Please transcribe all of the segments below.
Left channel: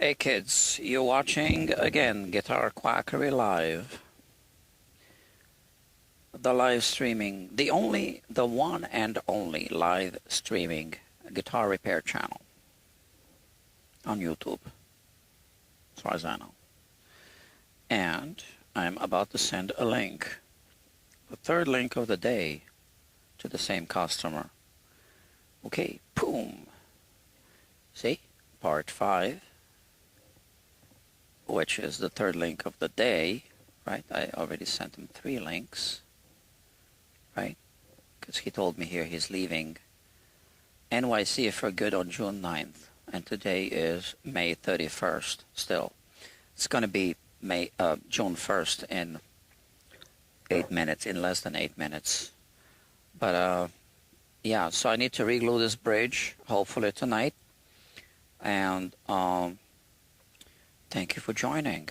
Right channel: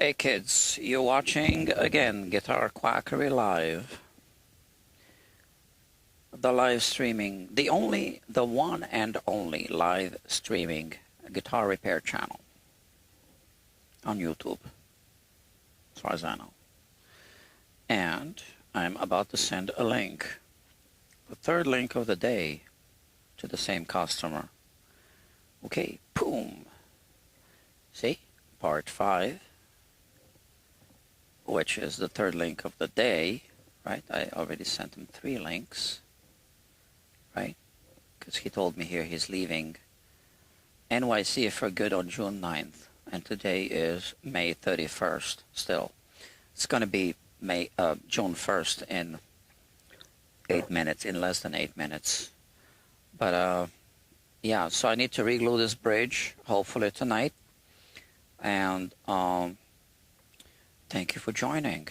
Hey kids, you're watching again Guitar Quackery Live. The live streaming, the one and only live streaming guitar repair channel on YouTube, as far as I know. And I'm about to send a link, the third link of the day, to the same customer. Okay, boom. See, part 5. Which is the third link of the day, right? I already sent him 3 links, right? Because he told me here he's leaving NYC for good on June 9th, and today is May 31st still. It's going to be June 1st in 8 minutes, in less than 8 minutes. But yeah, so I need to reglue this bridge, hopefully tonight, and thank you for joining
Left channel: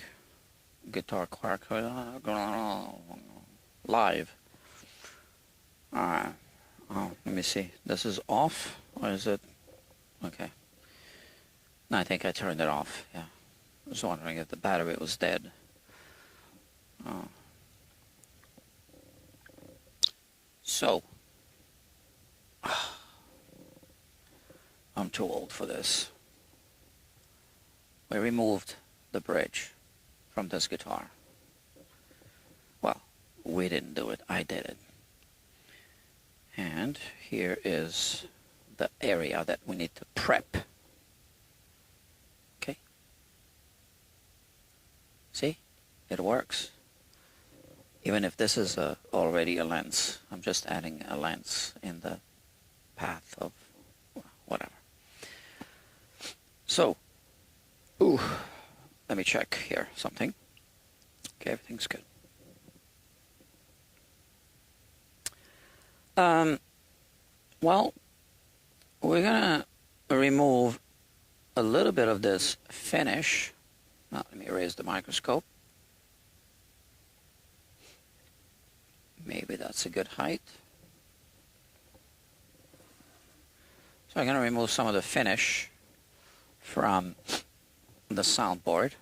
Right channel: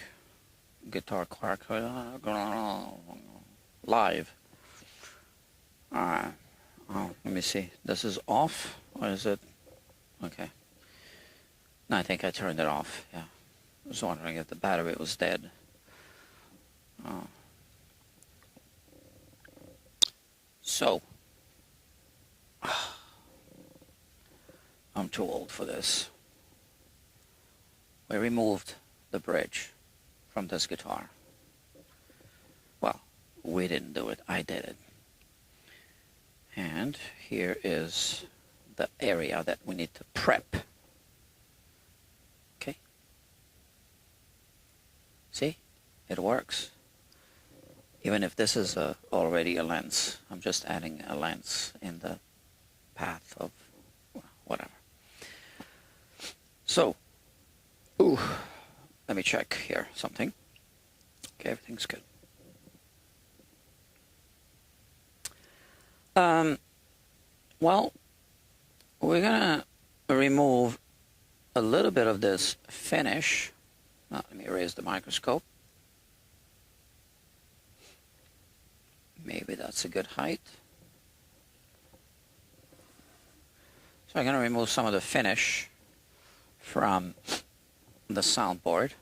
Guitar Quackery Live. Alright. Let me see. This is off? Or is it? Okay. No, I think I turned it off. Yeah. I was wondering if the battery was dead. So. I'm too old for this. We removed the bridge from this guitar. Well, we didn't do it, I did it. And here is the area that we need to prep. Okay? See? It works. Even if this is already a lens, I'm just adding a lens in the path of whatever. So, ooh, let me check here something. Okay, everything's good. Well, we're gonna remove a little bit of this finish. Now, let me raise the microscope. Maybe that's a good height. So I'm gonna remove some of the finish from the soundboard.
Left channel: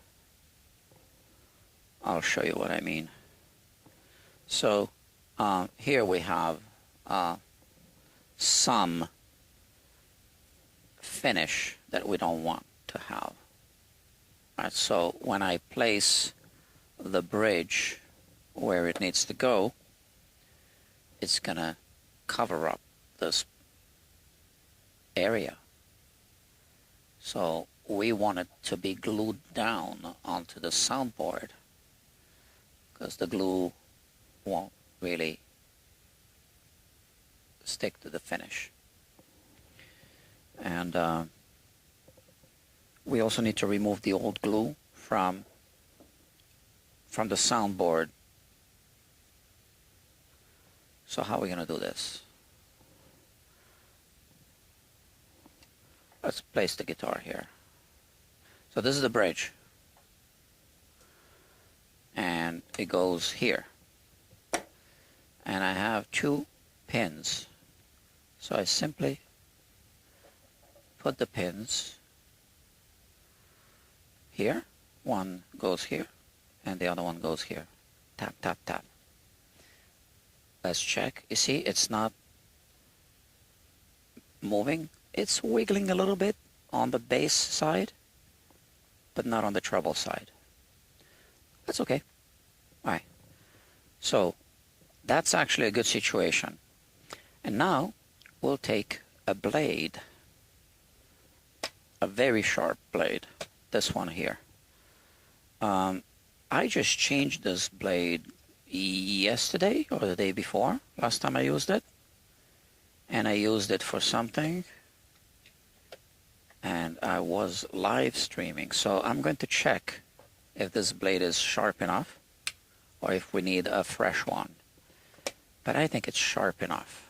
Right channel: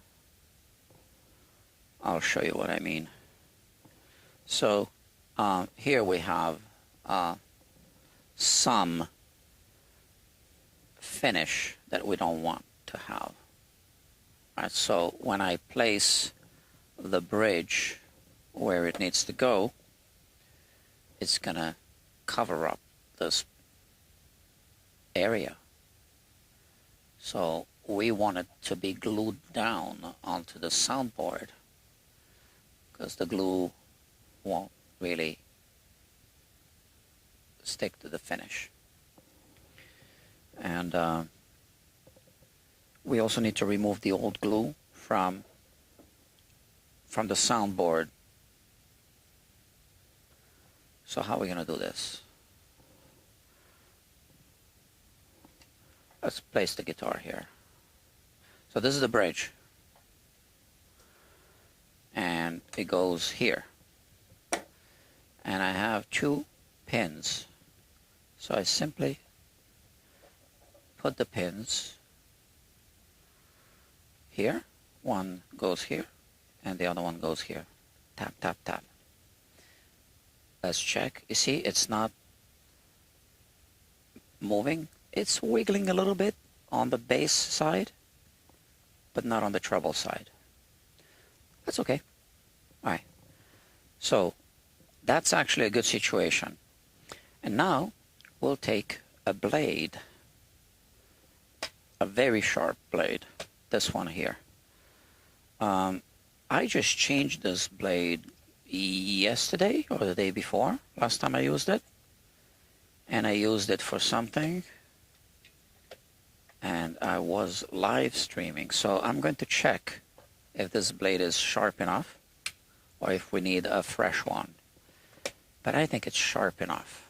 I'll show you what I mean. So here we have some finish that we don't want to have. All right, so when I place the bridge where it needs to go, it's gonna cover up this area. So we want it to be glued down onto the soundboard because the glue won't really stick to the finish. And we also need to remove the old glue from the soundboard. So how are we going to do this? Let's place the guitar here. So this is the bridge. And it goes here. And I have 2 pins. So I simply put the pins here. One goes here, and the other one goes here. Tap, tap, tap. Let's check. You see, it's not moving. It's wiggling a little bit on the bass side, but not on the treble side. That's okay. All right. So that's actually a good situation. And now we'll take a blade, a very sharp blade, this one here. I just changed this blade yesterday or the day before, last time I used it. And I used it for something. And I was live streaming. So I'm going to check if this blade is sharp enough or if we need a fresh one. But I think it's sharp enough.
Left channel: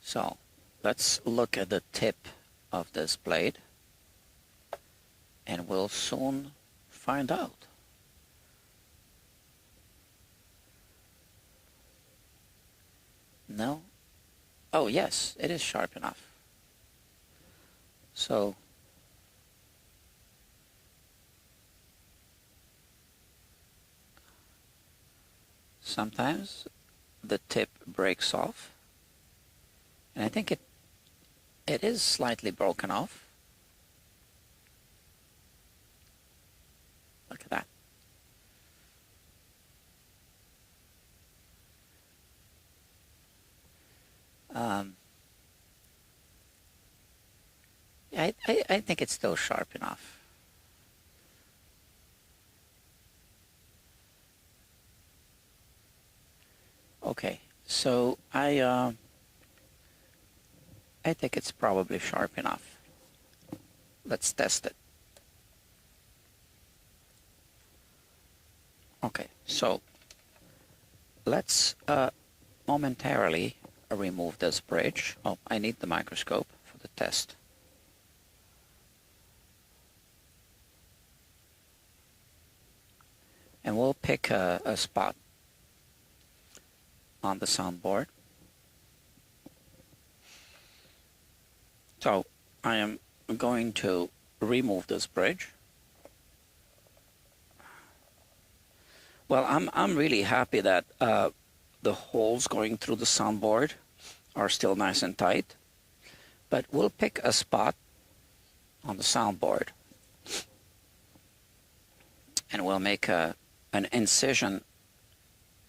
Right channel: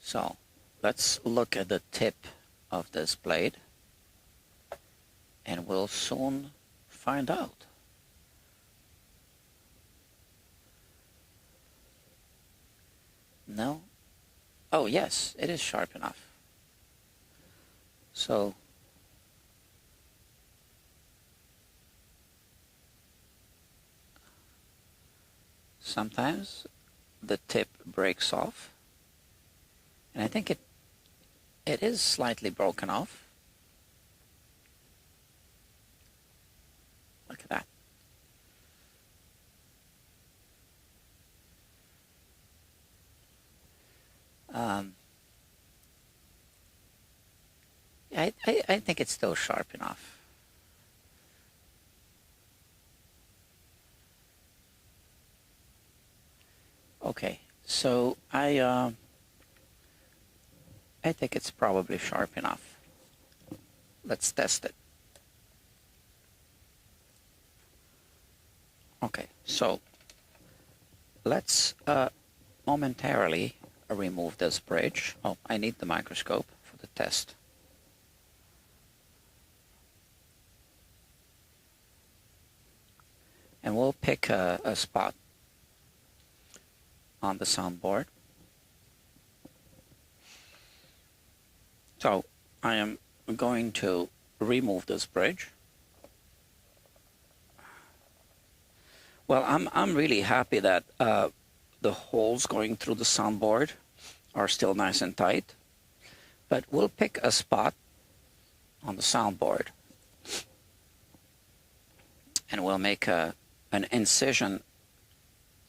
So let's look at the tip of this blade and we'll soon find out. No? Oh yes, it is sharp enough. So sometimes the tip breaks off, and I think it is slightly broken off. Look at that. I think it's still sharp enough. Okay, so I think it's probably sharp enough. Let's test it. Okay, so let's momentarily remove this bridge. Oh, I need the microscope for the test. And we'll pick a spot on the soundboard. So I am going to remove this bridge. Well, I'm really happy that the holes going through the soundboard are still nice and tight, but we'll pick a spot on the soundboard and we'll make an incision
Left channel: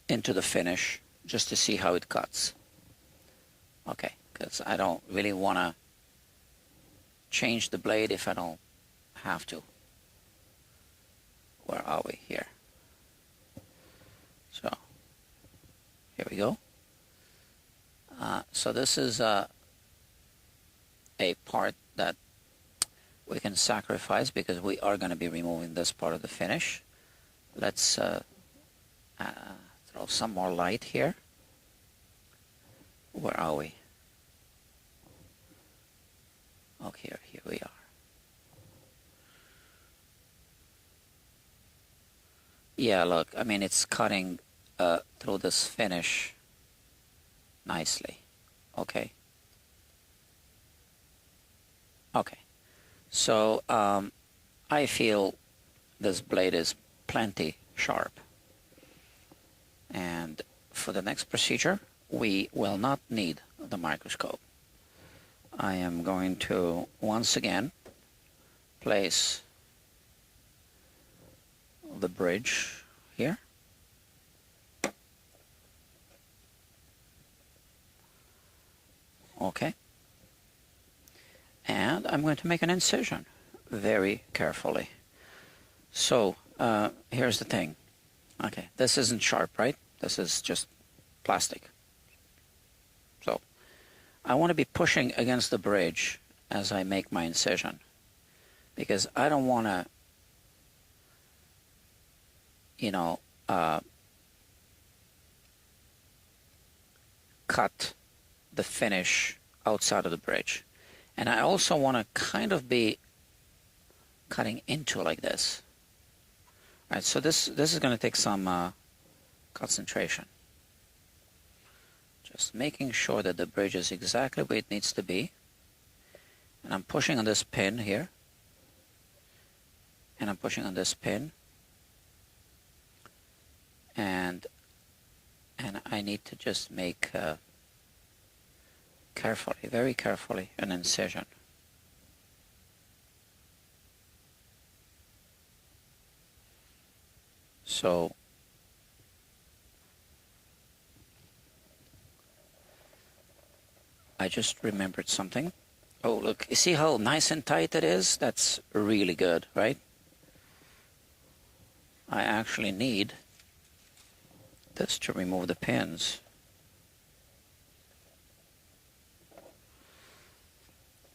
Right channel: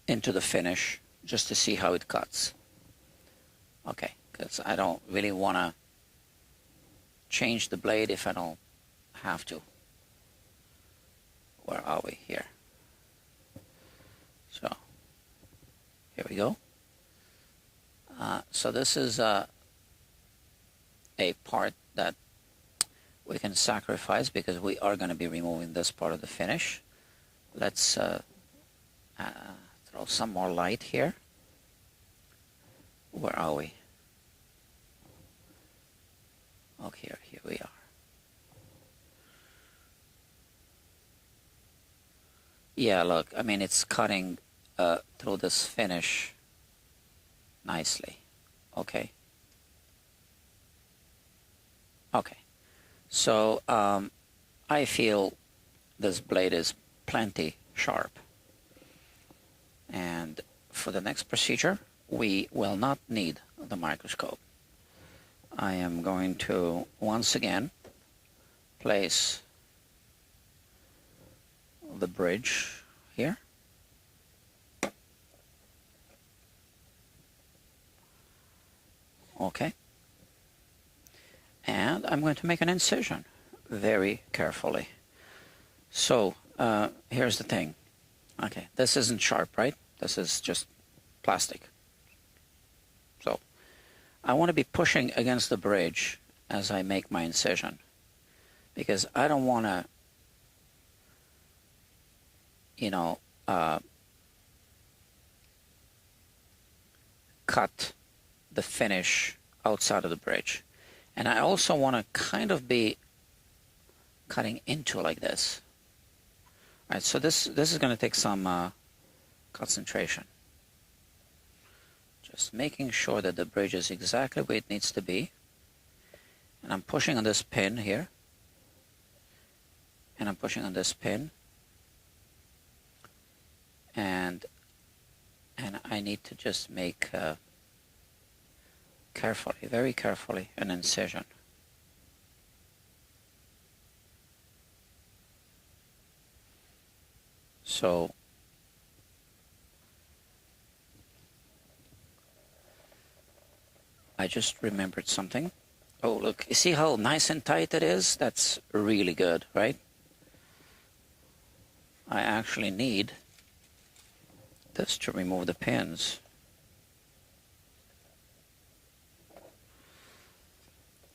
into the finish just to see how it cuts. Okay, because I don't really want to change the blade if I don't have to. Where are we here? So here we go. So this is a part that we can sacrifice because we are going to be removing this part of the finish. Let's throw some more light here. Where are we? Okay, here we are. Yeah, look, I mean, it's cutting through this finish nicely. Okay. Okay. So I feel this blade is plenty sharp. And for the next procedure, we will not need the microscope. I am going to once again place the bridge here. Okay. And I'm going to make an incision very carefully. So here's the thing. Okay, this isn't sharp, right? This is just plastic. So I want to be pushing against the bridge as I make my incision because I don't want to, you know, cut the finish outside of the bridge. And I also want to kind of be cutting into like this. All right, so this is going to take some concentration. Just making sure that the bridge is exactly where it needs to be. And I'm pushing on this pin here. And I'm pushing on this pin. And I need to just make carefully, very carefully, an incision. So I just remembered something. Oh, look, you see how nice and tight it is? That's really good, right? I actually need this to remove the pins.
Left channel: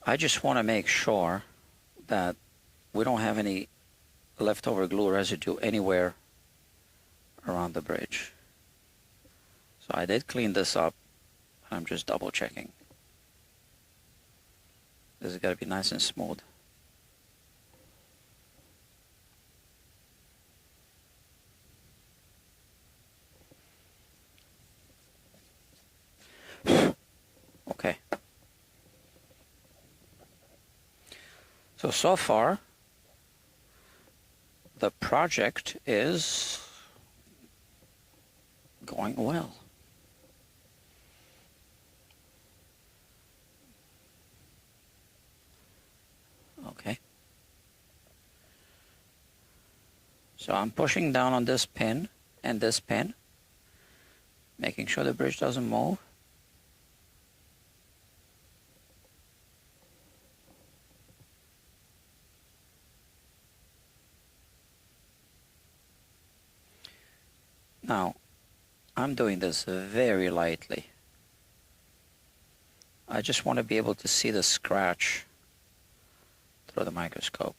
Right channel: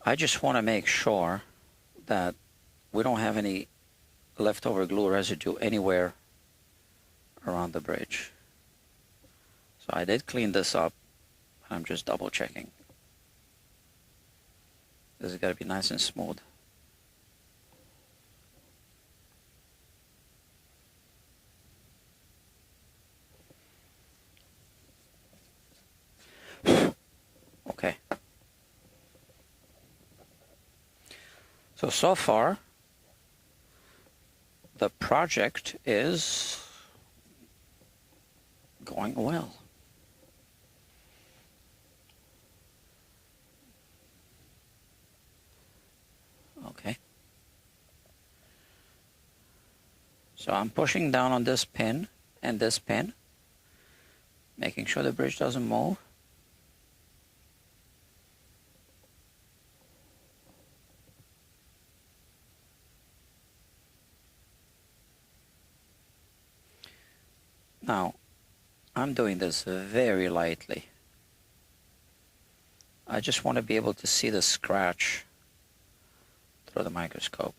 I just want to make sure that we don't have any leftover glue residue anywhere around the bridge. So I did clean this up, and I'm just double checking. This has got to be nice and smooth. Okay. So far, the project is going well. Okay. So I'm pushing down on this pin and this pin, making sure the bridge doesn't move. Now, I'm doing this very lightly. I just want to be able to see the scratch through the microscope.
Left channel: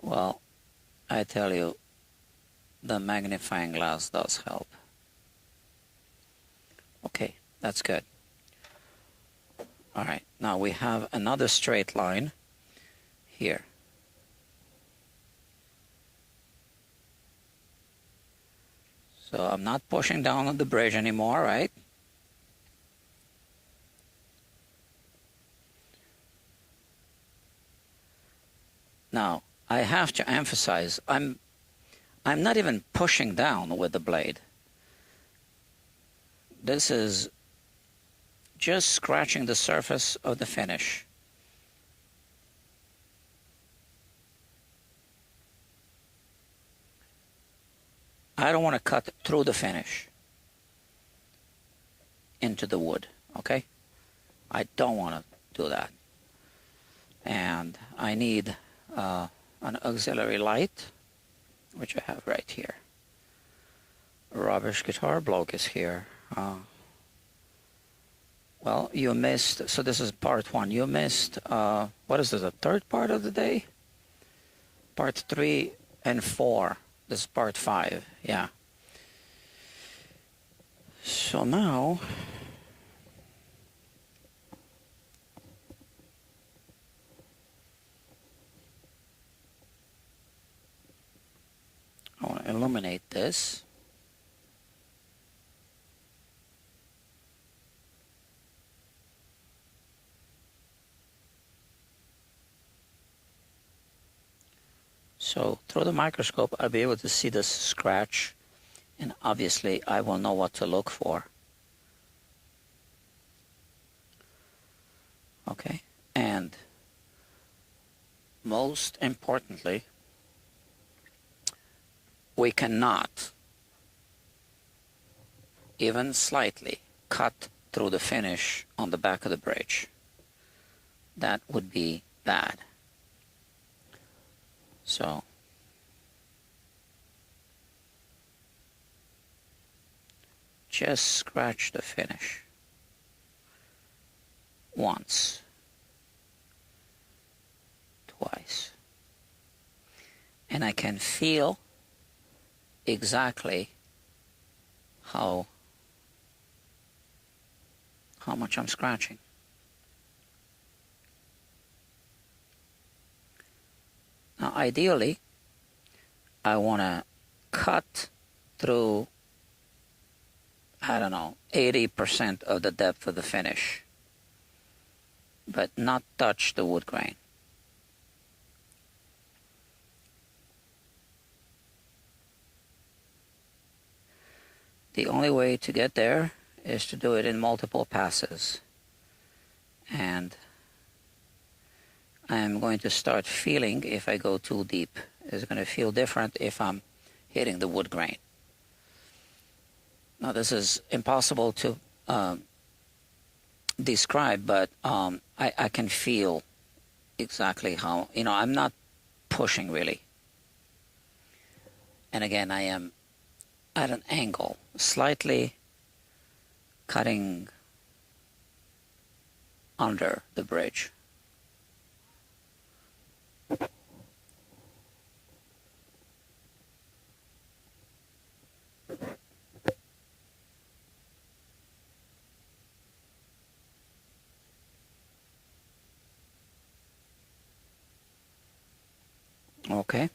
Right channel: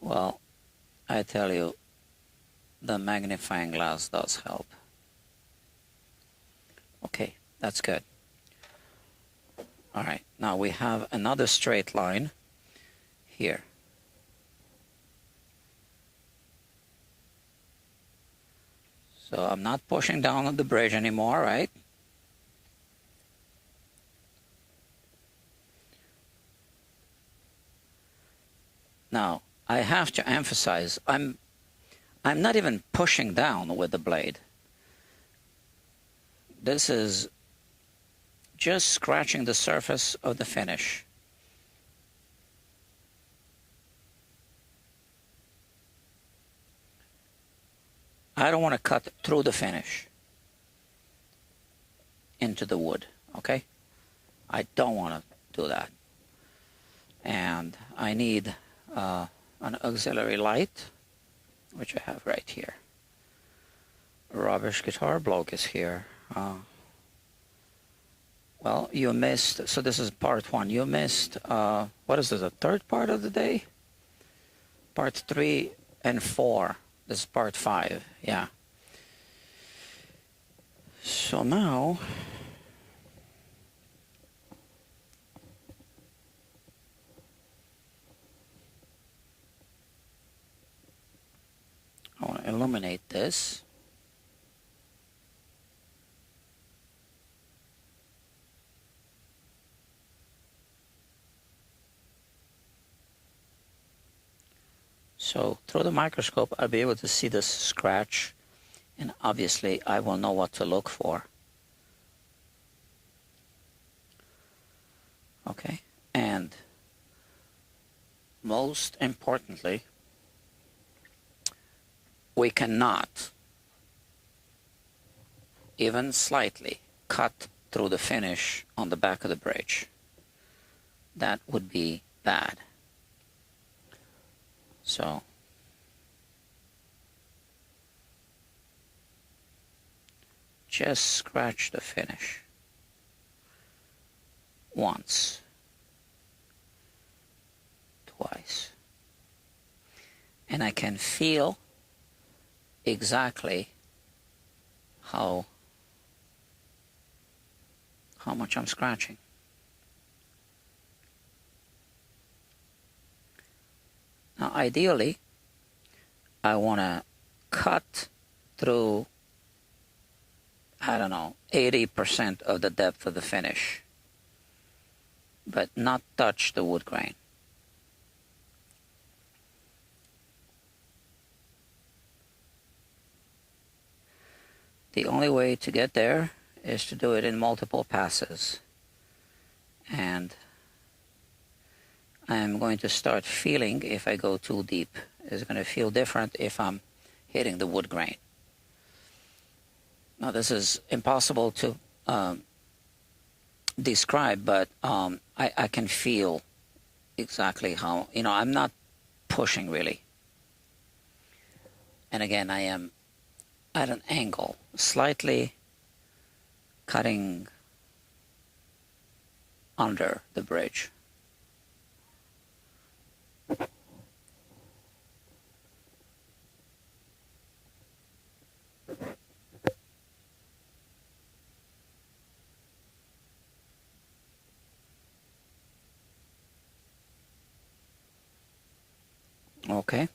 Well, I tell you, the magnifying glass does help. Okay, that's good. All right, now we have another straight line here. So I'm not pushing down on the bridge anymore, right? Now, I have to emphasize, I'm not even pushing down with the blade. This is just scratching the surface of the finish. I don't want to cut through the finish into the wood, okay? I don't want to do that. And I need an auxiliary light, which I have right here. Rubbish guitar block is here. Well, you missed, so this is part one. You missed, what is this, the third part of the day? Part 3 and 4. This is part 5, yeah. So now, I want to illuminate this. So through the microscope, I'll be able to see this scratch, and obviously I will know what to look for. Okay, and most importantly, we cannot even slightly cut through the finish on the back of the bridge. That would be bad. So just scratch the finish once, twice, and I can feel exactly how much I'm scratching. Now, ideally, I want to cut through, I don't know, 80% of the depth of the finish, but not touch the wood grain. The only way to get there is to do it in multiple passes. And I am going to start feeling if I go too deep. It's going to feel different if I'm hitting the wood grain. Now, this is impossible to describe, but I can feel exactly how, I'm not pushing really. And again, I am at an angle, slightly cutting under the bridge. Okay.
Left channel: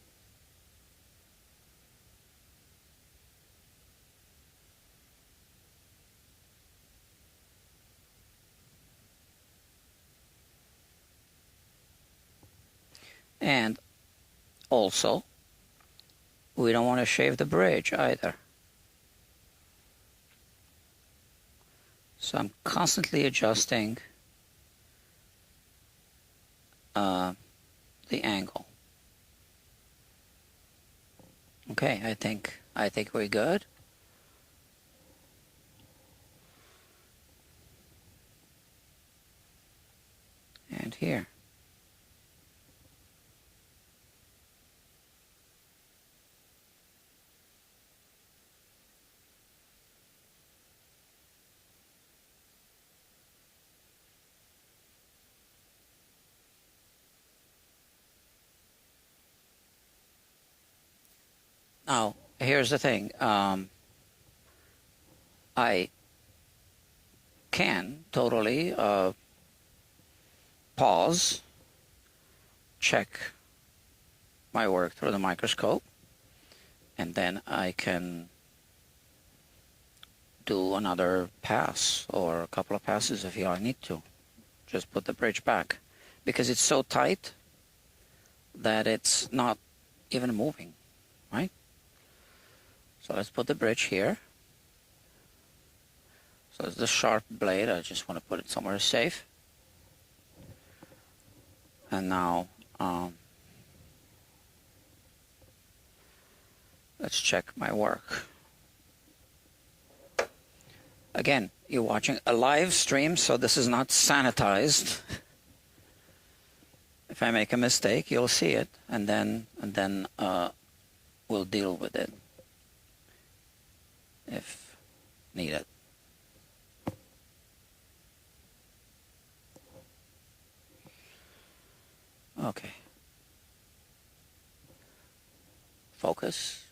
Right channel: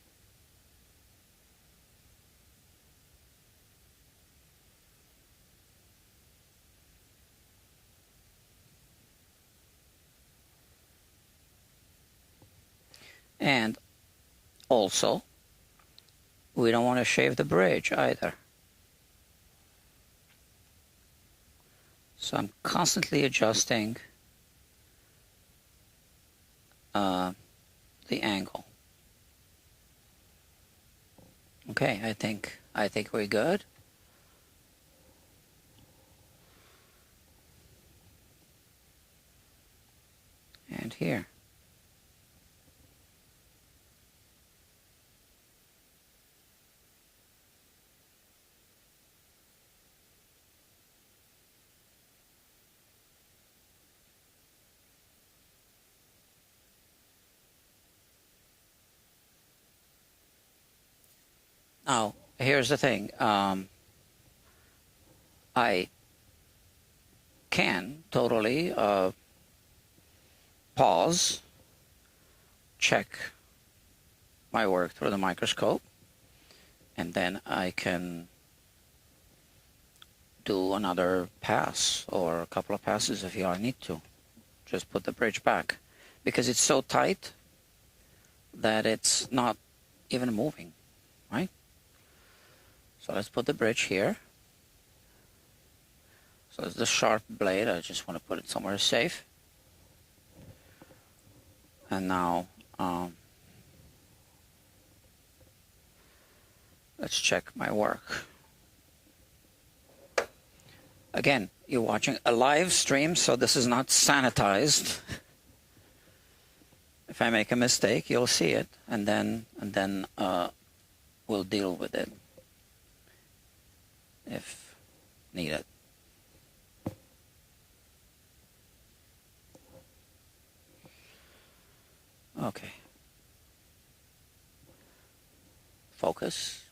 And also, we don't want to shave the bridge either. So I'm constantly adjusting the angle. Okay, I think we're good. And here. Now, here's the thing. I can totally pause, check my work through the microscope, and then I can do another pass or a couple of passes if I need to. Just put the bridge back because it's so tight that it's not even moving, right? So let's put the bridge here. So it's the sharp blade. I just want to put it somewhere safe. And now let's check my work. Again, you're watching a live stream, so this is not sanitized. If I make a mistake, you'll see it, and then we'll deal with it if needed. Okay. Focus.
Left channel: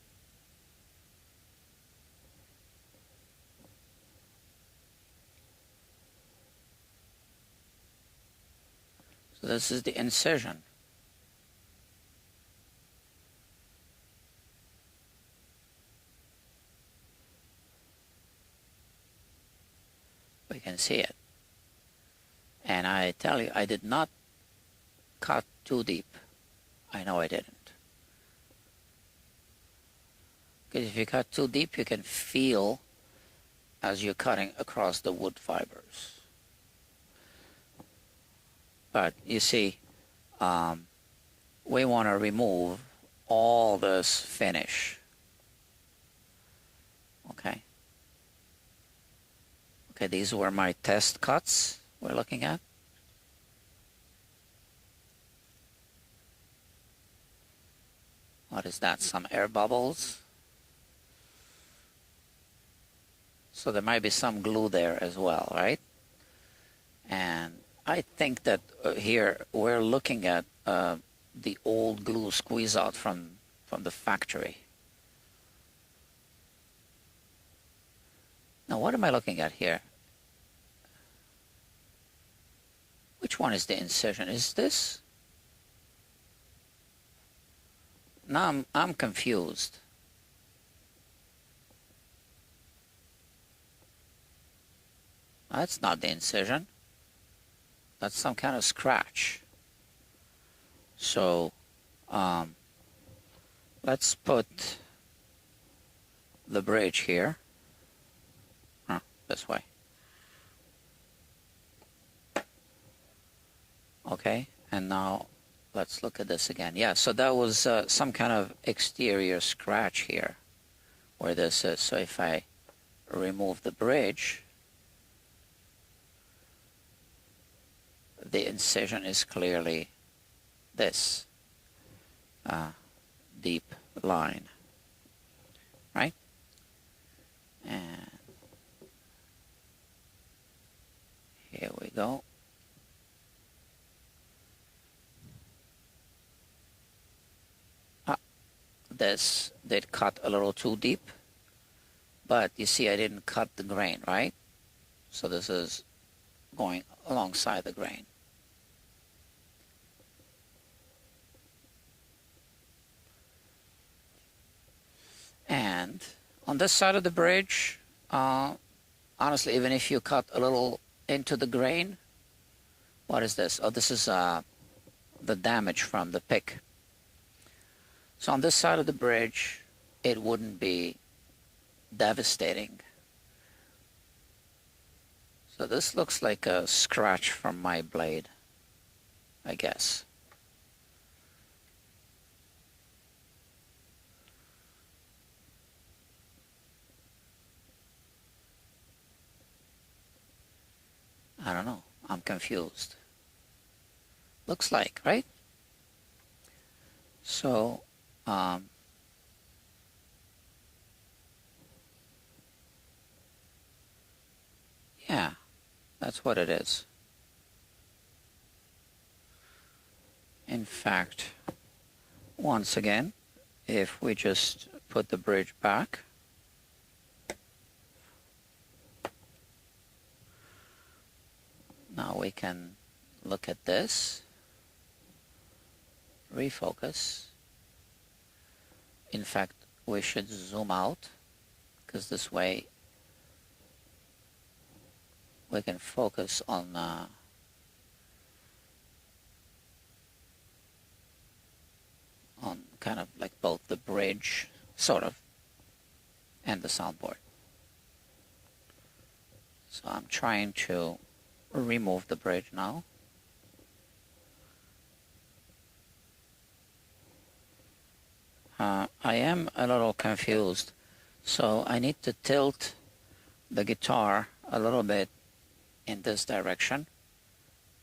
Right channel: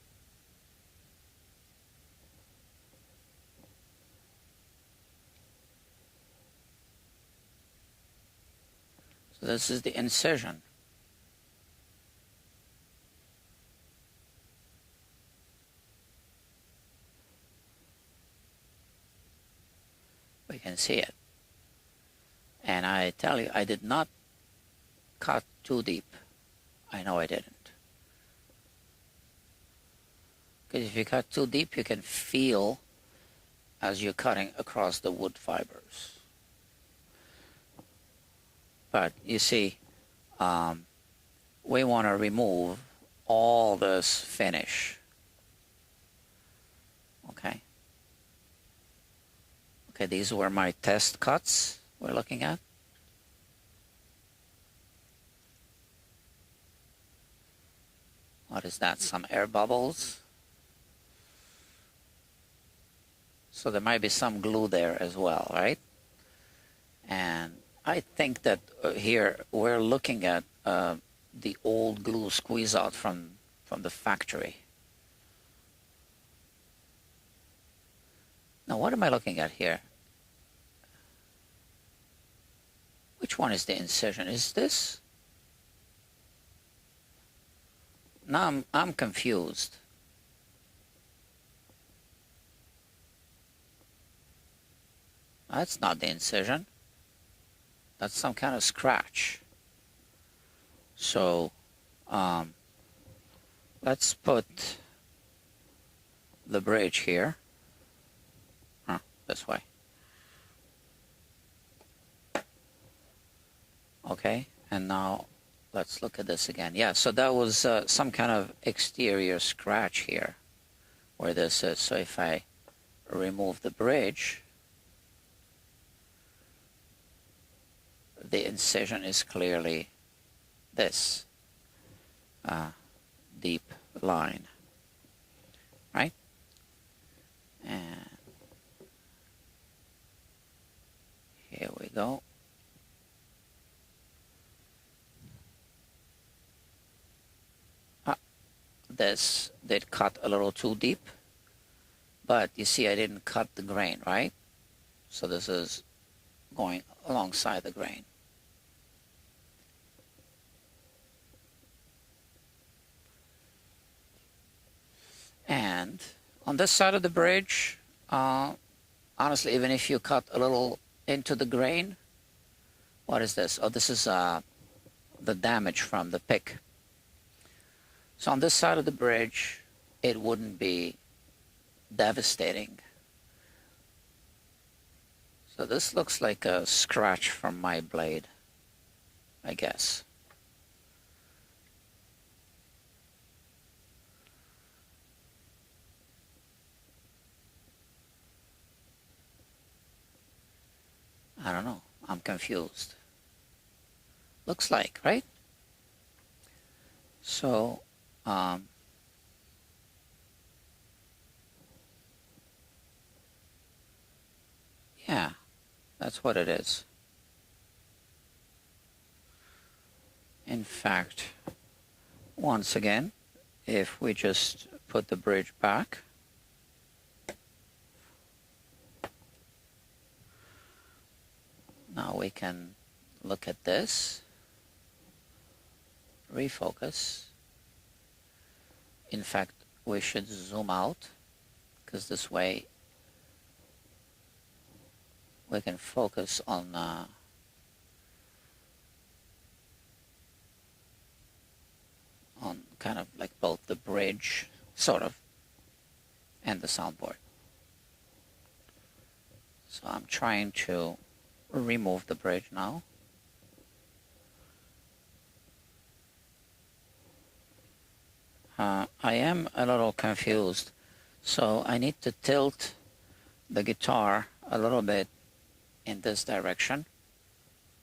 So this is the incision. We can see it. And I tell you, I did not cut too deep. I know I didn't. Because if you cut too deep, you can feel as you're cutting across the wood fibers. But you see, we want to remove all this finish. Okay. Okay, these were my test cuts we're looking at. What is that? Some air bubbles. So there might be some glue there as well, right? And I think that here we're looking at the old glue squeeze out from the factory. Now what am I looking at here? Which one is the incision? Is this? Now I'm confused. That's not the incision. That's some kind of scratch. So let's put the bridge here. This way. Okay, and now let's look at this again. Yeah, so that was some kind of exterior scratch here where this is. So if I remove the bridge, the incision is clearly this deep line, right? And here we go. This did cut a little too deep, but you see I didn't cut the grain, right? So this is going alongside the grain. And on this side of the bridge, honestly, even if you cut a little into the grain, what is this? Oh, this is the damage from the pick. So on this side of the bridge, it wouldn't be devastating. So this looks like a scratch from my blade, I guess. I don't know. I'm confused. Looks like, right? So, yeah, that's what it is. In fact, once again, if we just put the bridge back, now we can look at this, refocus. In fact, we should zoom out, because this way we can focus on kind of like both the bridge, sort of, and the soundboard. So I'm trying to remove the bridge now. I am a little confused, so I need to tilt the guitar a little bit in this direction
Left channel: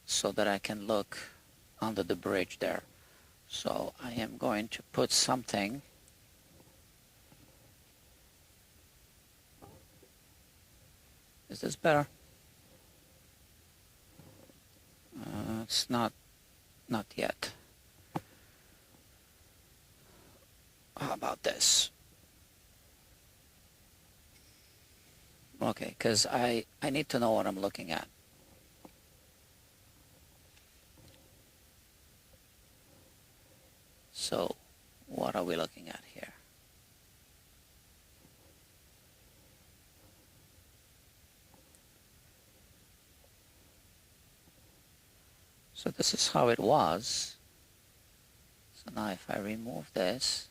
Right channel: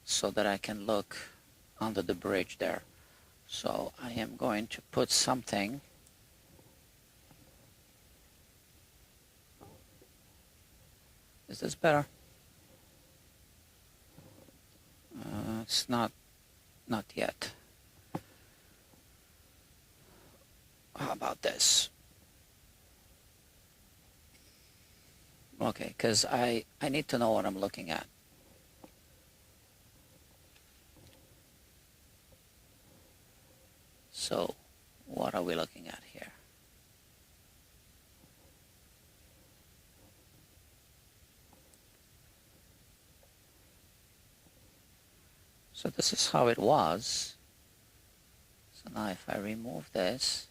so that I can look under the bridge there. So I am going to put something Is this better? It's not yet. How about this? Okay, because I need to know what I'm looking at. So, what are we looking at here? So this is how it was. So now if I remove this,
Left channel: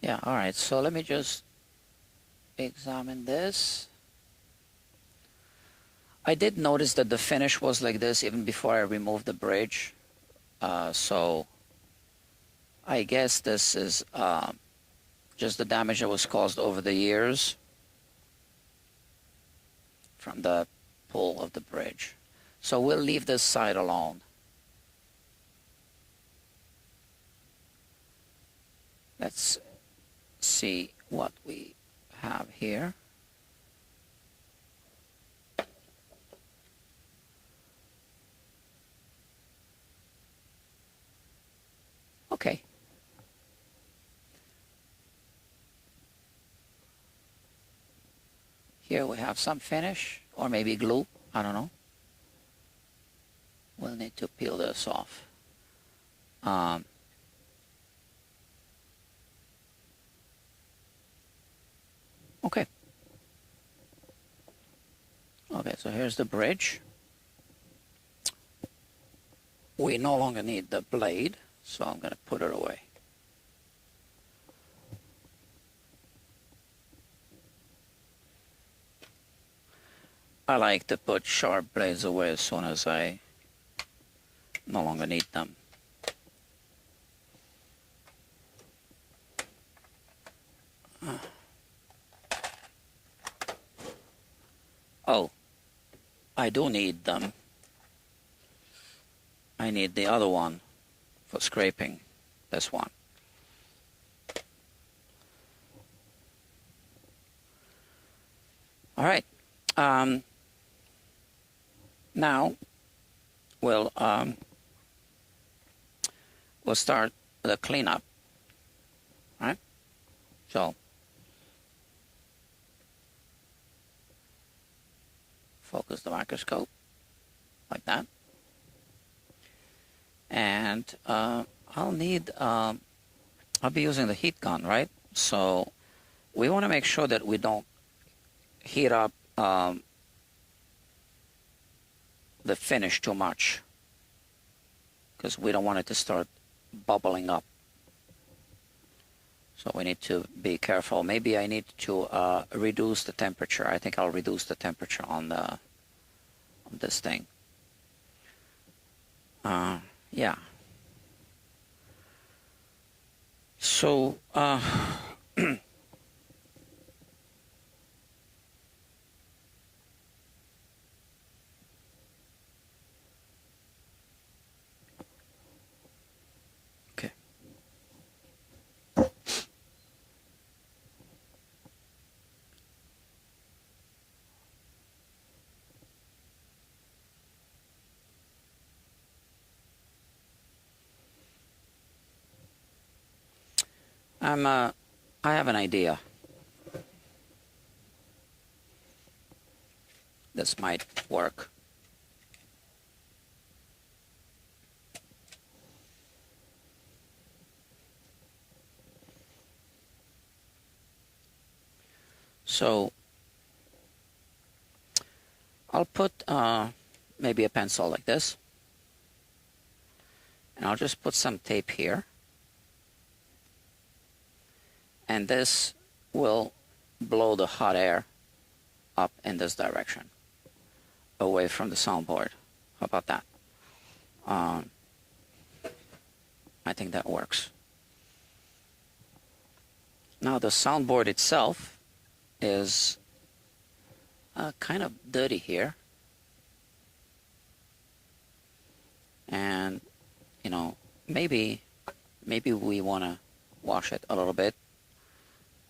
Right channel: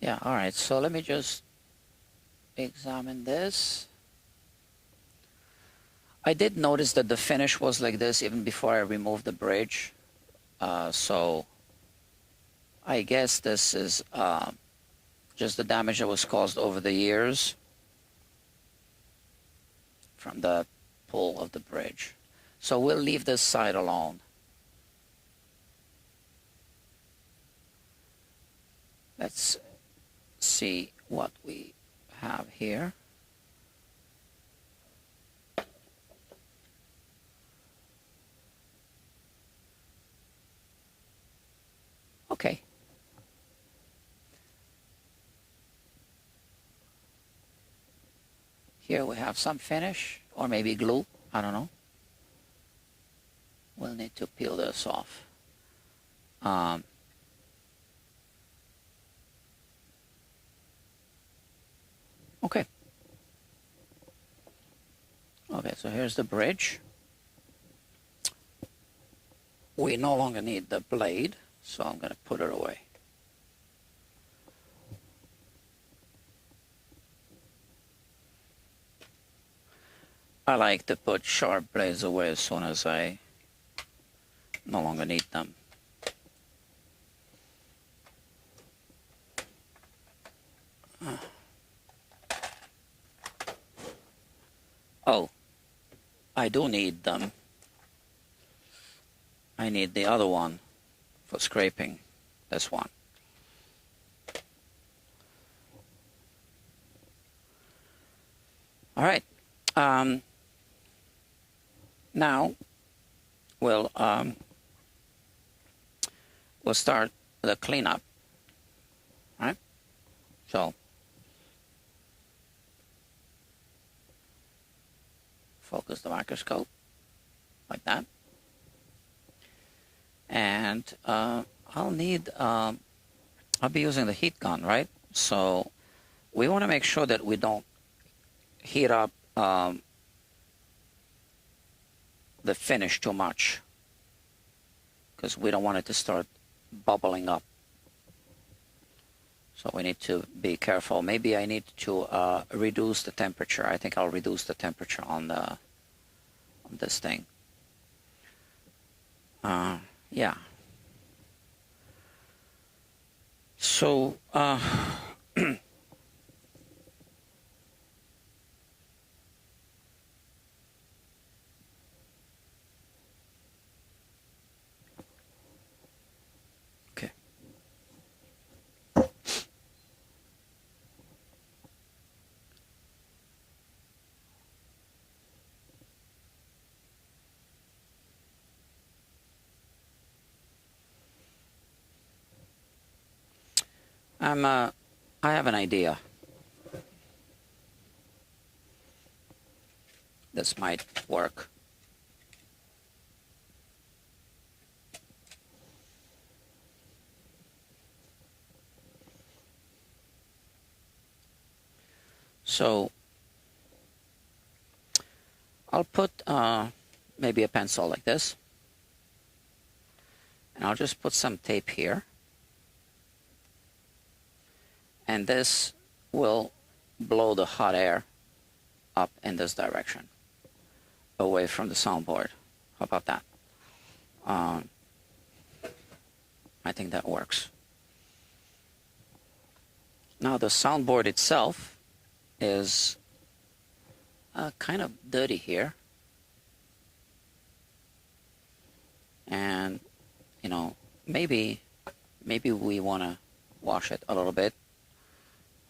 yeah, all right, so let me just examine this. I did notice that the finish was like this even before I removed the bridge. So I guess this is just the damage that was caused over the years from the pull of the bridge. So we'll leave this side alone. Let's see what we have here. Okay. Here we have some finish, or maybe glue, I don't know. We'll need to peel this off. Okay. Okay, so here's the bridge. We no longer need the blade, so I'm going to put it away. I like to put sharp blades away as soon as I no longer need them. Oh, I do need them. I need the other one for scraping, this one. All right. Now we'll start the cleanup. All right. So focus the microscope like that. And I'll be using the heat gun, right? So we want to make sure that we don't heat up the finish too much, because we don't want it to start bubbling up. So we need to be careful. Maybe I need to reduce the temperature. I think I'll reduce the temperature on this thing. Yeah. So okay. I have an idea. This might work. So I'll put maybe a pencil like this, and I'll just put some tape here, and this will blow the hot air up in this direction, away from the soundboard. How about that? I think that works. Now the soundboard itself is kind of dirty here, and you know, maybe we want to wash it a little bit.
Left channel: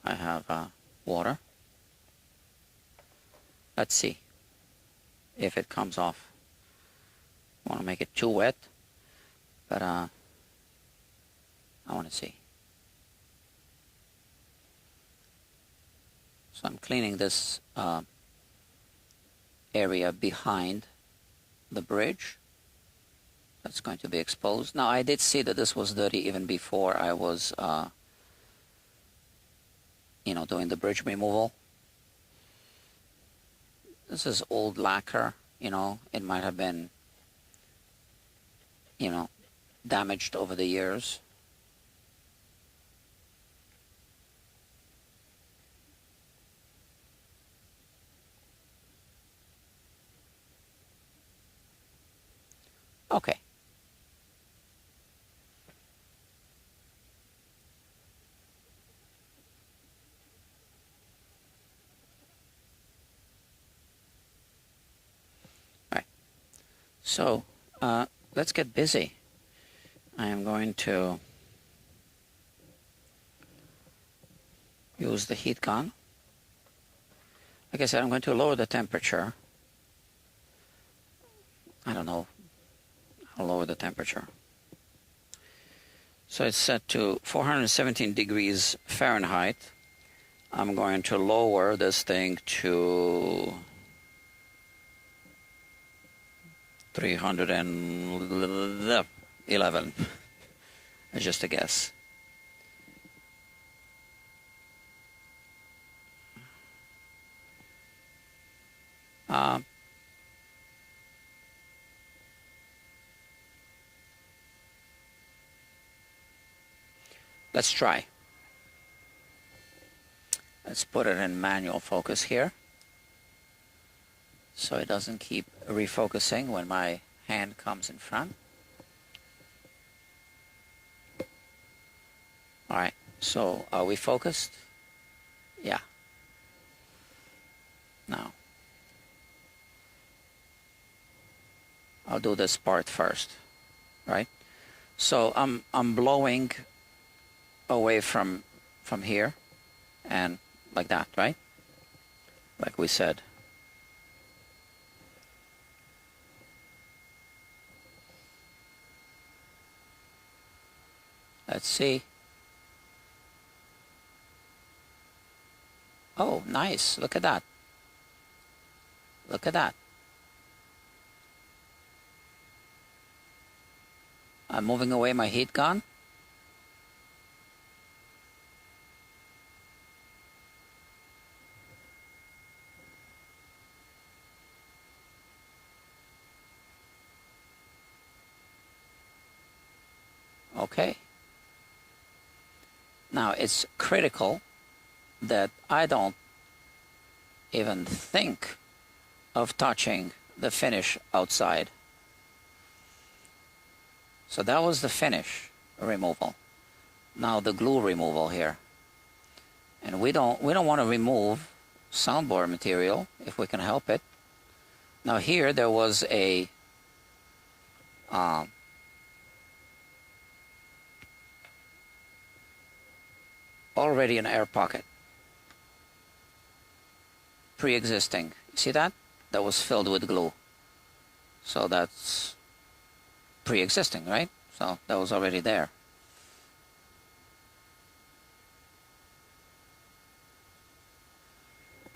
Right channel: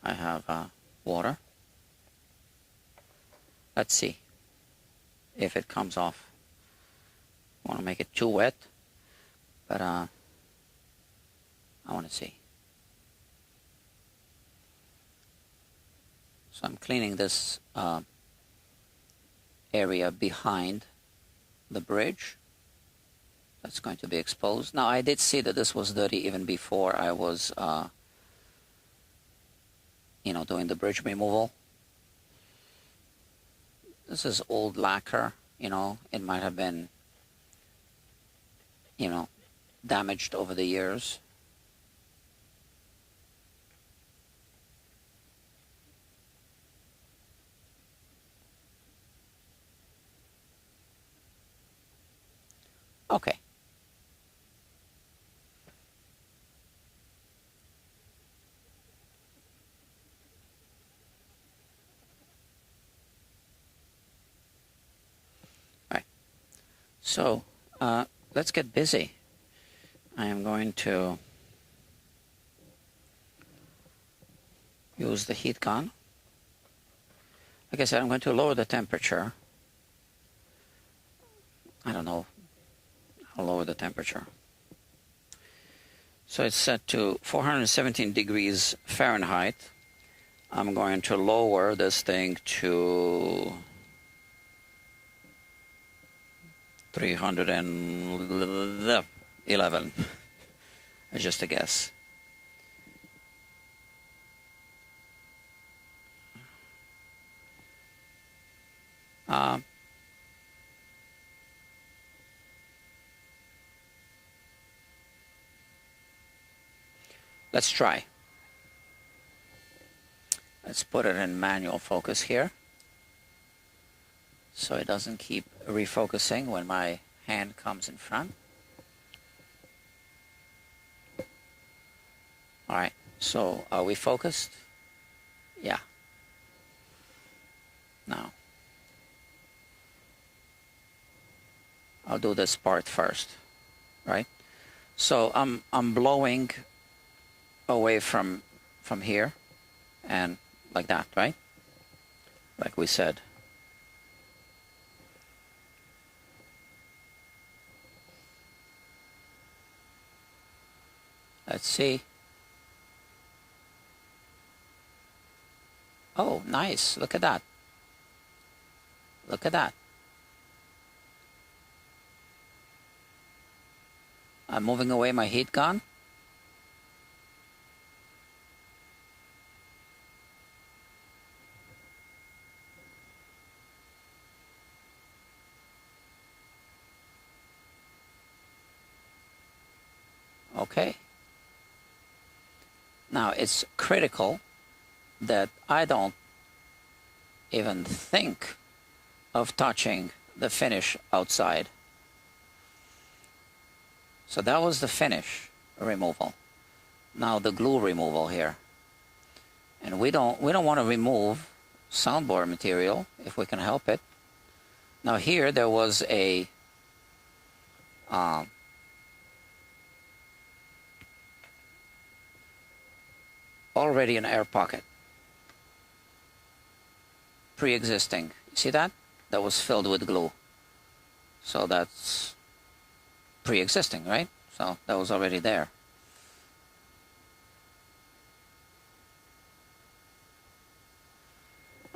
I have water. Let's see if it comes off. I want to make it too wet, but I want to see. So I'm cleaning this area behind the bridge that's going to be exposed. Now I did see that this was dirty even before I was doing the bridge removal. This is old lacquer, it might have been damaged over the years. Okay. All right. So let's get busy. I am going to use the heat gun. Like I said, I'm going to lower the temperature. I don't know. I'll lower the temperature. So it's set to 417 degrees Fahrenheit. I'm going to lower this thing to 311. Just a guess. Let's try. Let's put it in manual focus here, so it doesn't keep refocusing when my hand comes in front. All right, so are we focused? Yeah. Now, I'll do this part first, right? So I'm blowing away from here, and like that, right? Like we said. Let's see. Oh, nice. Look at that. Look at that. I'm moving away my heat gun. Okay. Now it's critical that I don't even think of touching the finish outside. So that was the finish removal. Now the glue removal here. And we don't want to remove soundboard material if we can help it. Now here there was a already an air pocket, pre-existing. See that? That was filled with glue. So that's pre-existing, right? So that was already there.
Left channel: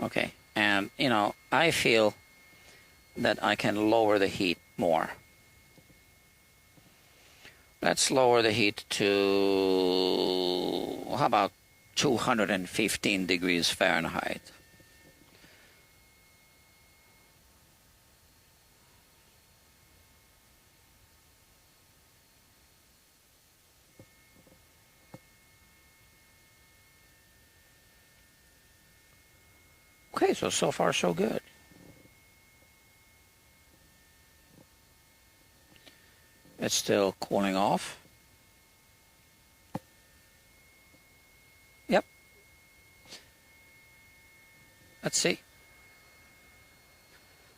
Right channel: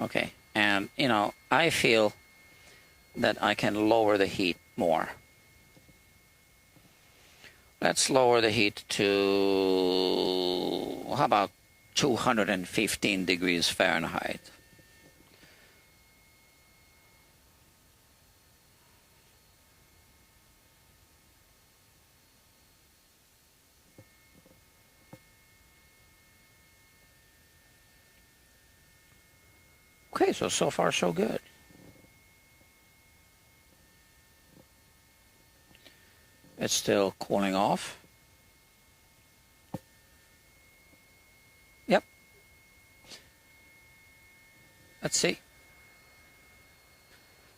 Okay, and you know, I feel that I can lower the heat more. Let's lower the heat to, how about 215 degrees Fahrenheit. Okay, so far so good. It's still cooling off. Yep. Let's see.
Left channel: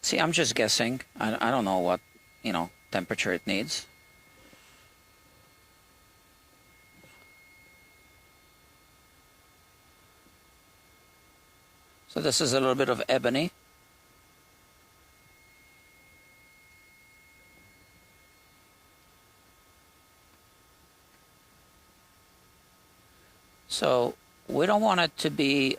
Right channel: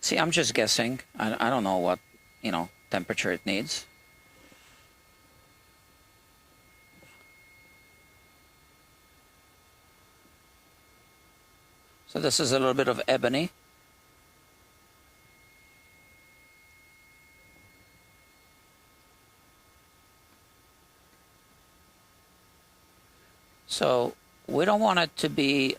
See, I'm just guessing. I don't know what, you know, temperature it needs. So this is a little bit of ebony. So we don't want it to be,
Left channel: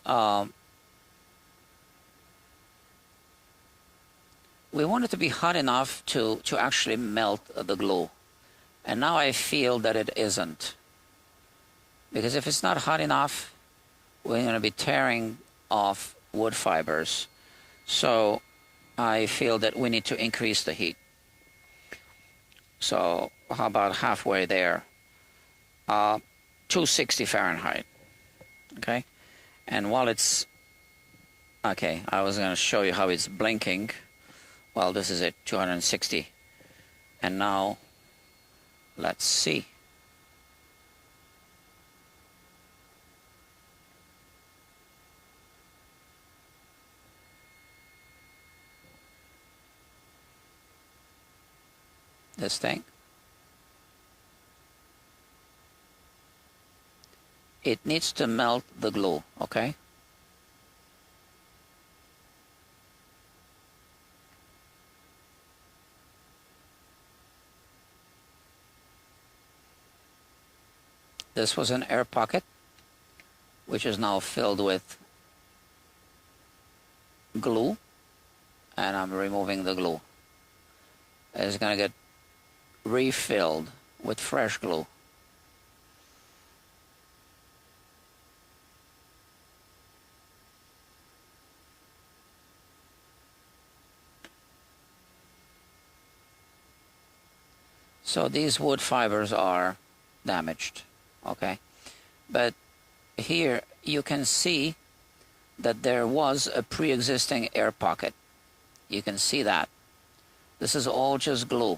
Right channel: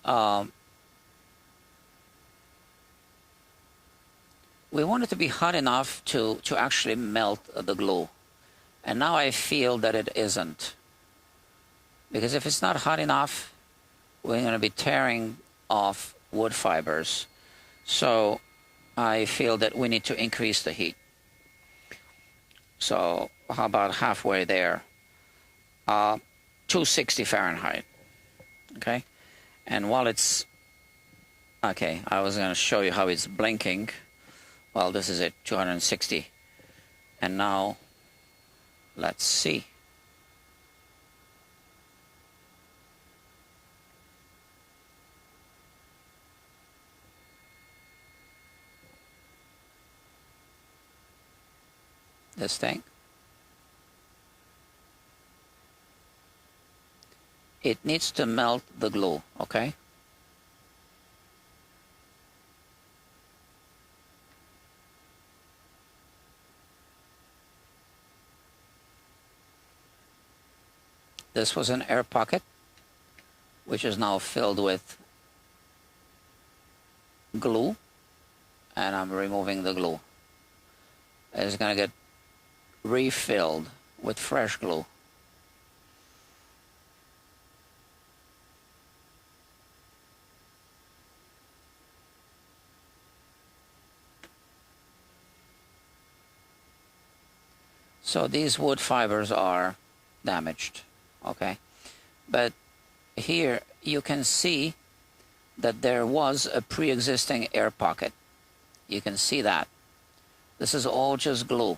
we want it to be hot enough to actually melt the glue. And now I feel that it isn't. Because if it's not hot enough, we're going to be tearing off wood fibers. So I feel that we need to increase the heat. So how about halfway there? 260 Fahrenheit. Okay, and while it's okay, I was going to show you how it's blinking. Well, this is at 260, and now let's see. This thing. It needs to melt the glue, okay? This was an air pocket, which is now filled with glue, and I'm removing the glue. It's going to get refilled with fresh glue. So these wood fibers are damaged, okay? But here you can see that there was a pre-existing air pocket. You can see that. This is all just glue.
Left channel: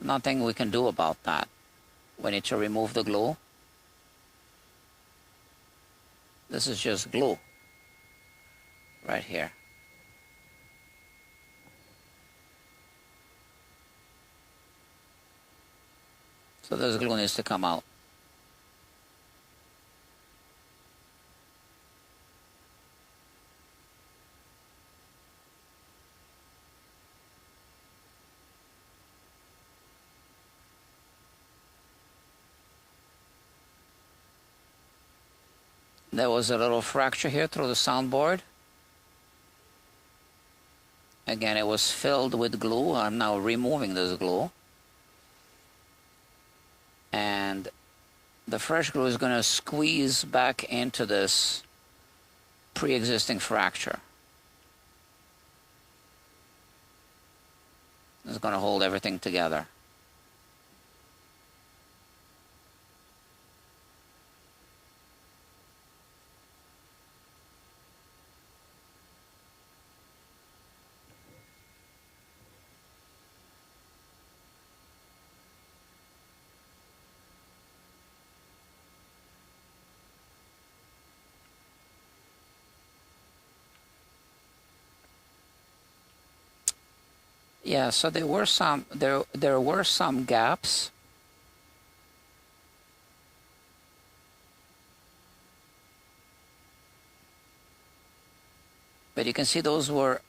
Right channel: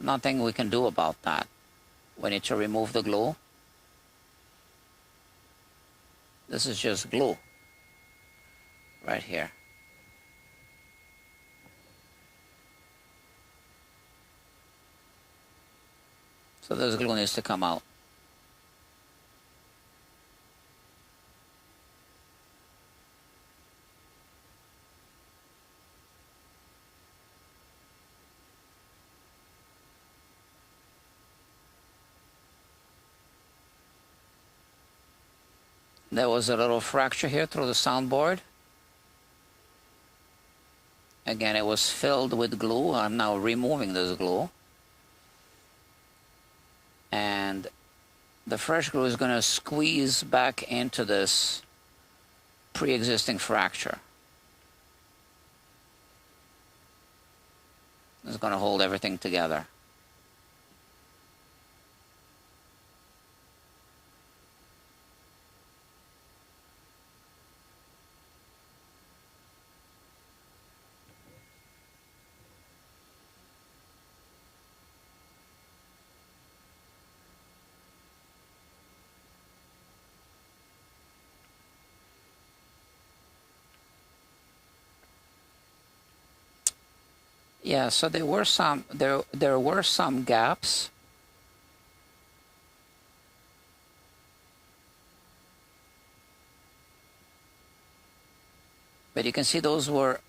Nothing we can do about that. We need to remove the glue. This is just glue right here. So this glue needs to come out. There was a little fracture here through the soundboard. Again, it was filled with glue. I'm now removing this glue. and the fresh glue is going to squeeze back into this pre-existing fracture. It's going to hold everything together. Yeah, so there were some gaps. But you can see those were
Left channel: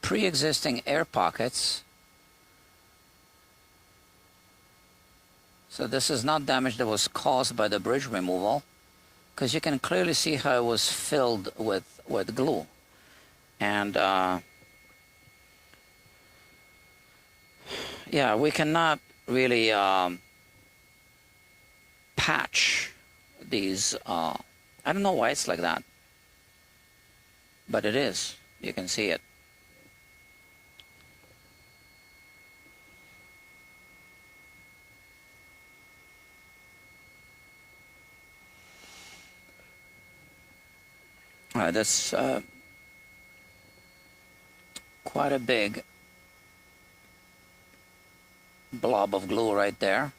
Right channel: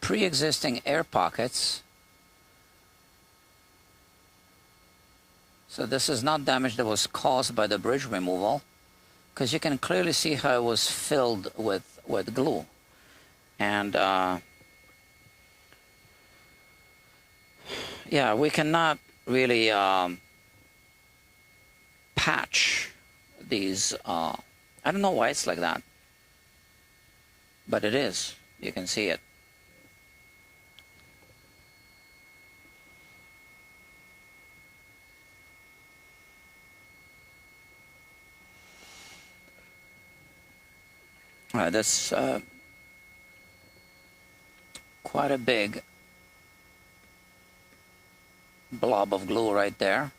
pre-existing air pockets. So this is not damage that was caused by the bridge removal, because you can clearly see how it was filled with glue. And yeah, we cannot really patch these. I don't know why it's like that, but it is. You can see it. All right, that's quite a big blob of glue right there.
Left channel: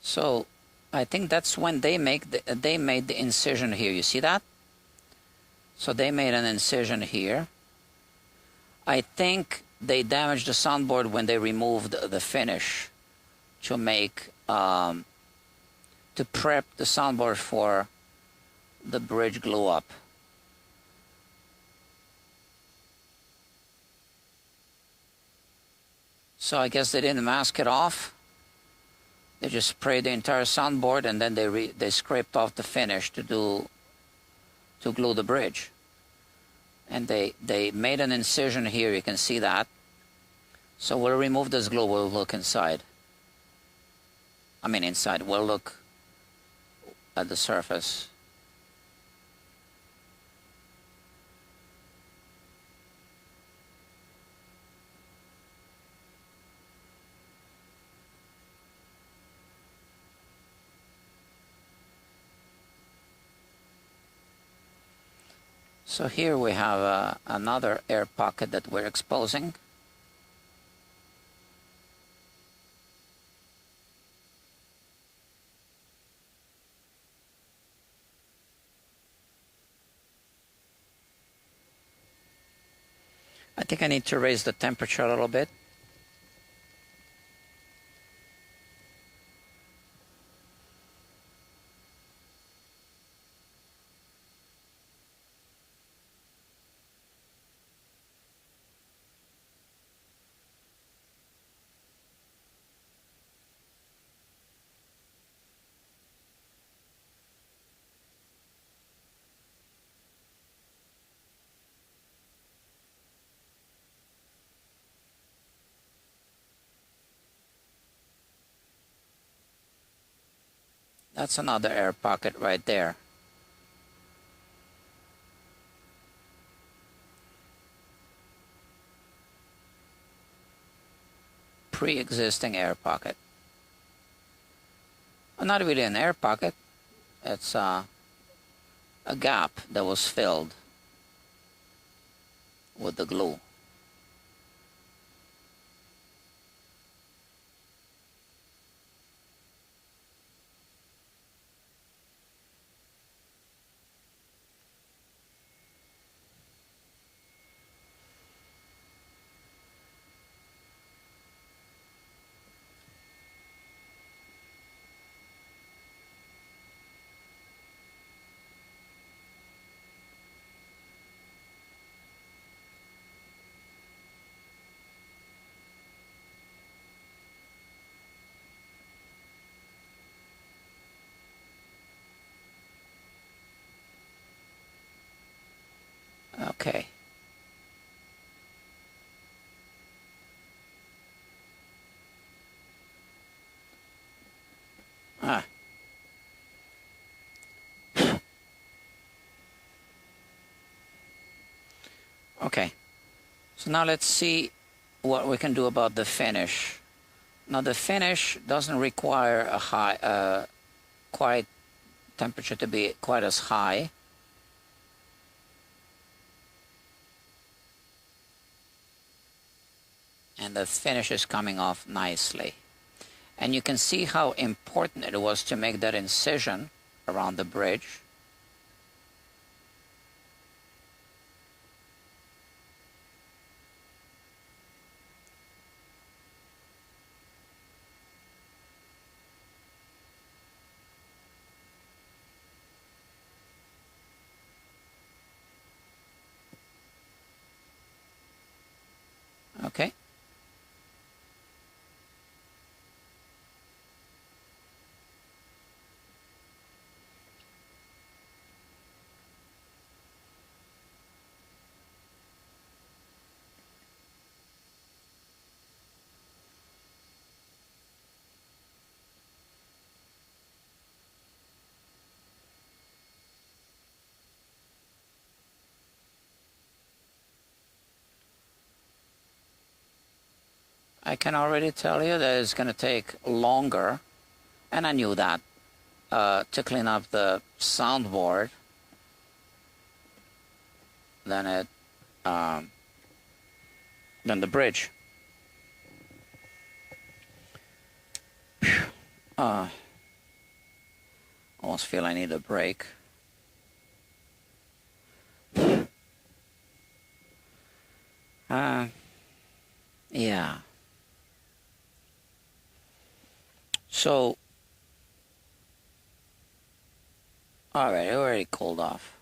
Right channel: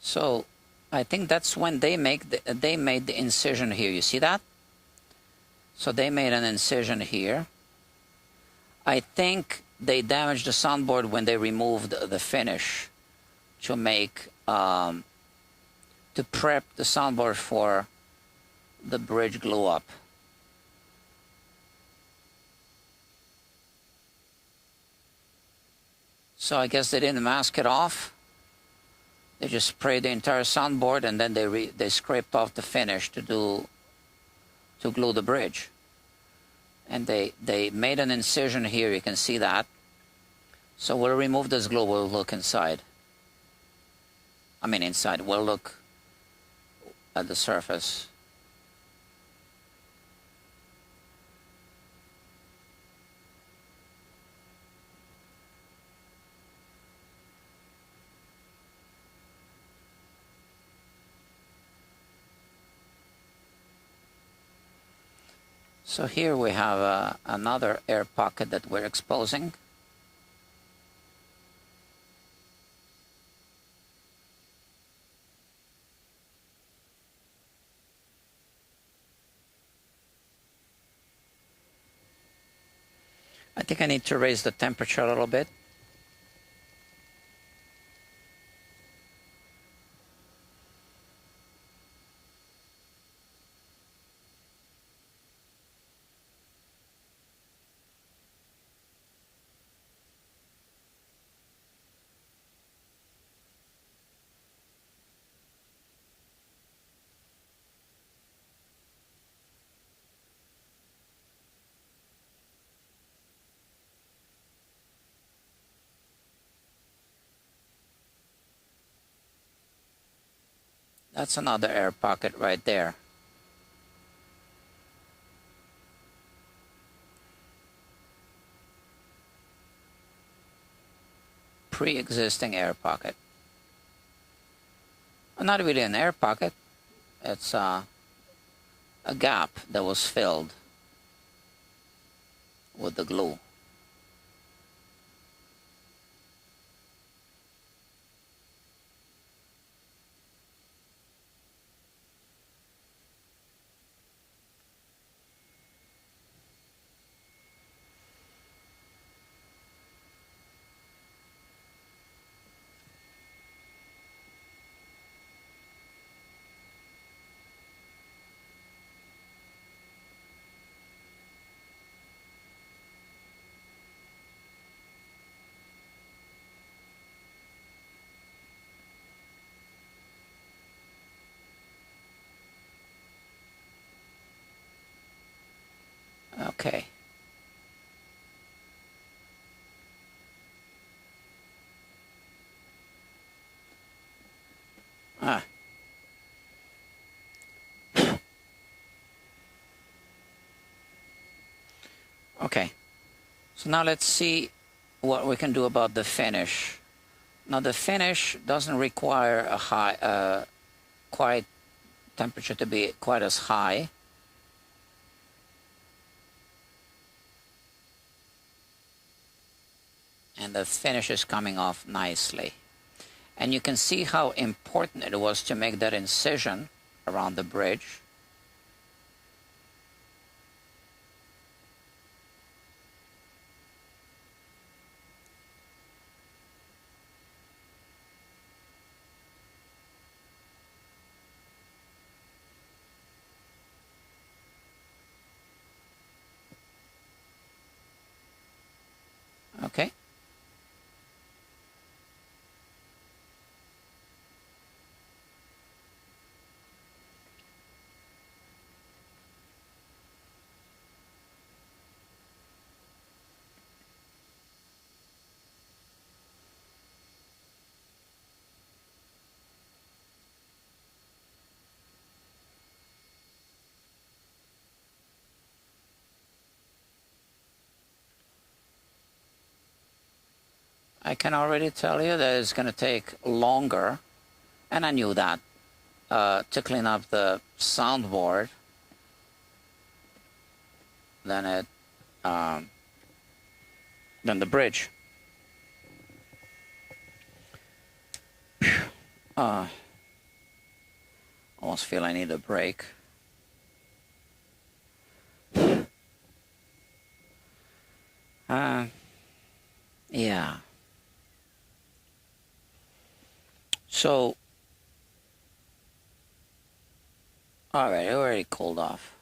So I think that's when they made the incision here. You see that? So they made an incision here. I think they damaged the soundboard when they removed the finish to make to prep the soundboard for the bridge glue up. So I guess they didn't mask it off. They just sprayed the entire soundboard, and then they scraped off the finish to glue the bridge. And they made an incision here. You can see that. So we'll remove this glue. We'll look inside. I mean inside. We'll look at the surface. So here we have another air pocket that we're exposing. I think I need to raise the temperature a little bit. That's another air pocket right there. Pre-existing air pocket. Well, not really an air pocket. It's a gap that was filled with the glue. Okay, so now let's see what we can do about the finish. Now the finish doesn't require a high, quite temperature to be quite as high. And the finish is coming off nicely. And you can see how important it was to make that incision around the bridge. Okay. I can already tell you that it's going to take longer, and I knew that, to clean up the soundboard than the bridge. Almost feel I need a break. Yeah. So, all right, it already cooled off.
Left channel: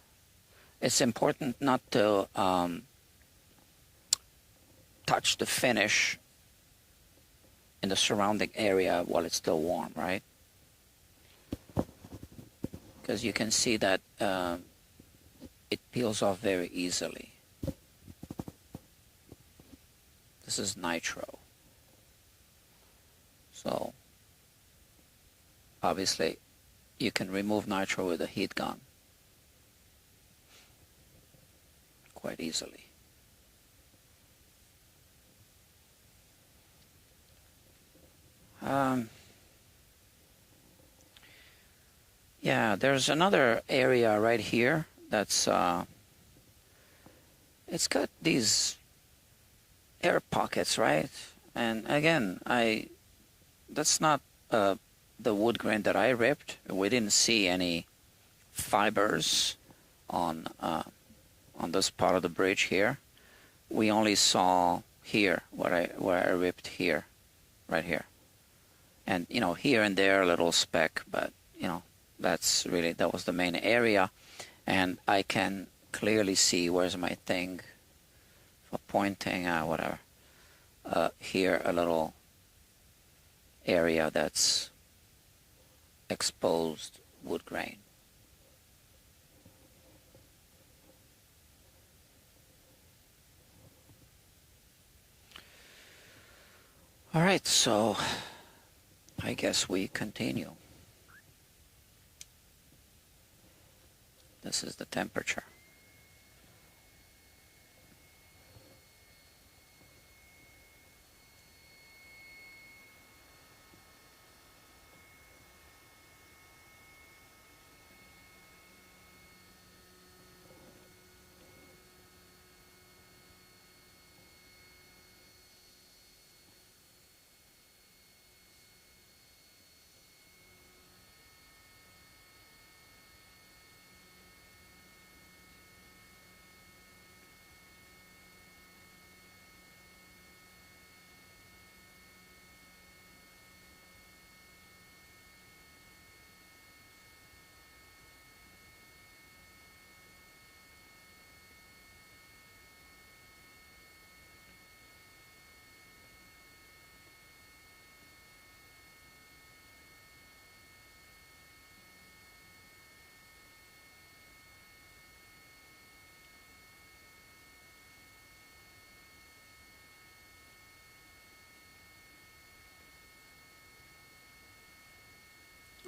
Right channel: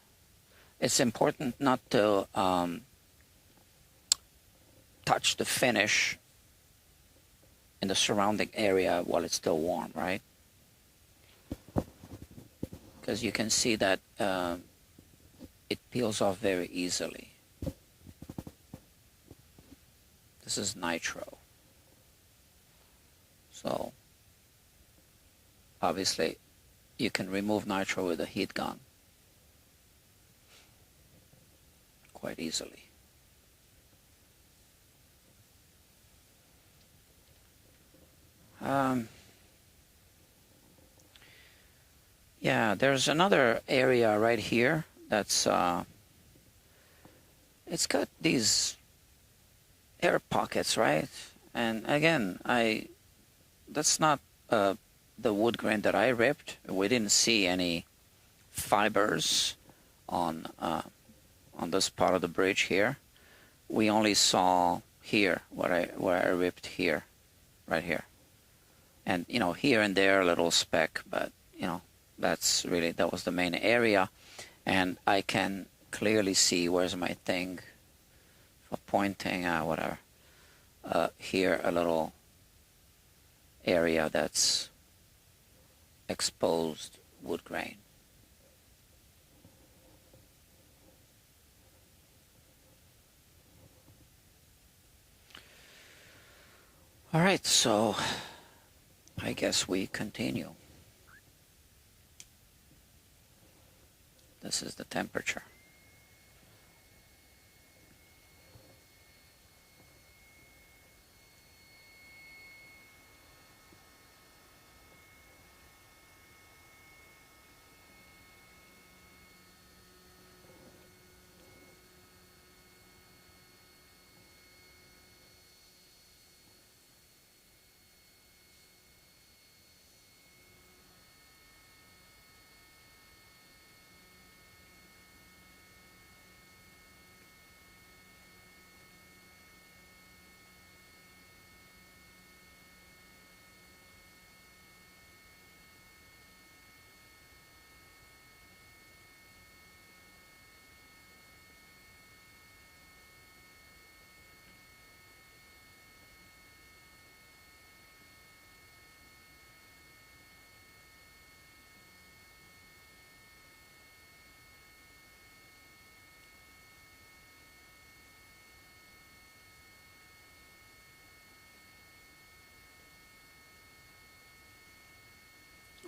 It's important not to touch the finish in the surrounding area while it's still warm, right? Because you can see that it peels off very easily. This is nitro. So, obviously, you can remove nitro with a heat gun quite easily. Yeah, there's another area right here that's it's got these air pockets, right? And again, that's not the wood grain that I ripped. We didn't see any fibers on this part of the bridge here. We only saw here where I ripped here, right here, and you know, here and there a little speck, but you know, that was the main area, and I can clearly see, where's my thing for pointing, whatever. Here a little area that's exposed wood grain. All right, so I guess we continue. This is the temperature.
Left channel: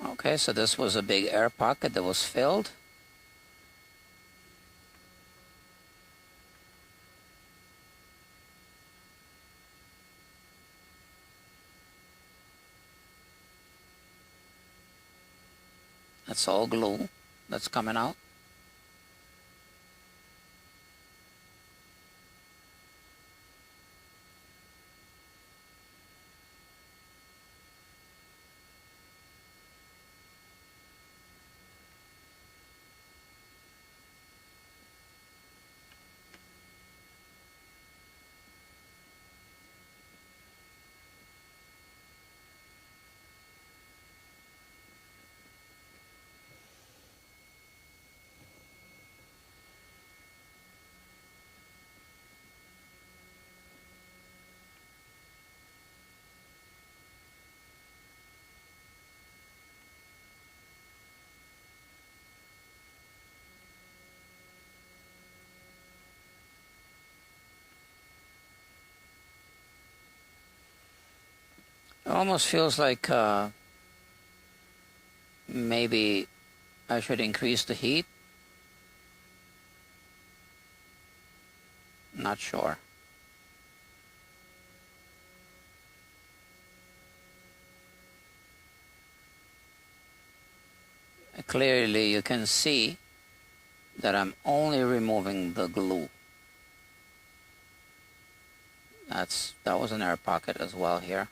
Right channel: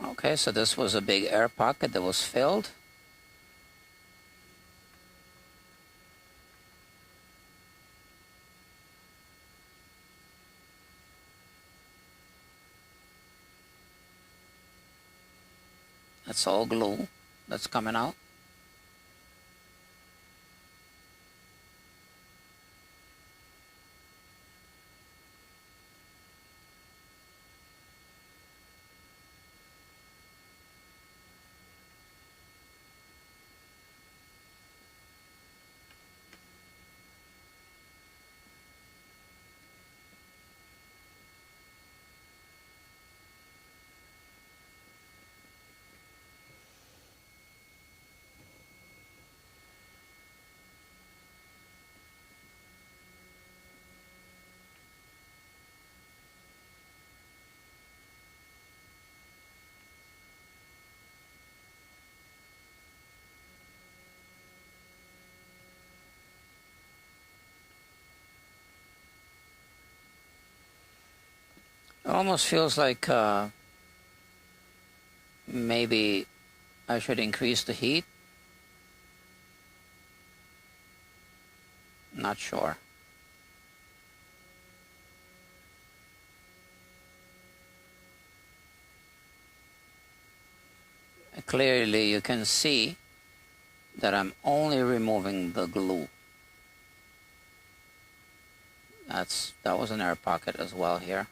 Okay, so this was a big air pocket that was filled. That's all glue that's coming out. It almost feels like maybe I should increase the heat. Not sure. Clearly you can see that I'm only removing the glue. That was an air pocket as well here.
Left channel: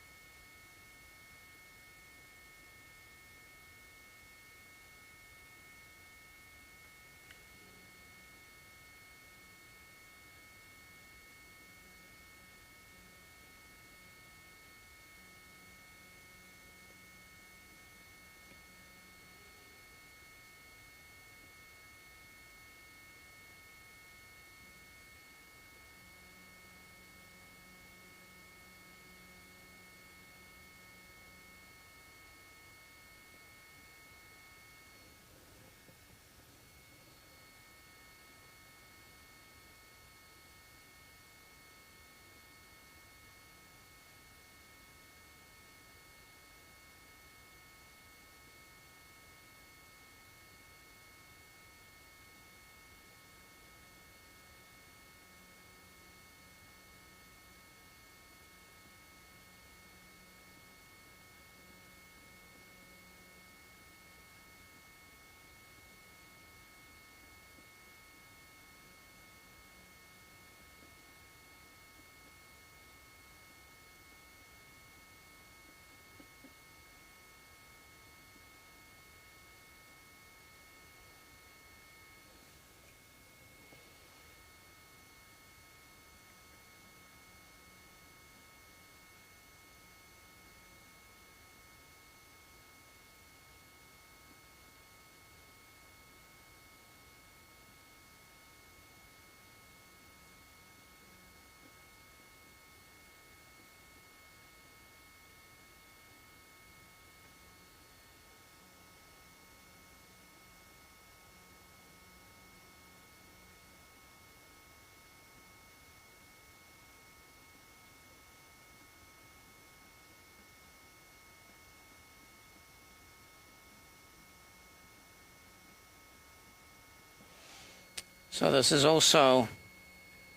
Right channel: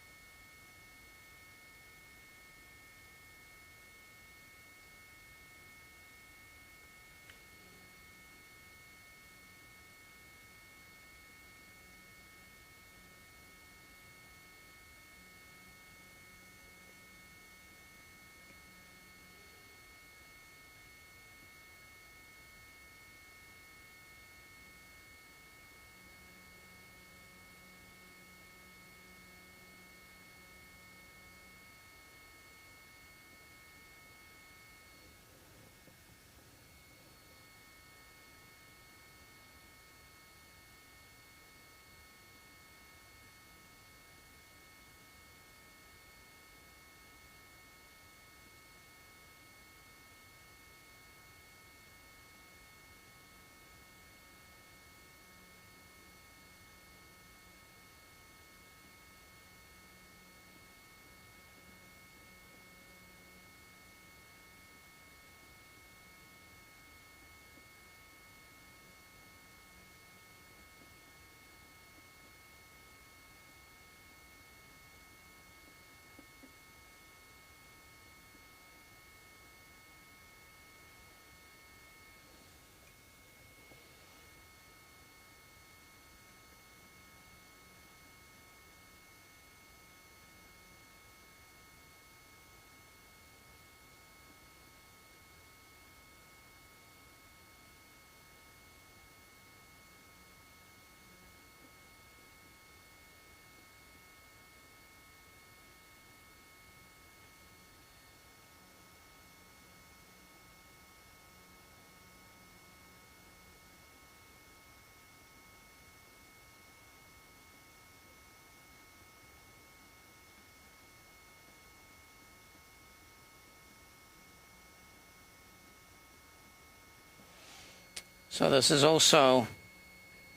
So this is also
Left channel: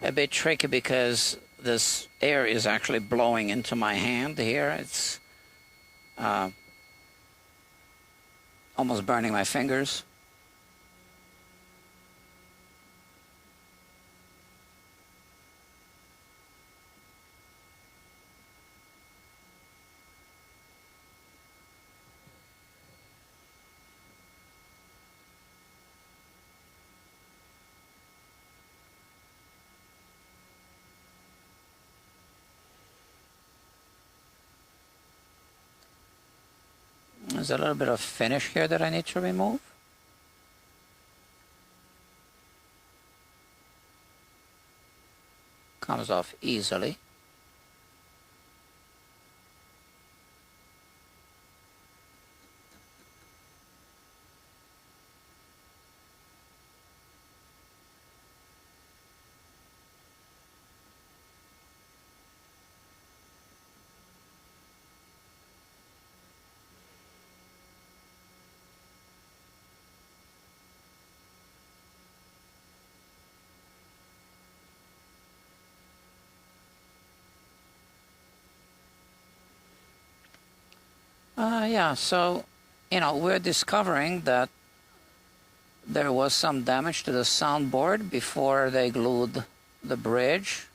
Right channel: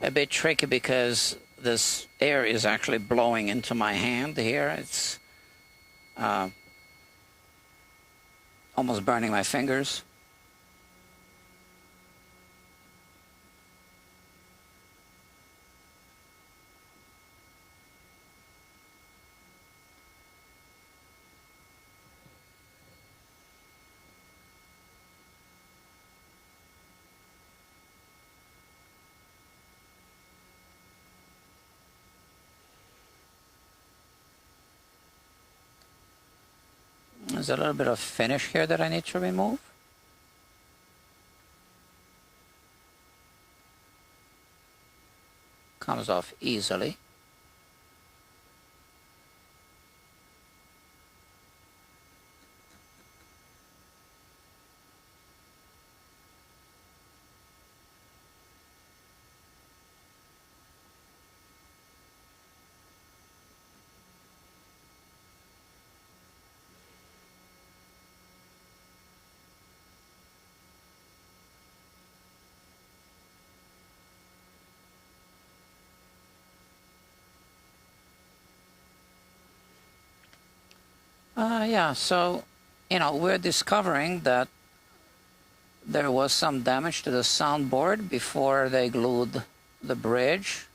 a bit tricky because this air is actually blowing into my hand here. It's almost burning my fingers. There's a little bit of finish here that I need to remove. Comes off easily. Yeah, so, we're discovering that there was some damage to the soundboard before they glued the bridge.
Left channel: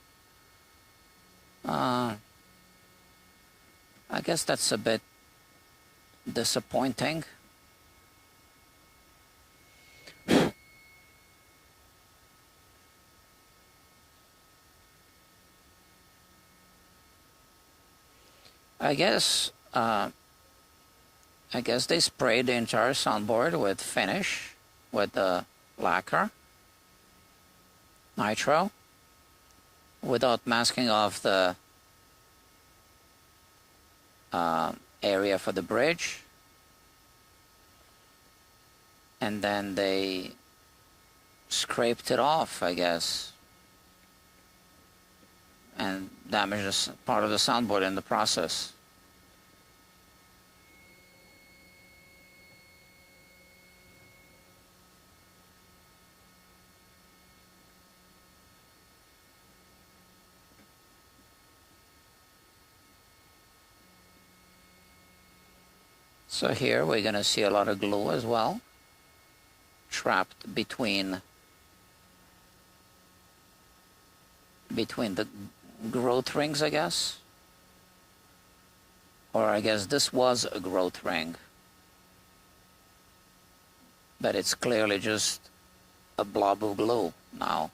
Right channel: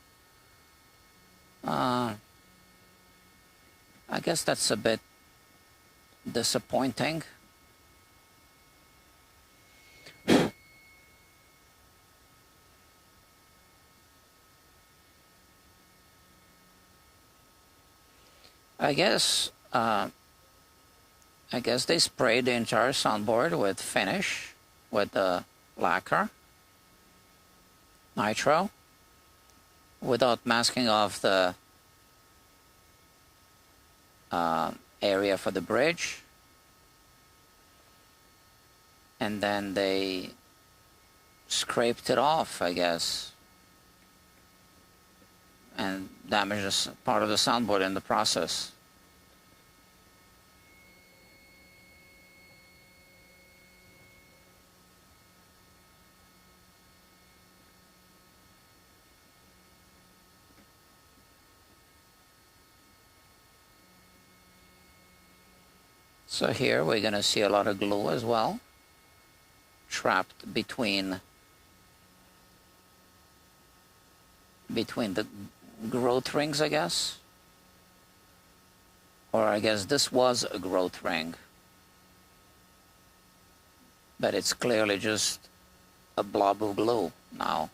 I guess that's a bit disappointing. I guess they sprayed the entire soundboard with finish, with the lacquer, nitro, without masking off the area for the bridge. And then they scraped it off, I guess, and damaged part of the soundboard in the process. So here we're going to see a lot of glue as well, trapped between the growth rings, I guess. Or I guess this was a growth ring. But it's clearly just a blob of glue now.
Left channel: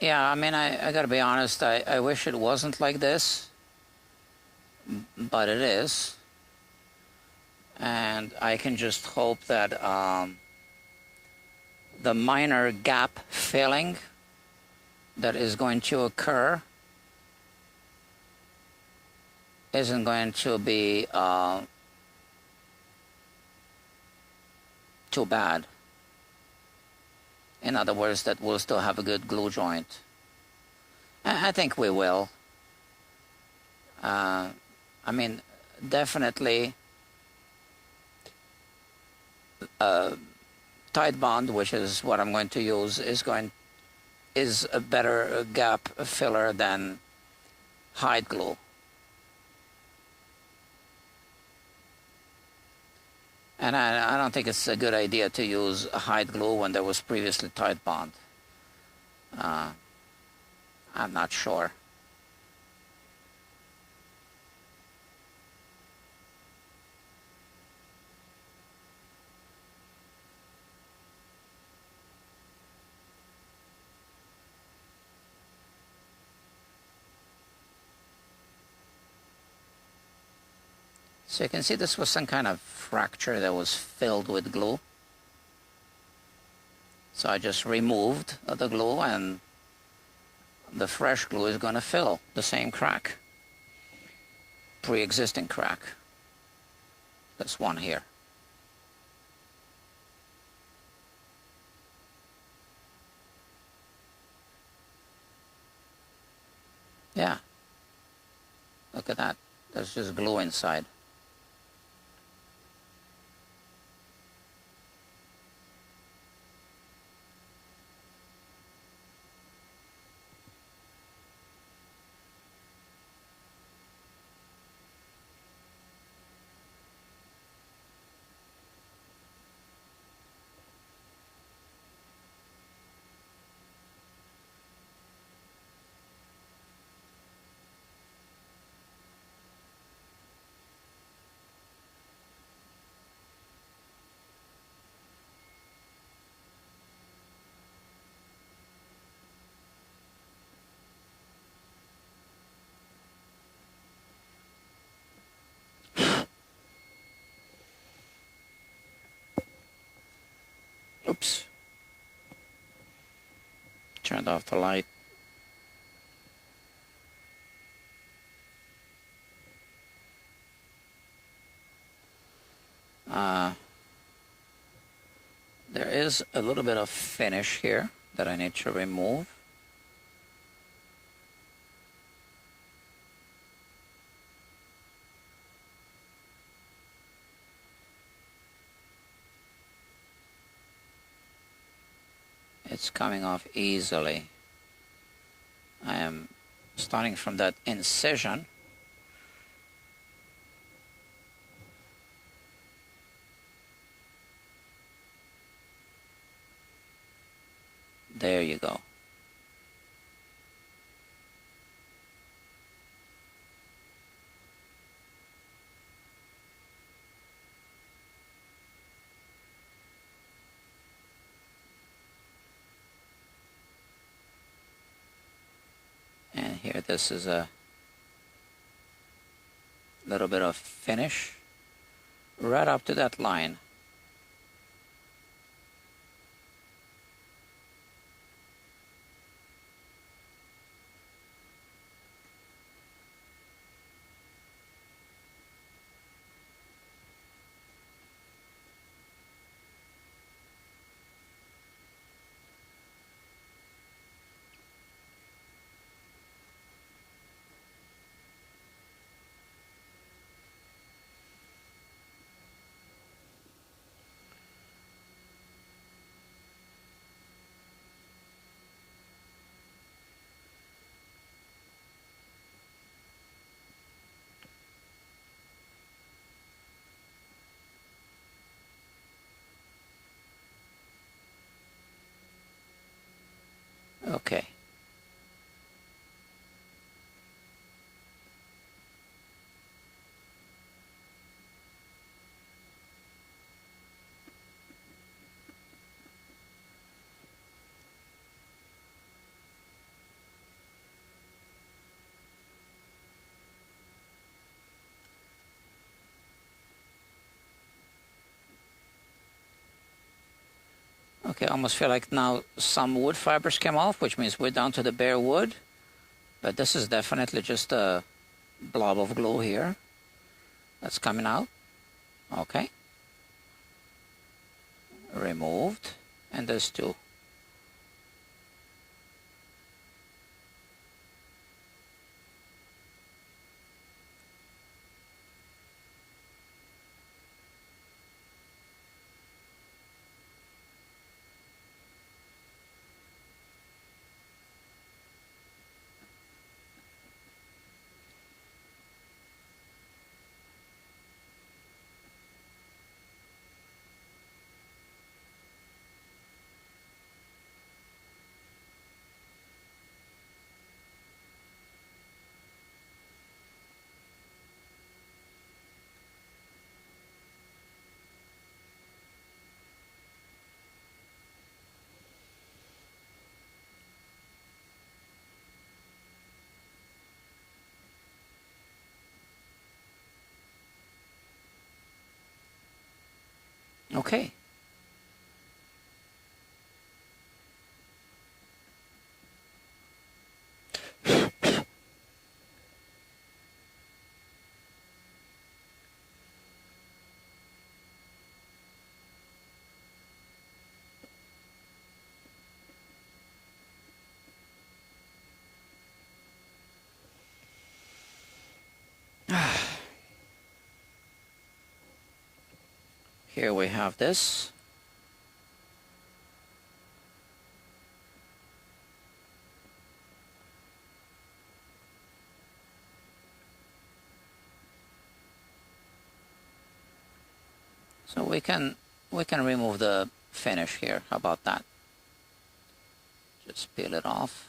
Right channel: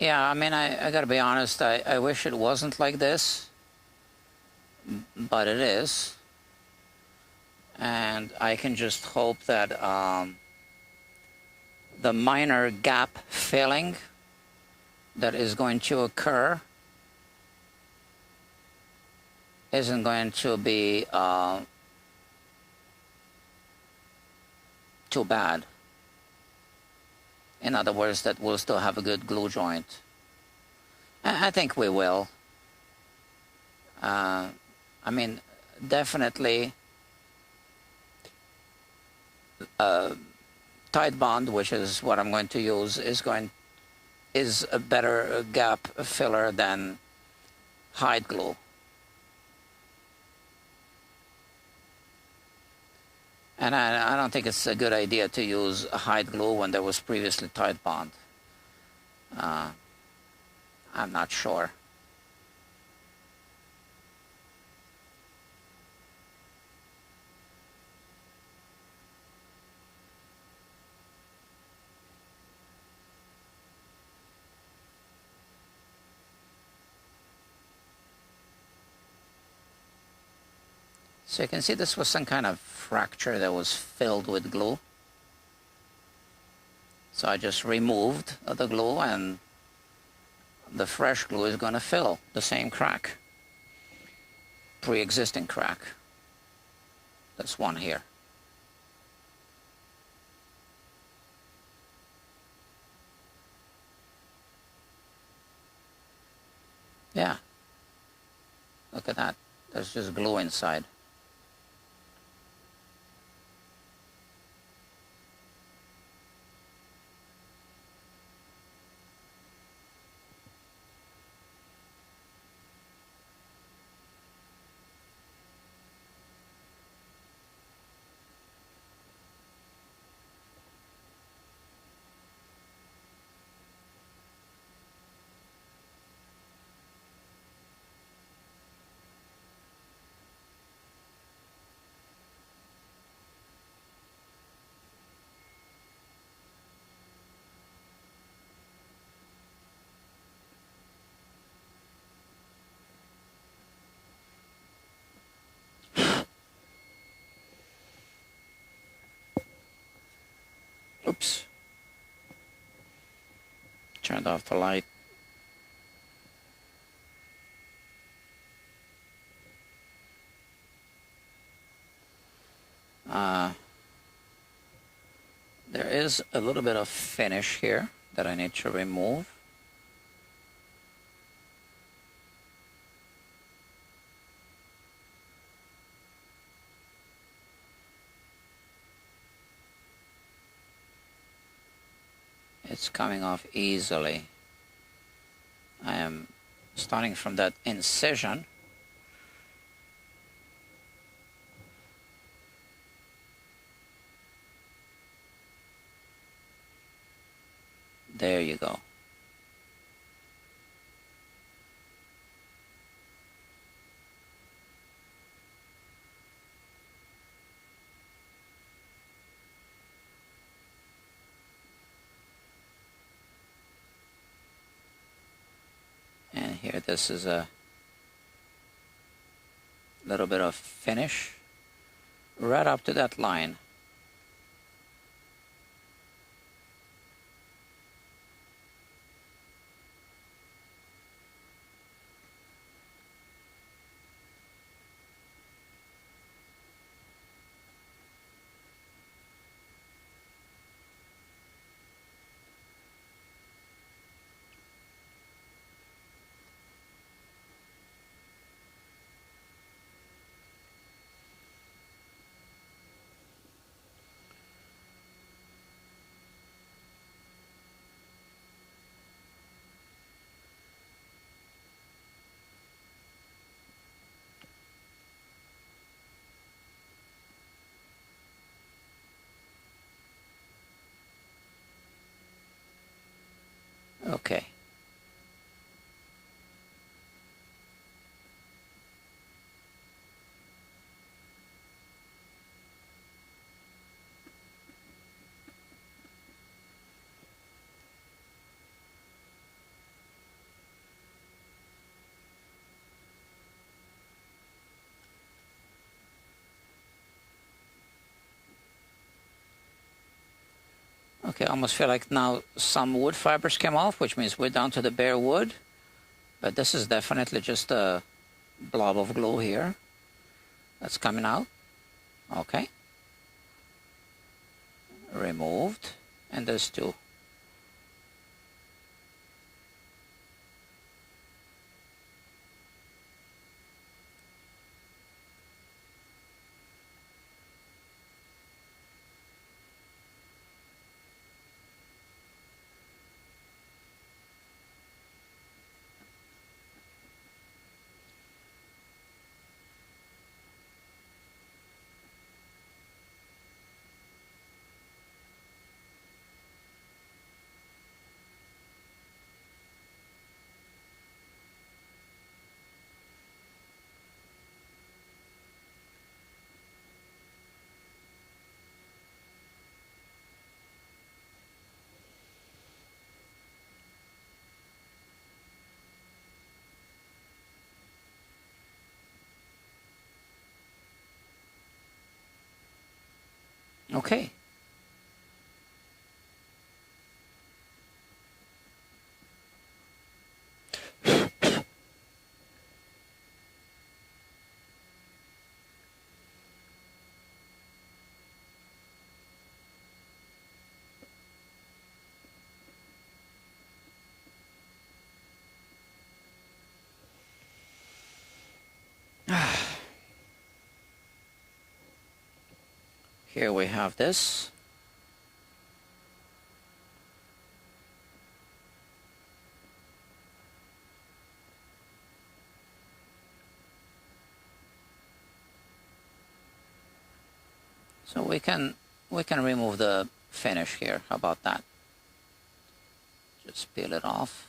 Yeah, I mean, I gotta be honest, I wish it wasn't like this, but it is. And I can just hope that the minor gap filling that is going to occur isn't going to be too bad. In other words, that we'll still have a good glue joint. I think we will. I mean, definitely tight bond, which is what I'm going to use, is a better gap filler than hide glue. And I don't think it's a good idea to use hide glue when there was previously tight bond. I'm not sure. So you can see this was some kind of fracture that was filled with glue. So I just removed the glue, and the fresh glue is going to fill the same crack, pre-existing crack. This one here. Yeah, look at that. There's just glue inside. Oops. Turned off the light. There is a little bit of finish here that I need to remove. It's coming off easily. I am starting from that incision. There you go. And here, this is a little bit of finish right up to that line. Okay. Okay, I almost feel like now some wood fibers came off, which means we're down to the bare wood. But this is definitely just a blob of glue here that's coming out. Okay. Removed. And there's two. Okay. Here we have this. So we can remove the finish here. How about that? Just peel it off.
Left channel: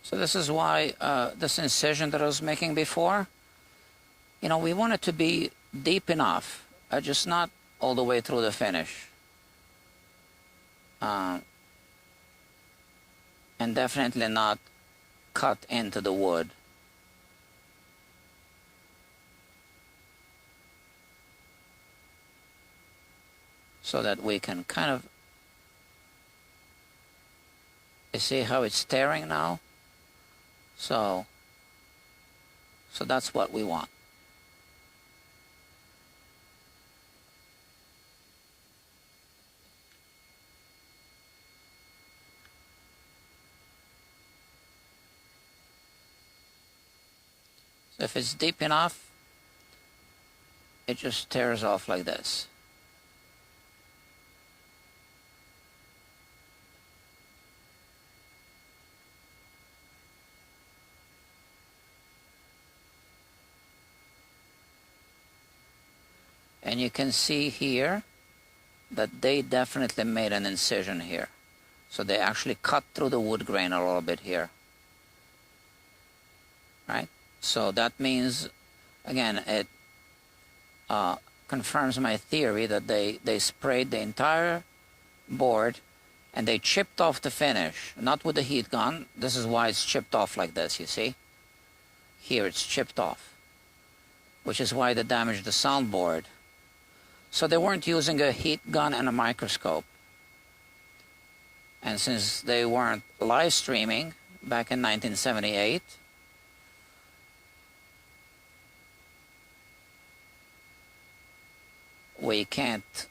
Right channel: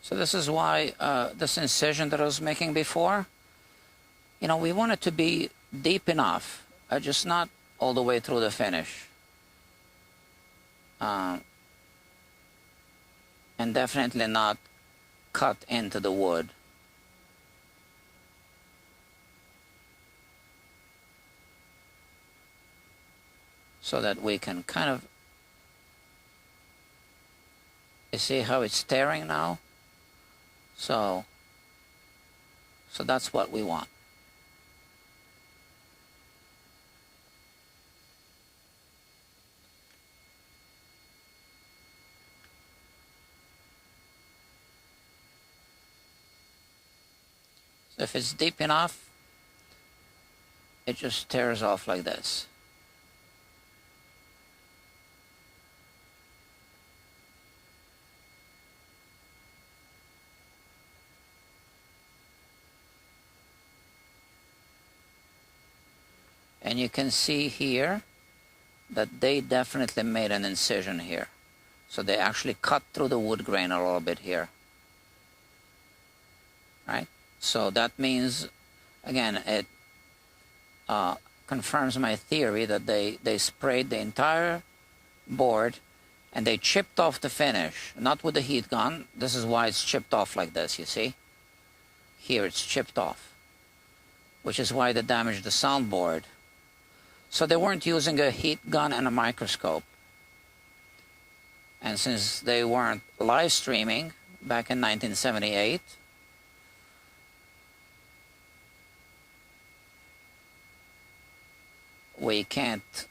So this is why this incision that I was making before, you know, we want it to be deep enough, just not all the way through the finish. And definitely not cut into the wood. So that we can kind of, you see how it's tearing now? So that's what we want. So if it's deep enough, it just tears off like this. And you can see here that they definitely made an incision here. So they actually cut through the wood grain a little bit here. Right? So that means, again, it confirms my theory that they sprayed the entire board and they chipped off the finish, not with the heat gun. This is why it's chipped off like this, you see? Here it's chipped off, which is why they damaged the soundboard. So they weren't using a heat gun and a microscope. And since they weren't live streaming back in 1978, we can't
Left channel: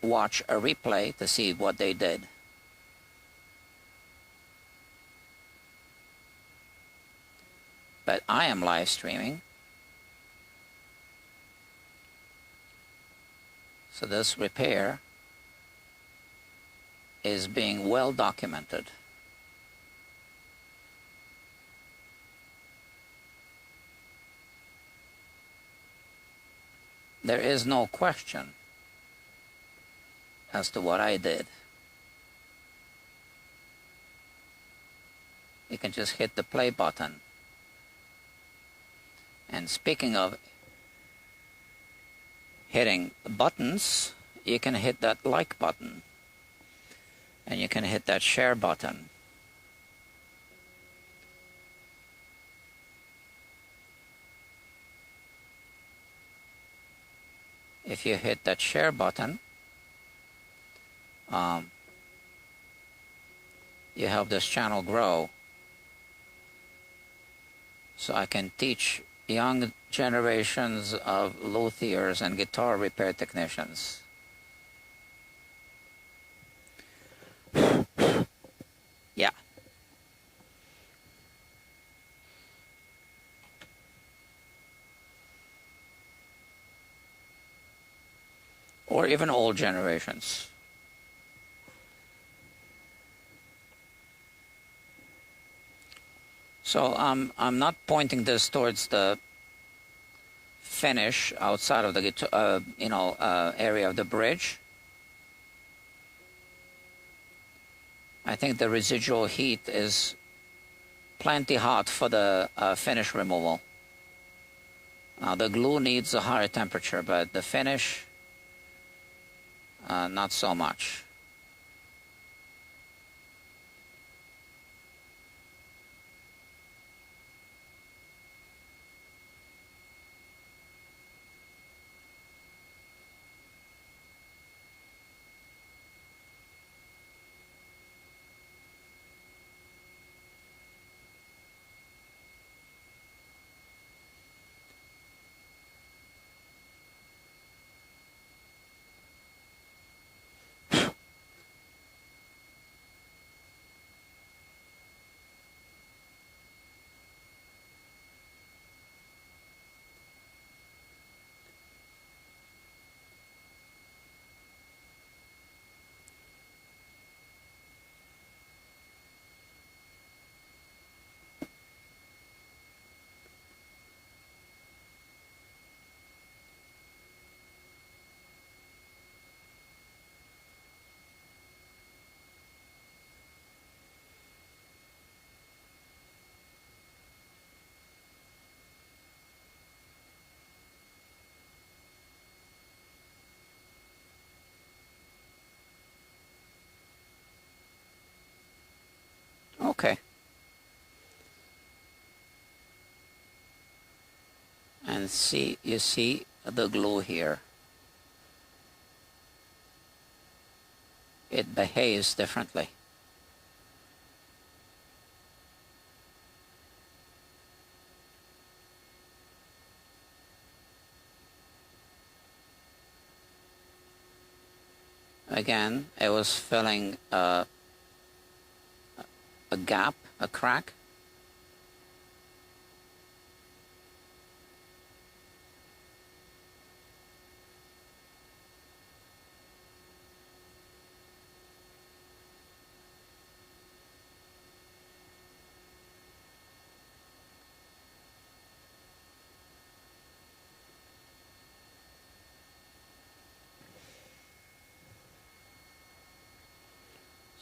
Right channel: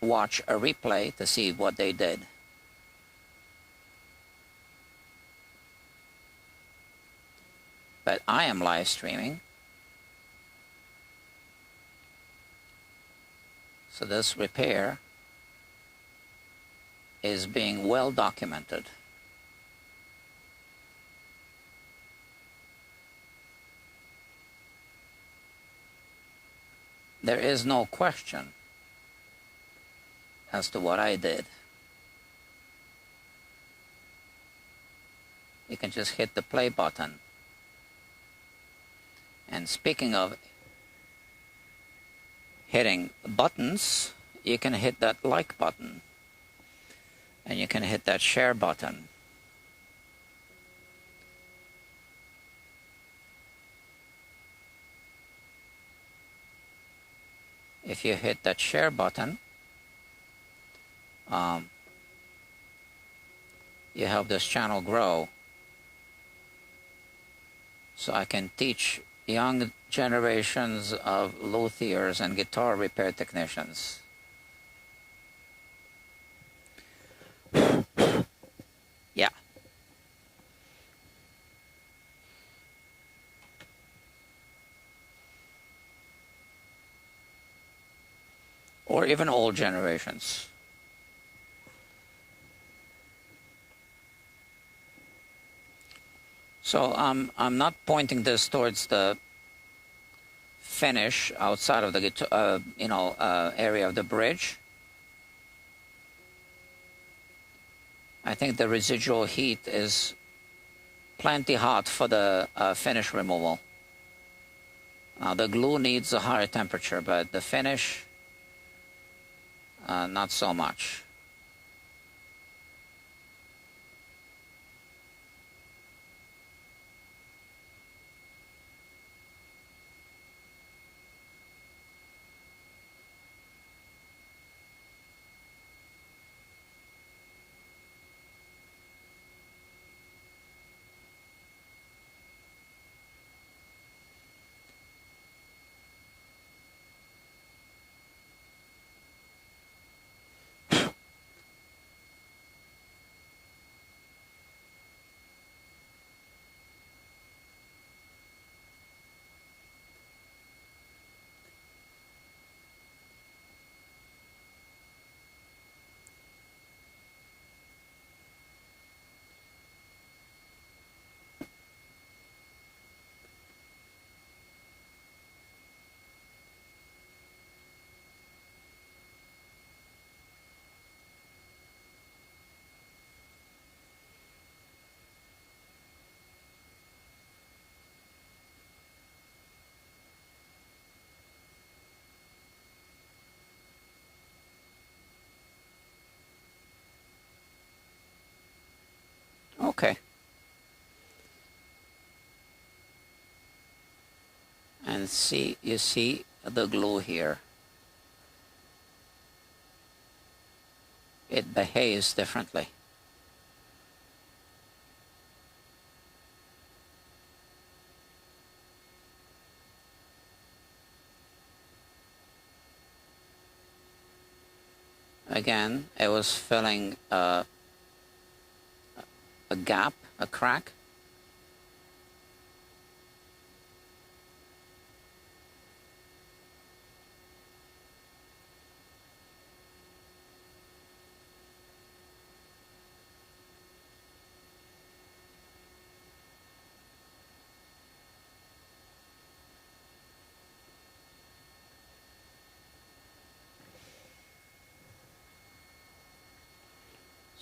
watch a replay to see what they did. But I am live streaming. So this repair is being well documented. There is no question as to what I did. You can just hit the play button. And speaking of hitting buttons, you can hit that like button. And you can hit that share button. If you hit that share button, you help this channel grow. So I can teach young generations of luthiers and guitar repair technicians. Yeah. Or even old generations. So I'm not pointing this towards the finish outside of the guitar, area of the bridge. I think the residual heat is plenty hot for the finish removal. Now the glue needs a higher temperature, but the finish, not so much. And see, you see the glue here. It behaves differently. Again, it was filling a gap, a crack.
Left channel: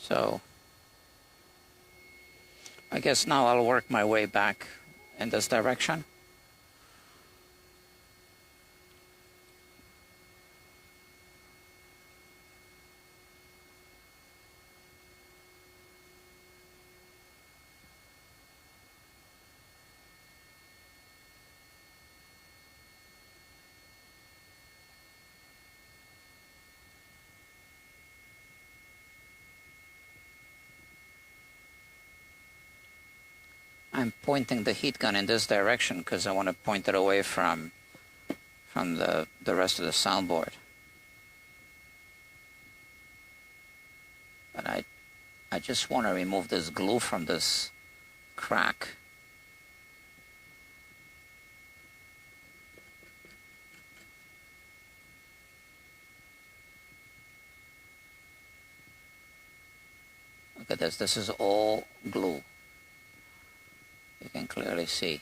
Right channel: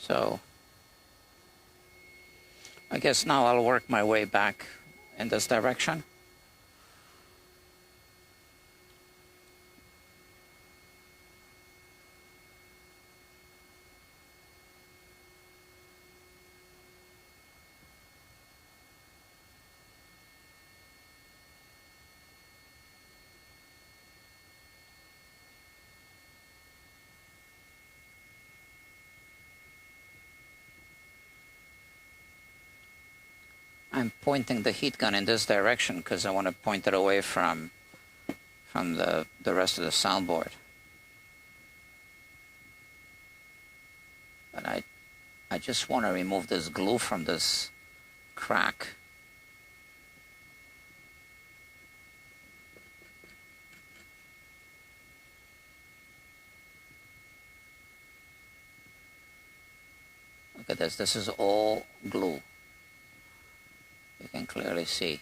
So I guess now I'll work my way back in this direction. I'm pointing the heat gun in this direction because I want to point it away from the rest of the soundboard. But I just want to remove this glue from this crack. Look at this. This is all glue. You can clearly see.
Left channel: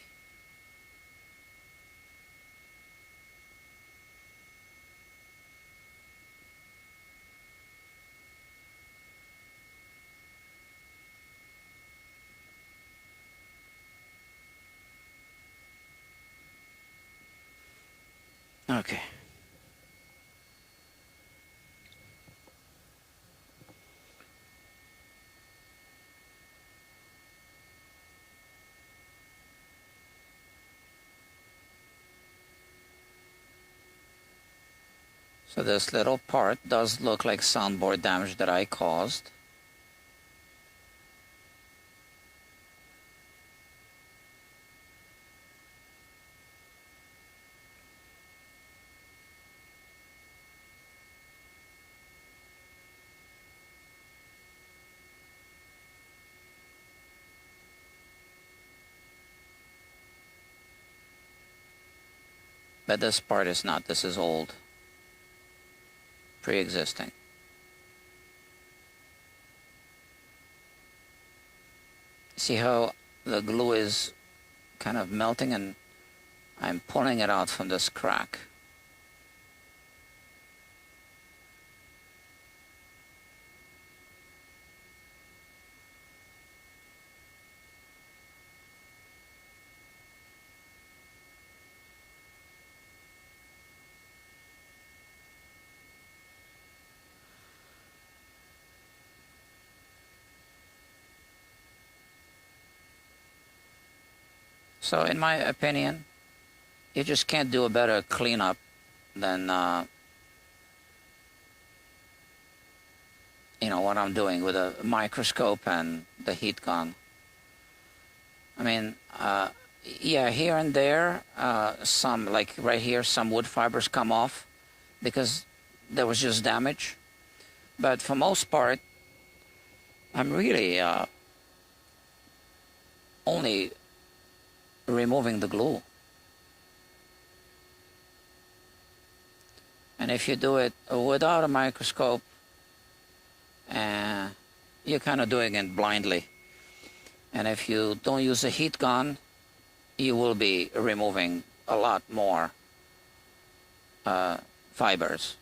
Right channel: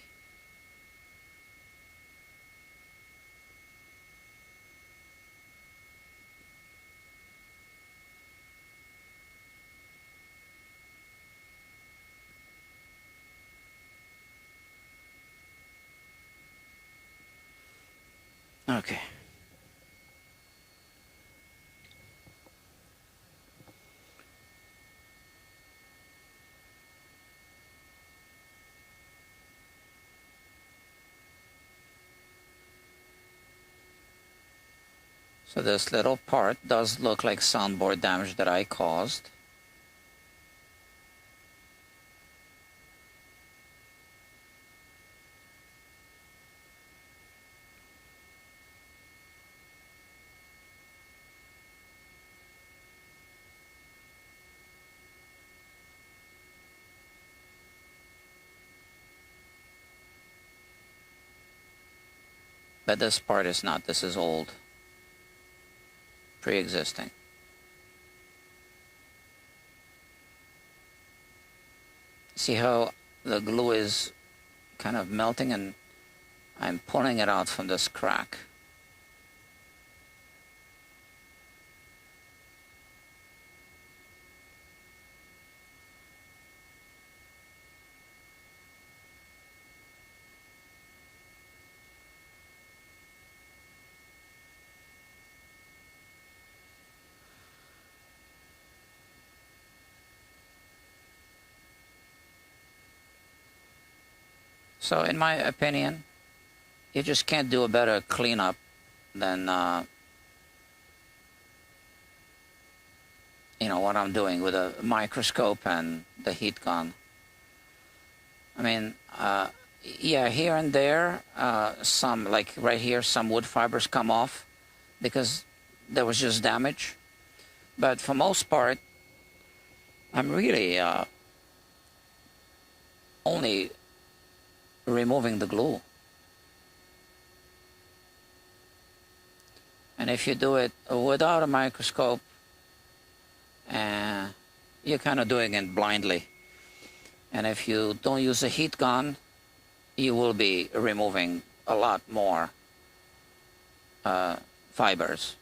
Okay. So this little part does look like soundboard damage that I caused. But this part is not. This is old. Pre-existing. See how the glue is kind of melting and I'm pulling it out from this crack. So in my opinion, you just can't do a better cleanup than, you know, what I'm doing with a microscope and the heat gun. I mean, yeah, here and there, some, like right here, some wood fibers come off because there was just damage. But for most part, I'm really only removing the glue. And if you do it without a microscope, you're kind of doing it blindly. And if you don't use a heat gun, you will be removing a lot more fibers.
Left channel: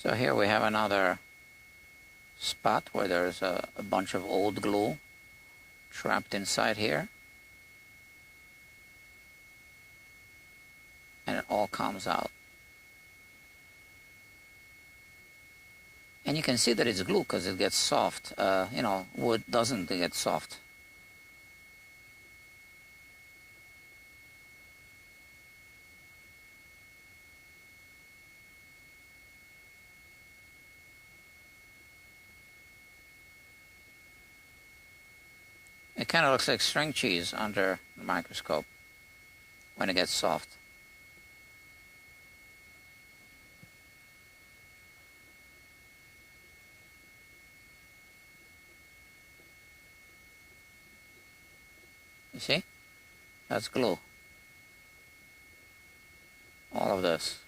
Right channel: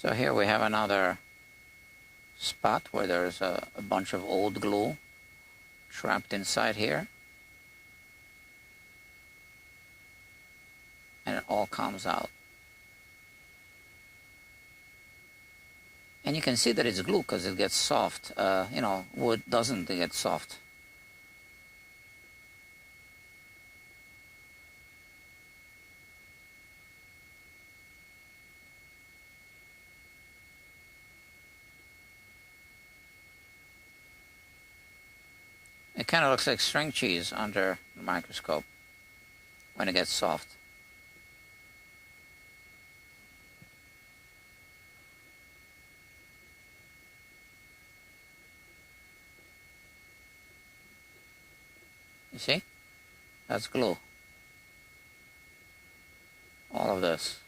So here we have another spot where there's a bunch of old glue trapped inside here. And it all comes out. And you can see that it's glue because it gets soft. You know, wood doesn't get soft. It kind of looks like string cheese under the microscope when it gets soft. You see? That's glue. All of this.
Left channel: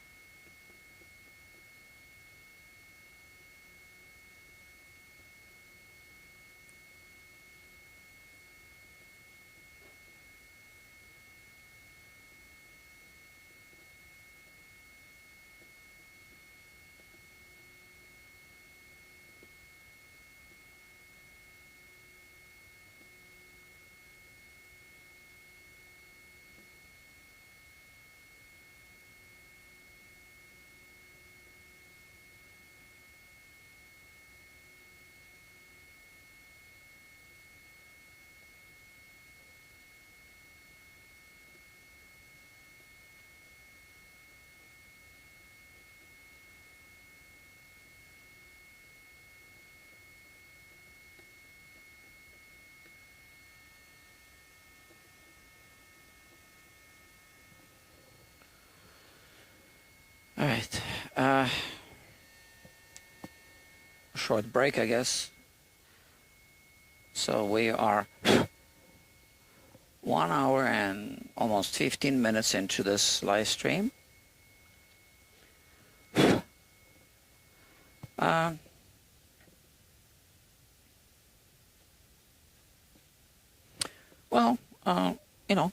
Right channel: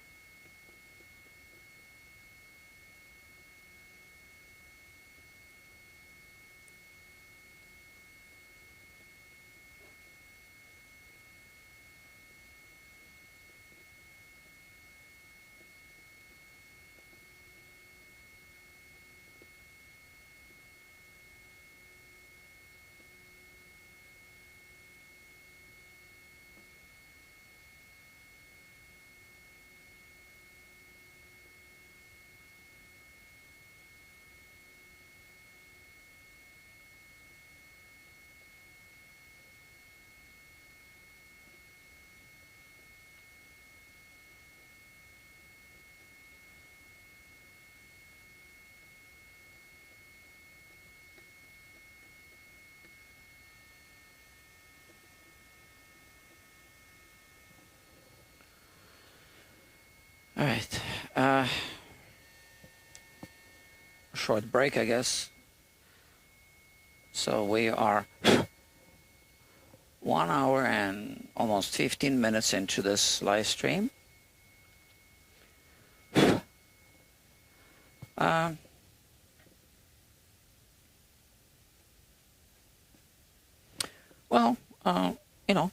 All right. Short break, I guess. So we are 1 hour and almost 15 minutes into this live stream. Well, you know,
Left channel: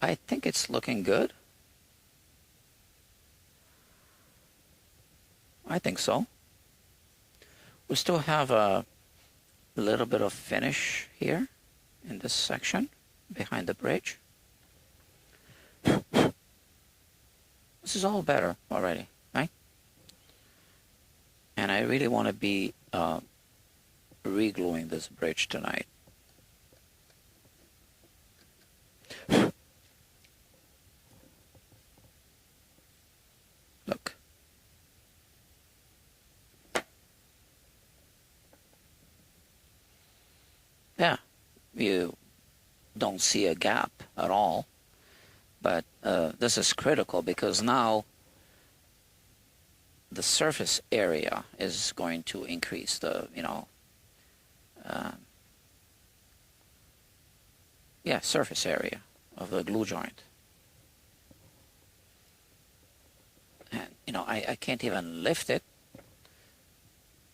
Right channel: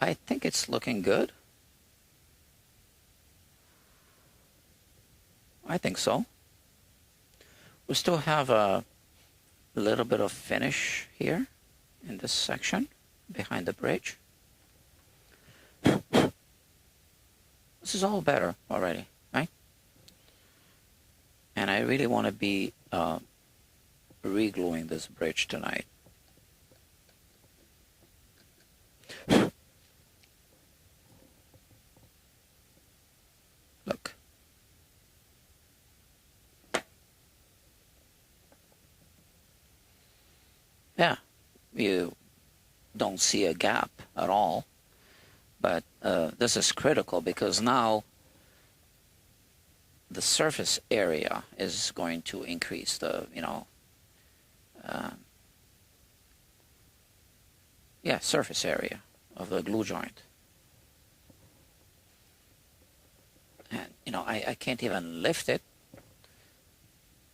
I think it's looking good. I think so. We still have a little bit of finish here in this section behind the bridge. This is all better already, right? And I really want to be re-gluing this bridge tonight. Look. Yeah, you don't see a gap at all, but this is critical because now the surface area is going to increase the, surface area of the glue joint. And, I can't even lift it.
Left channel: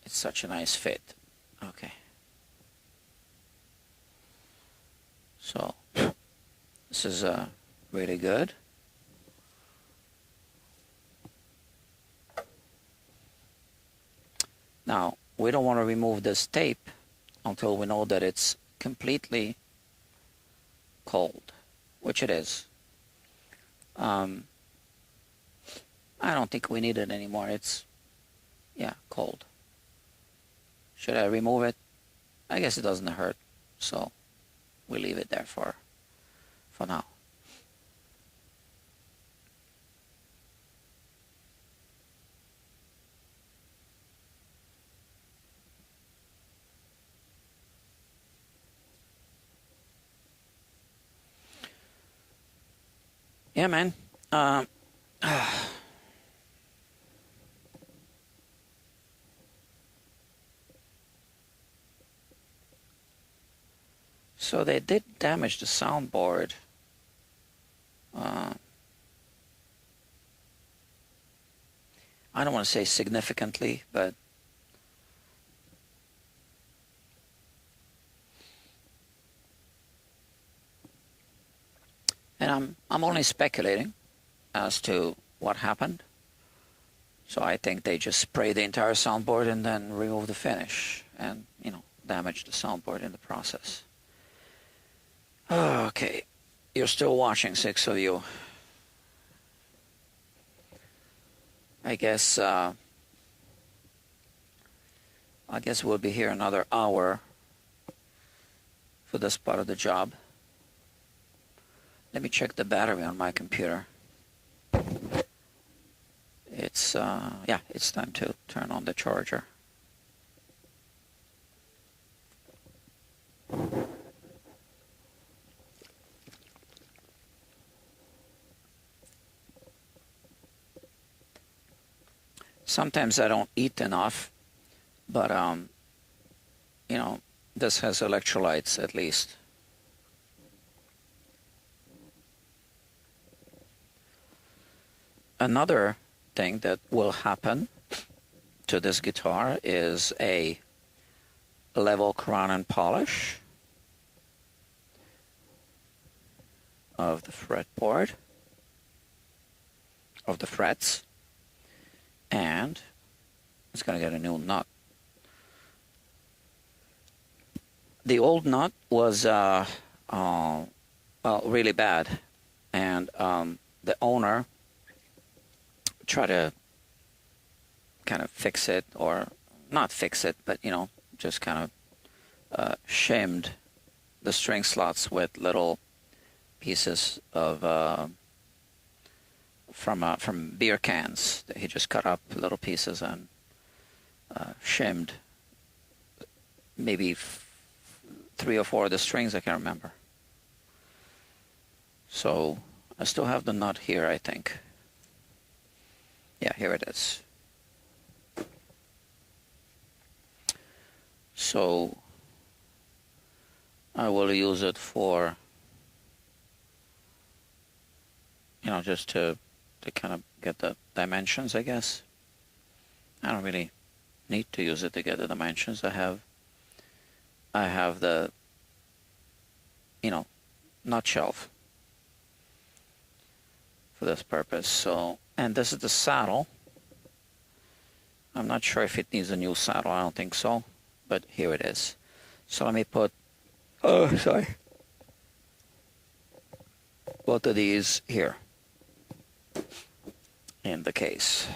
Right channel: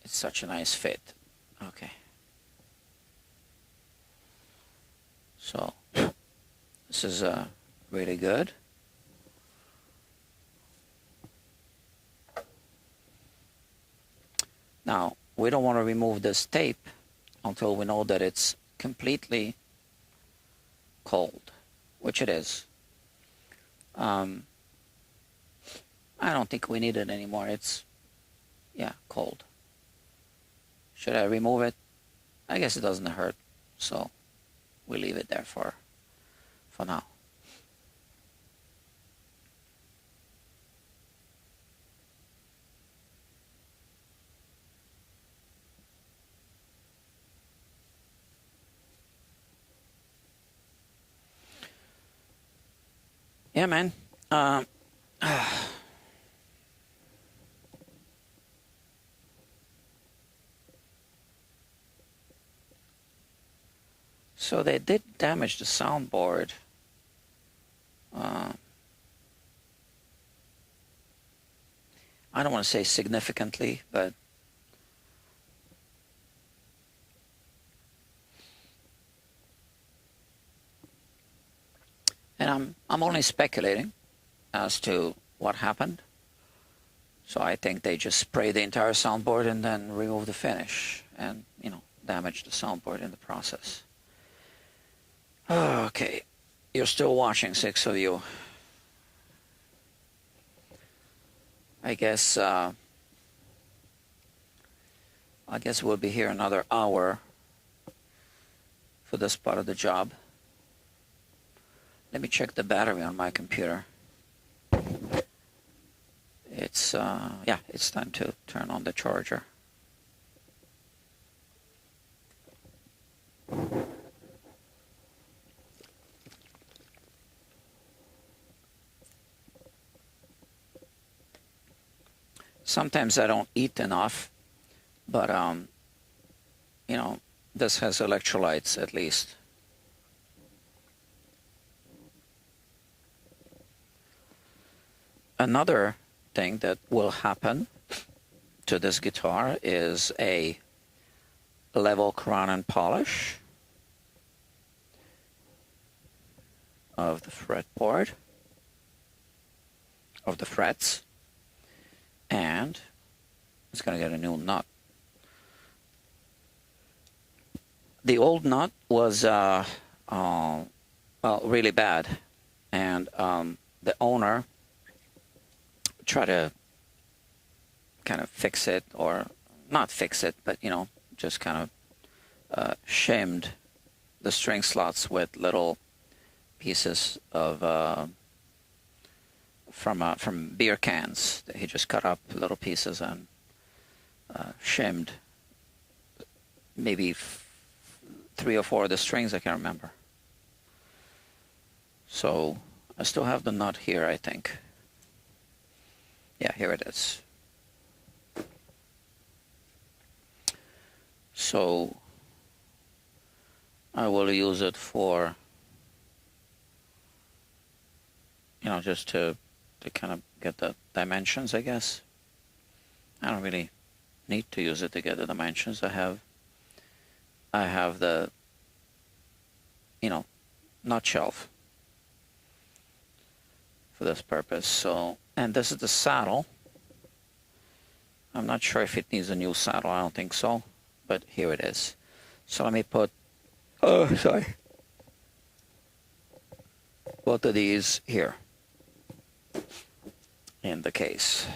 It's such a nice fit. Okay. So, this is really good. Now, we don't want to remove this tape until we know that it's completely cold, which it is. I don't think we need it anymore. It's, cold. Should I remove it? I guess it doesn't hurt, so we leave it there for now. Yeah, man. So they did damage the soundboard. I don't want to say significantly, but and I'm only speculating as to what happened. So I think they just spray the entire soundboard and then remove the finish and, damage the soundboard in the process. Okay, you're still watching, 6 of you. I guess we'll be here another hour for this part of the job. Let me check the battery on my computer. It's it's time to turn on the charger. Sometimes I don't eat enough, but this has electrolytes at least. Another thing that will happen to this guitar is a level crown and polish of the fretboard, of the frets, and it's going to get a new nut. The old nut was really bad, and the owner tried to kind of fix it, or not fix it, but just kind of shimmed the string slots with little pieces of from beer cans. He just cut up little pieces and shimmed maybe 3 or 4 of the strings, I can't remember. So I still have the nut here, I think. Yeah, here it is. So I will use it for, just to kind of get the dimensions, I guess. I don't really need to use it to get the dimensions. I have the, nut shelf for this purpose. So, and this is the saddle. I'm not sure if it needs a new saddle. I don't think so, but here it is. So let me put, both of these here in the case.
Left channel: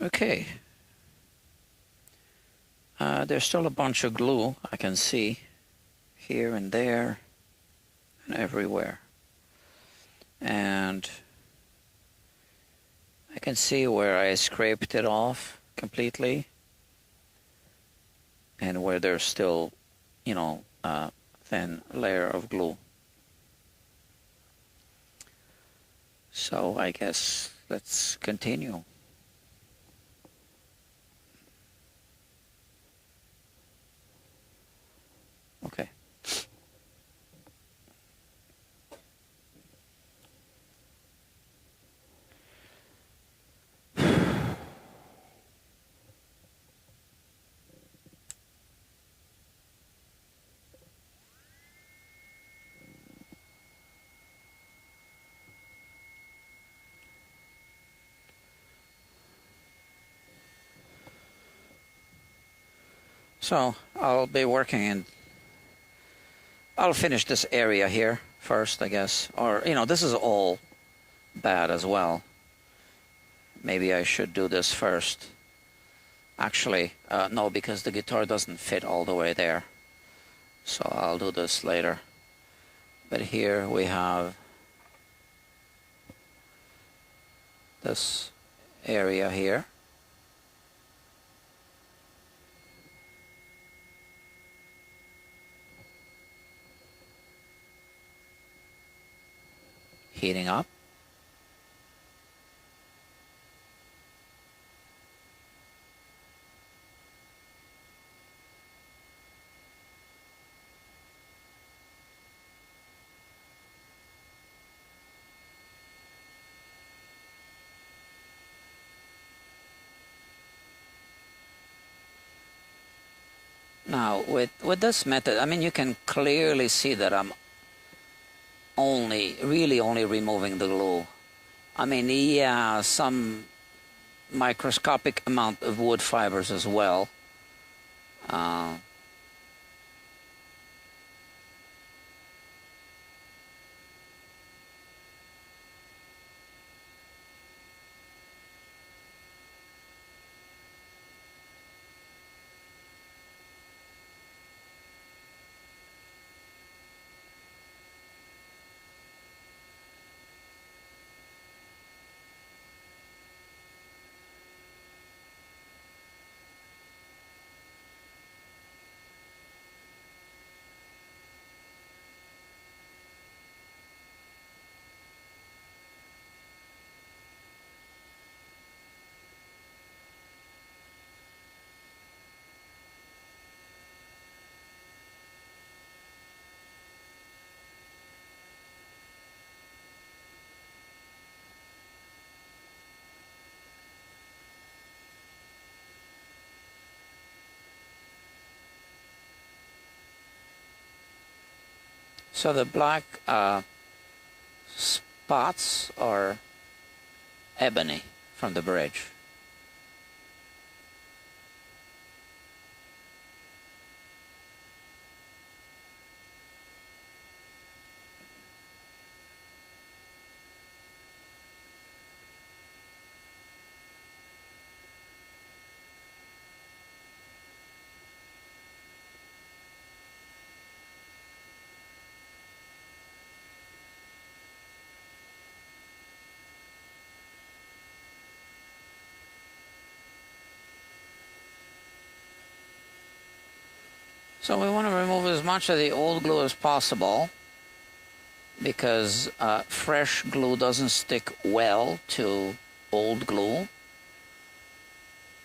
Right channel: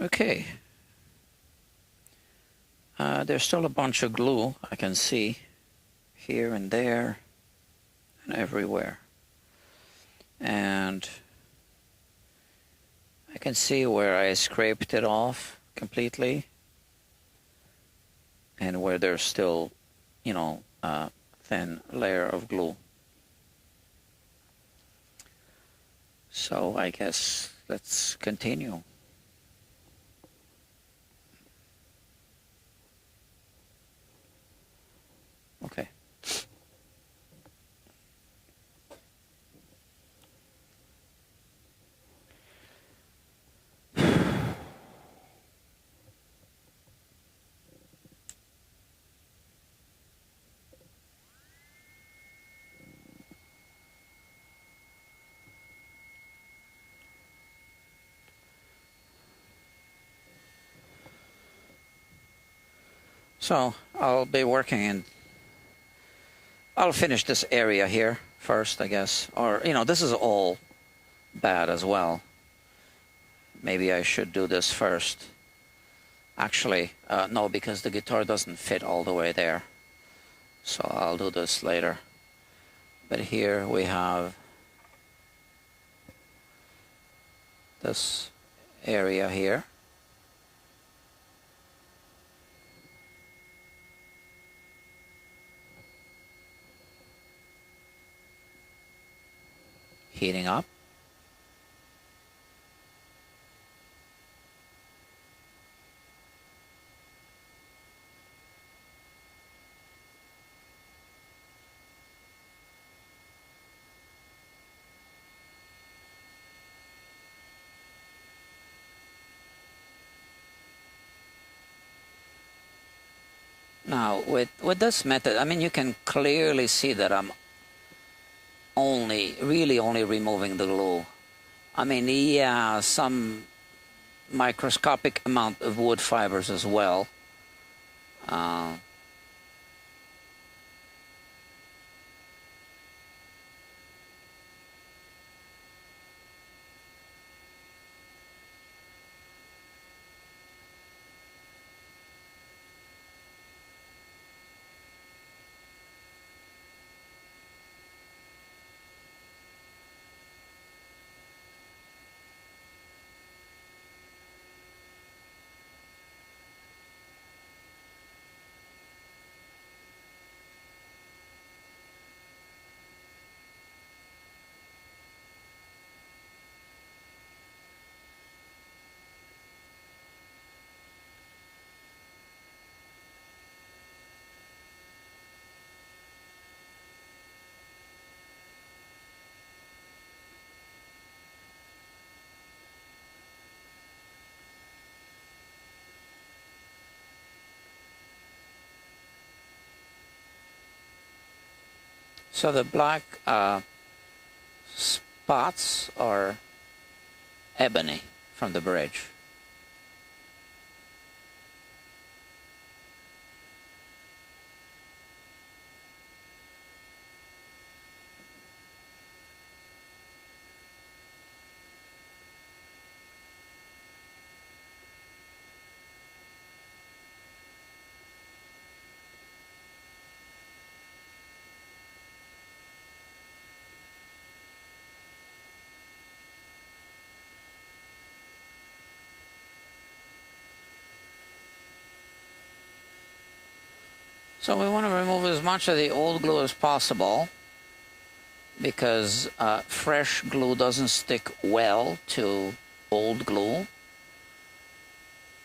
Okay. There's still a bunch of glue I can see here and there and everywhere. And I can see where I scraped it off completely and where there's still, a thin layer of glue. So I guess let's continue. Okay. So I'll be working in, I'll finish this area here first, I guess. Or, this is all bad as well. Maybe I should do this first. Actually, no, because the guitar doesn't fit all the way there. So I'll do this later. But here we have this area here. Heating up. Now, with this method, I mean, you can clearly see that I'm really only removing the glue. I mean, yeah, some microscopic amount of wood fibers as well. So the black spots are ebony from the bridge. So we want to remove as much of the old glue as possible because fresh glue doesn't stick well to old glue.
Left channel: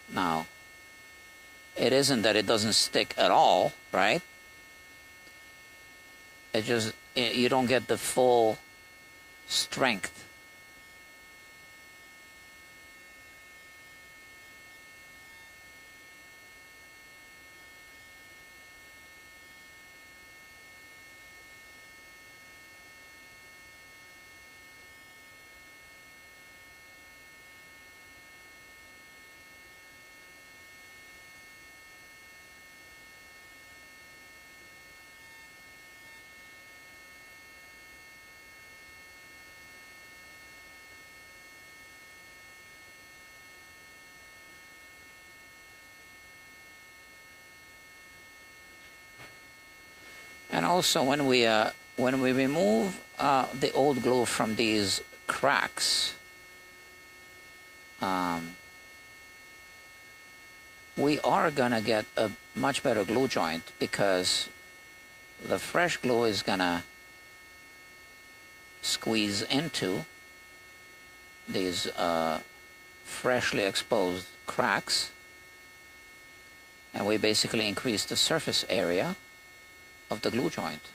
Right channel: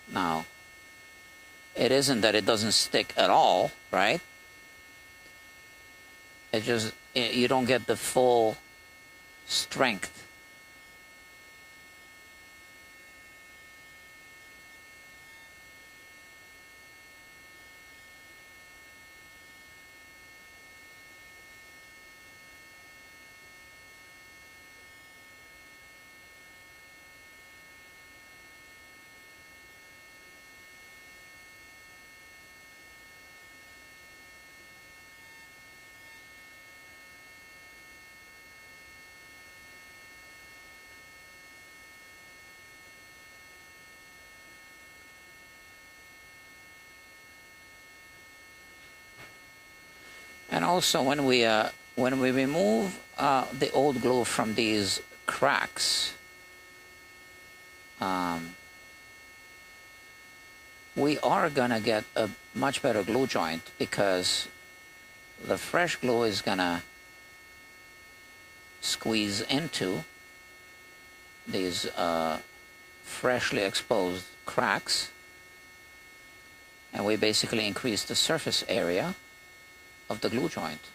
Now, it isn't that it doesn't stick at all, right? It just, you don't get the full strength. And also when we remove the old glue from these cracks, we are gonna get a much better glue joint because the fresh glue is gonna squeeze into these freshly exposed cracks, and we basically increase the surface area of the glue joint.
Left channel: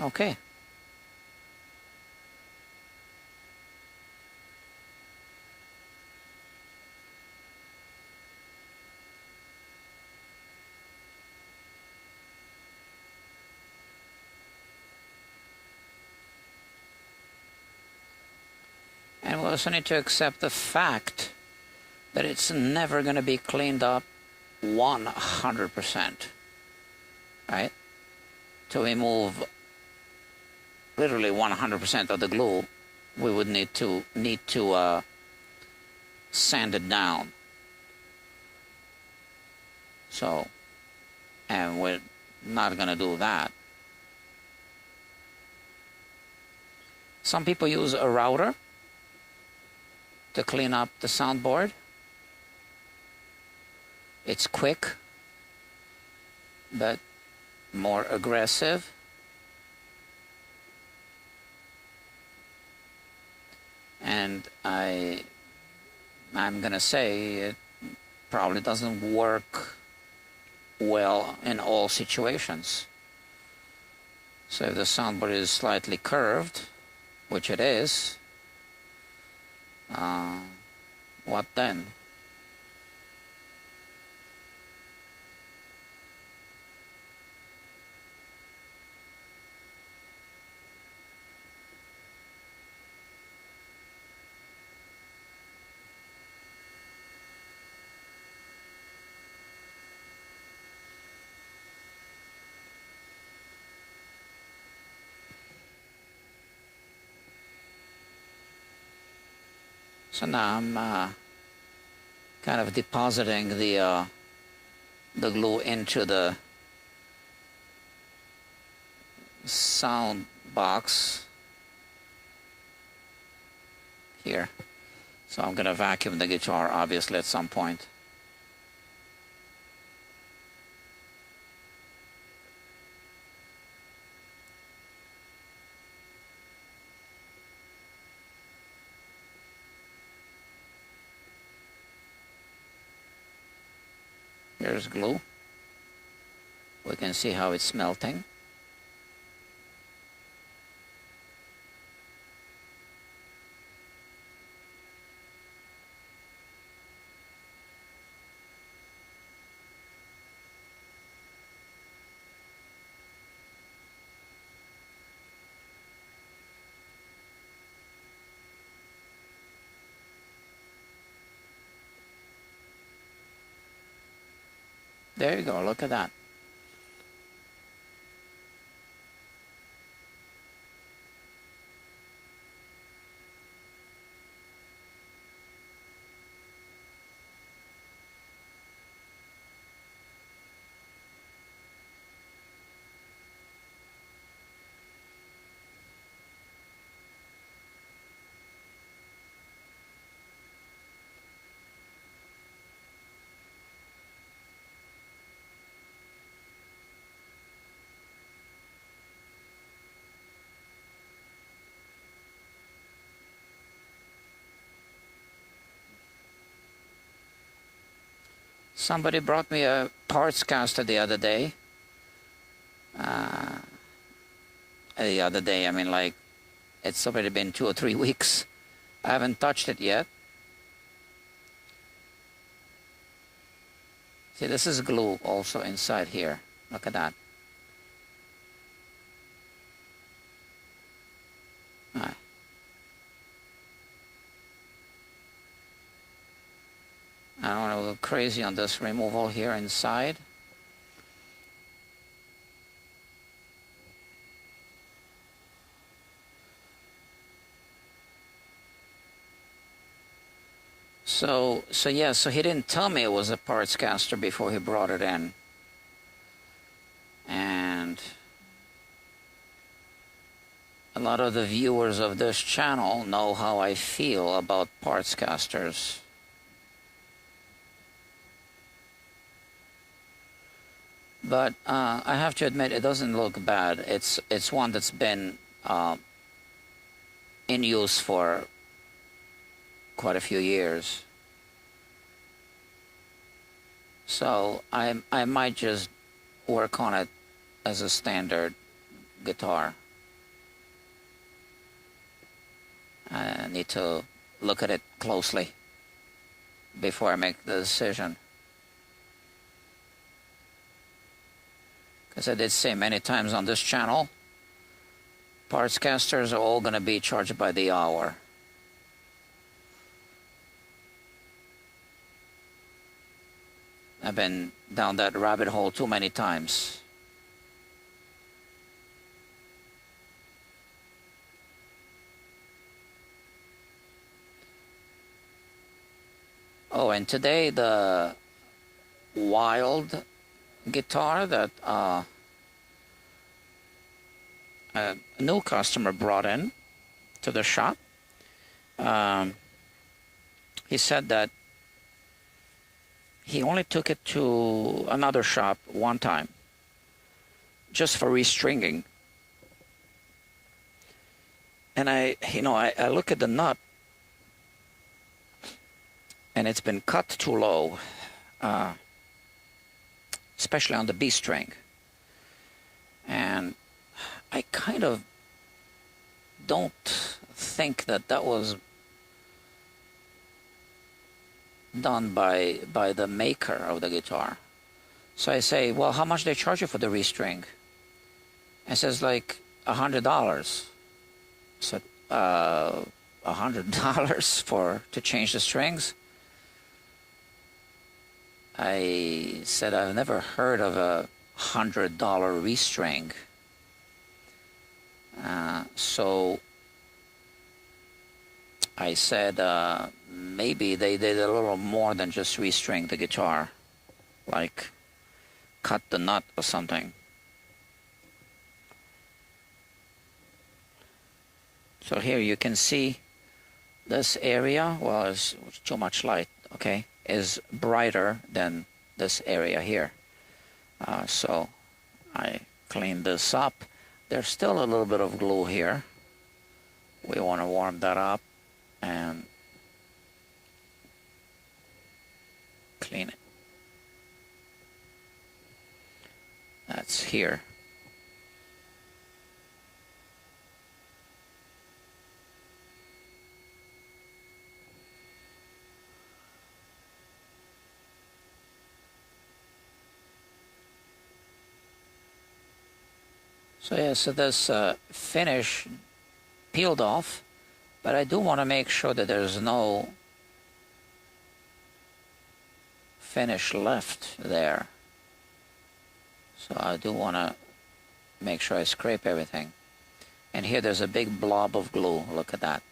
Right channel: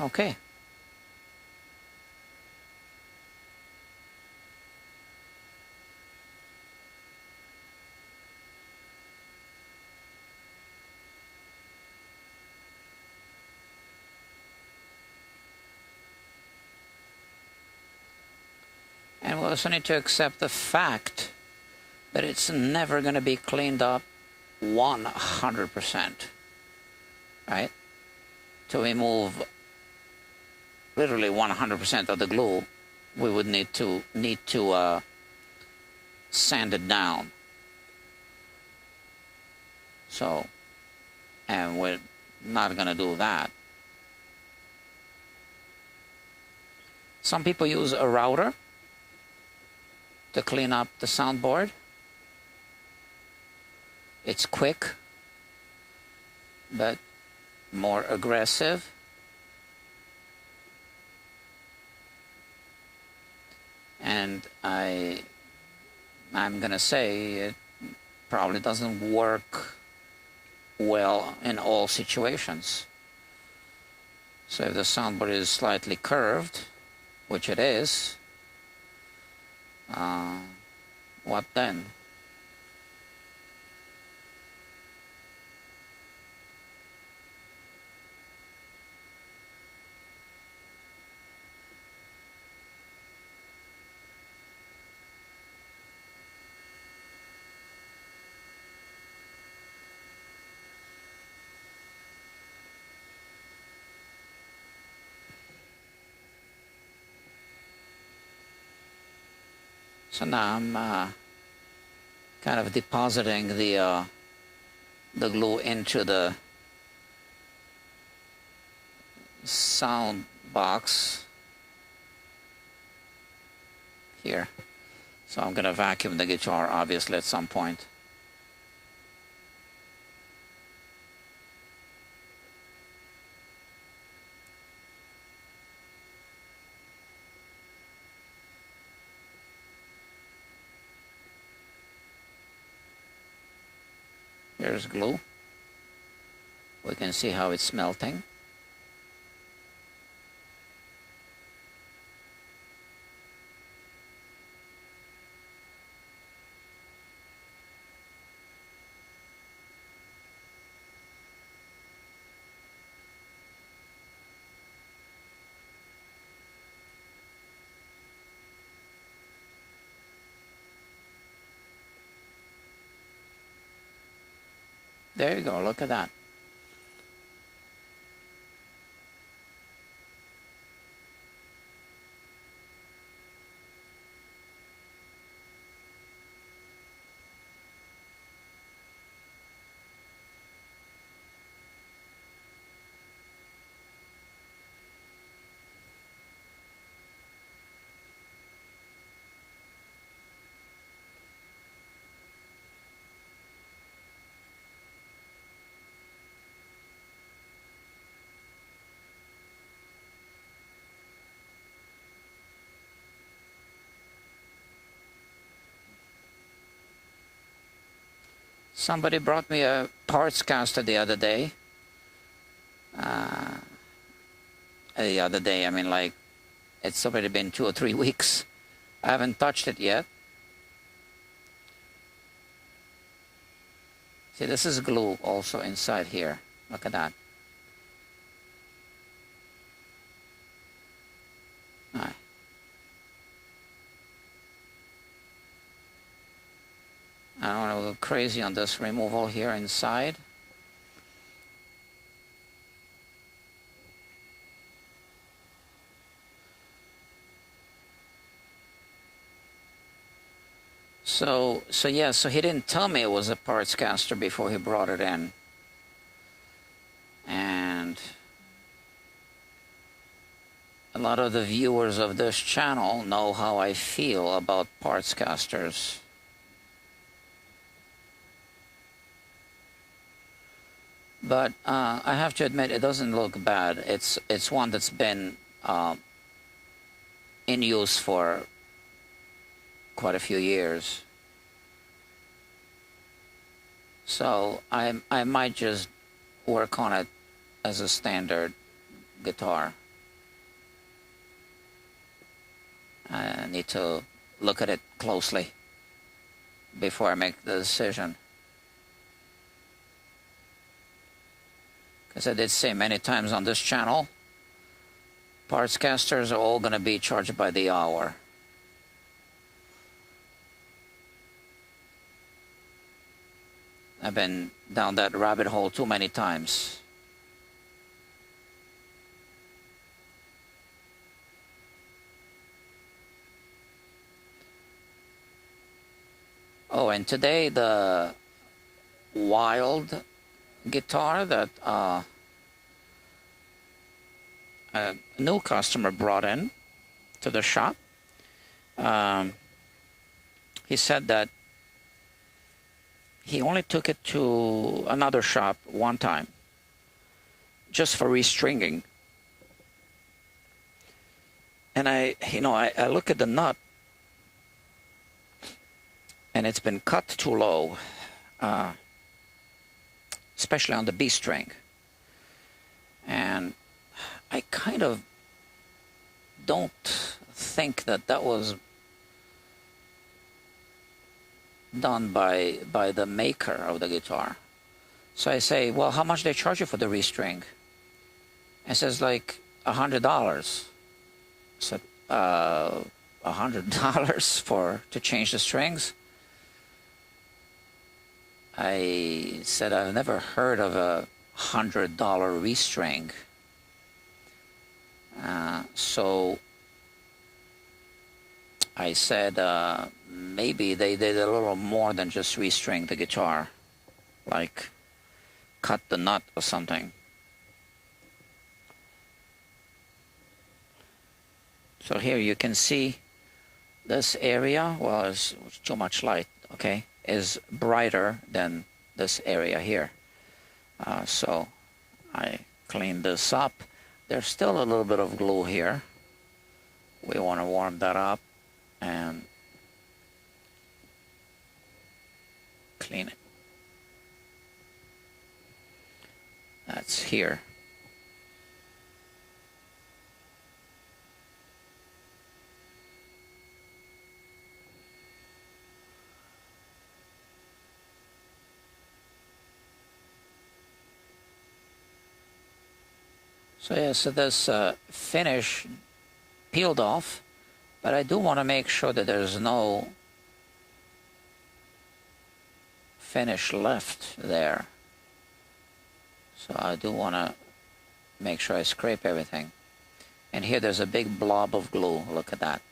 Okay. And we also need to accept the fact that it's never going to be cleaned up 100%. right? To remove literally 100% of the glue, we would need to sand it down. So, and we're not going to do that. Some people use a router to clean up the soundboard. It's quick, but more aggressive. And I'm gonna say it probably doesn't work well in all situations. So if the soundboard is slightly curved, which it is, what then? So now I'm kind of depositing the glue into the sound box here. So I'm going to vacuum the guitar, obviously, at some point. Here's glue. We can see how it's melting. There you go, look at that. Somebody brought me a parts caster the other day. I mean, like, it's already been 2 or 3 weeks. I haven't touched it yet. See, this is glue also inside here. Look at that. Aye. Now I'm a little crazy on this removal here inside. So he didn't tell me it was a parts caster before he brought it in. And a lot of the viewers of this channel know how I feel about parts casters. But I have to admit, it doesn't look bad. It's one that's been in use for quite a few years. So I might just work on it as a standard guitar. I need to look at it closely before I make the decision. As I did say many times on this channel, parts casters are all going to be charged by the hour. I've been down that rabbit hole too many times. and today the wild guitar that a new customer brought in to the shop, he said that he only took it to another shop one time just for restringing. And I look at the nut, and it's been cut too low, especially on the B string. And I kind of don't think that was done by the maker of the guitar. So I say, well, how much they charge you for the restring? It says like $100. So $100 to change the strings? I said I've never heard of a $100 restring. So I said maybe they did a little more than just restring the guitar, like cut the nut or something. So here you can see this area was too much light, okay, is brighter than this area here. So I cleaned this up. There's still a little bit of glue here. We want to warm that up and clean it. That's here. So yeah, so this finish peeled off, but I do want to make sure that there's no finish left there. So I do want to make sure I scrape everything. And here there's a big blob of glue. Look at that.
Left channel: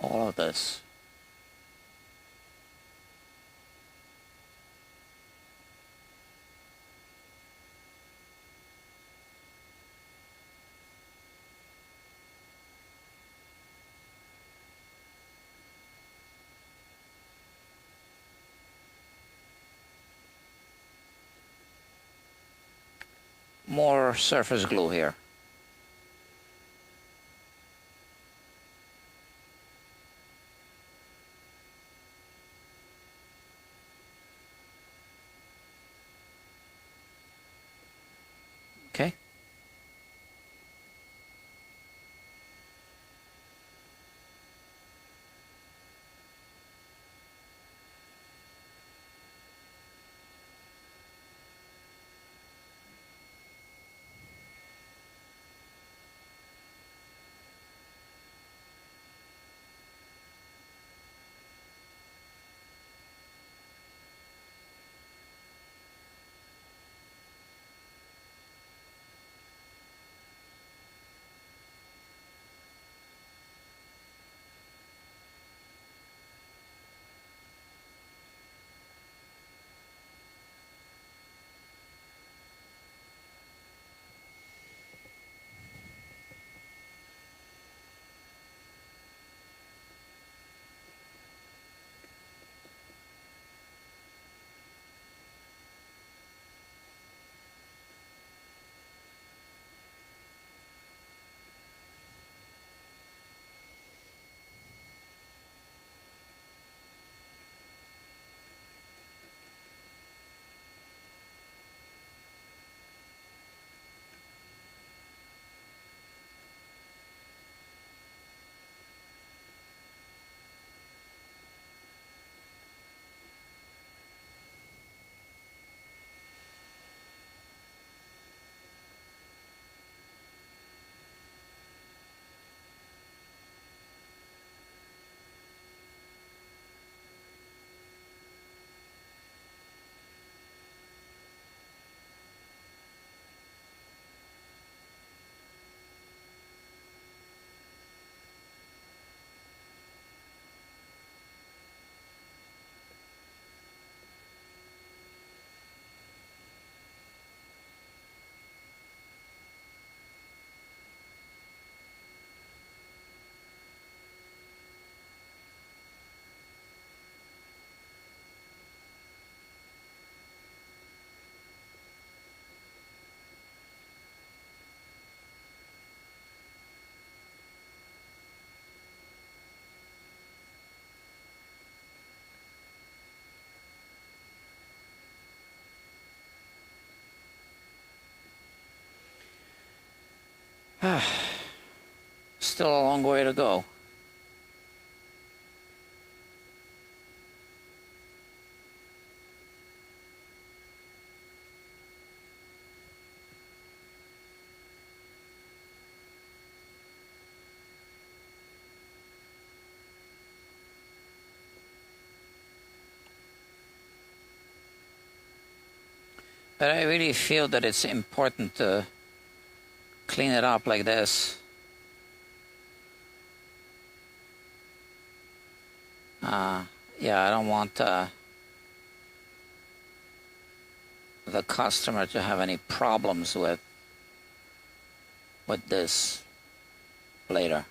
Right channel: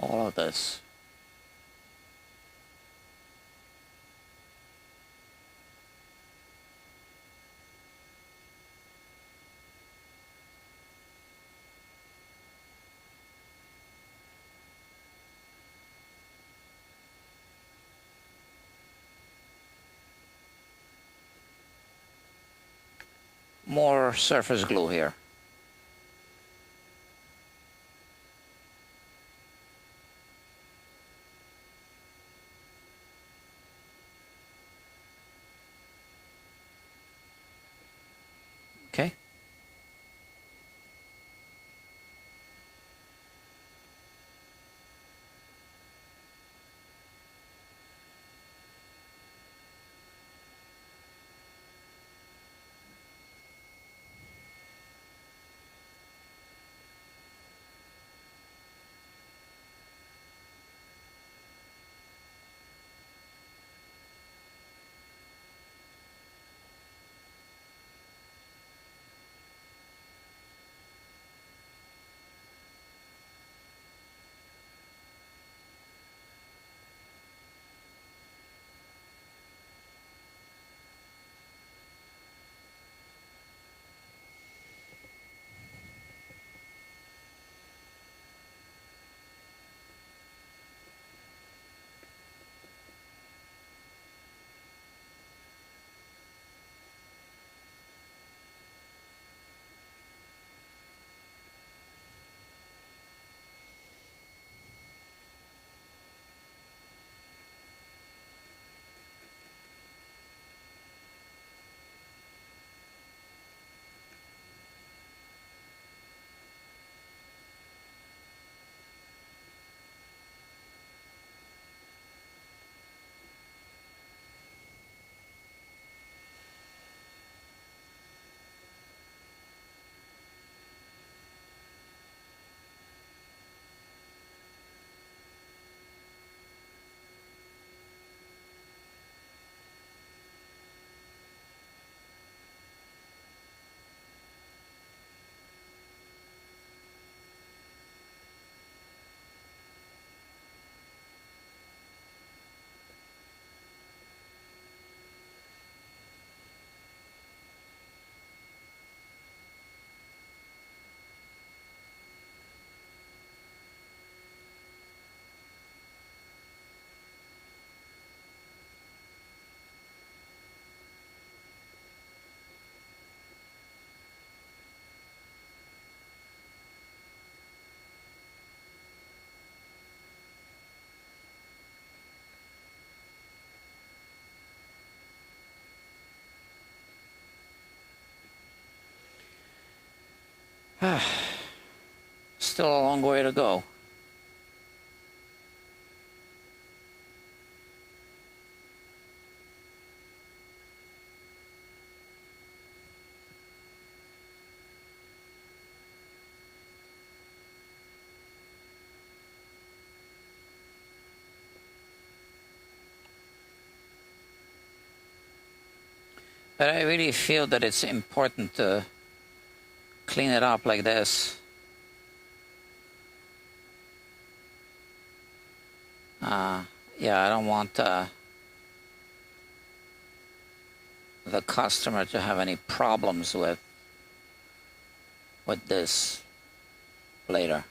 All of this. More surface glue here. Okay. Still a long way to go. But I really feel that it's important to clean it up like this. Yeah, I don't want the customer to have any problems with this later.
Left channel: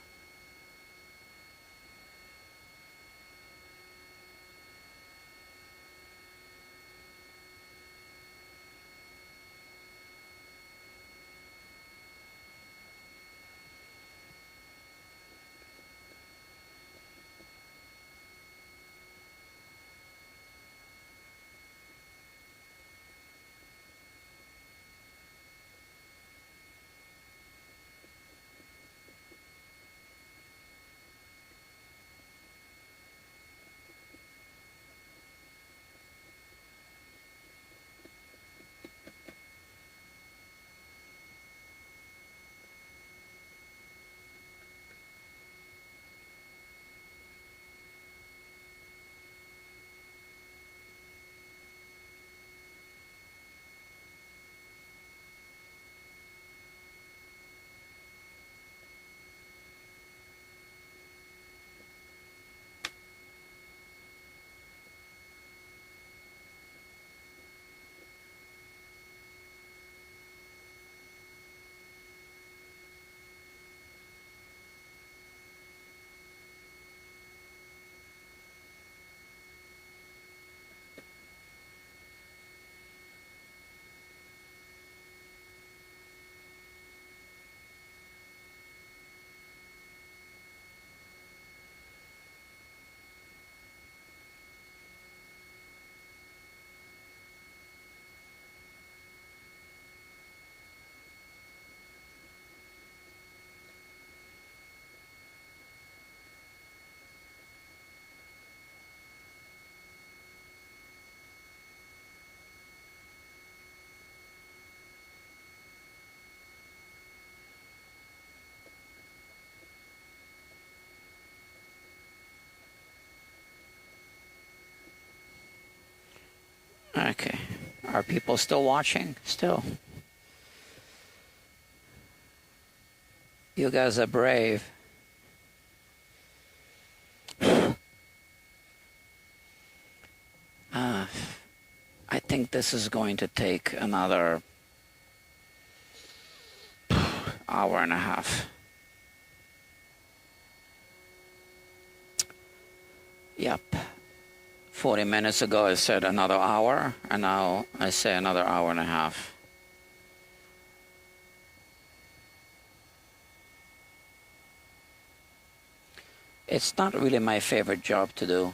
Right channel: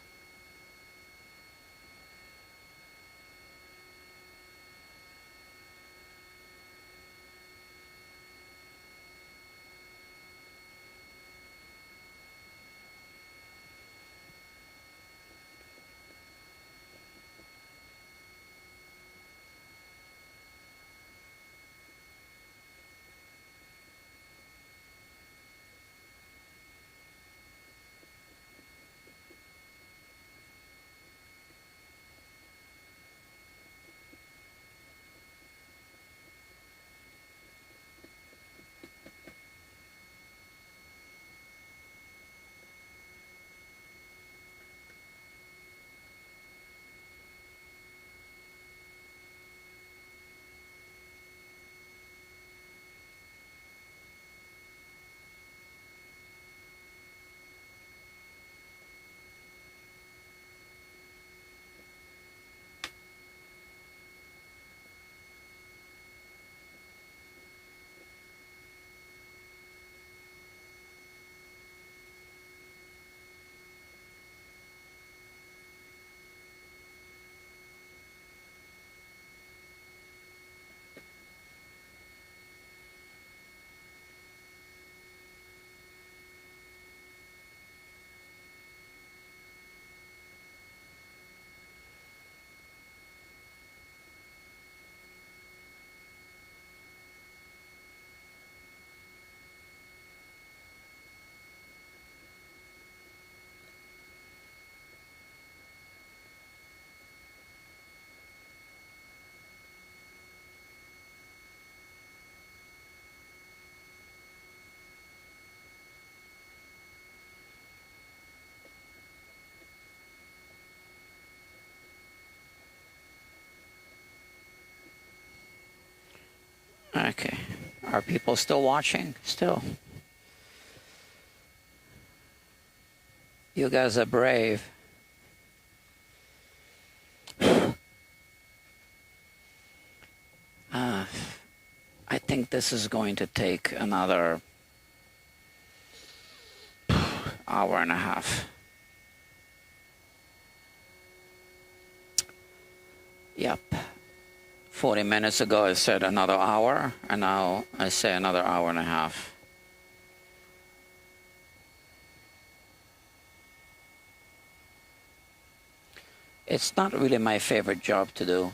Okay. Are people still watching? Still. You guys are brave. I think this is going to take another hour and a half. Yep. 40 minutes ago I said another hour, and now I say another hour and a half. It's not really my favorite job to do.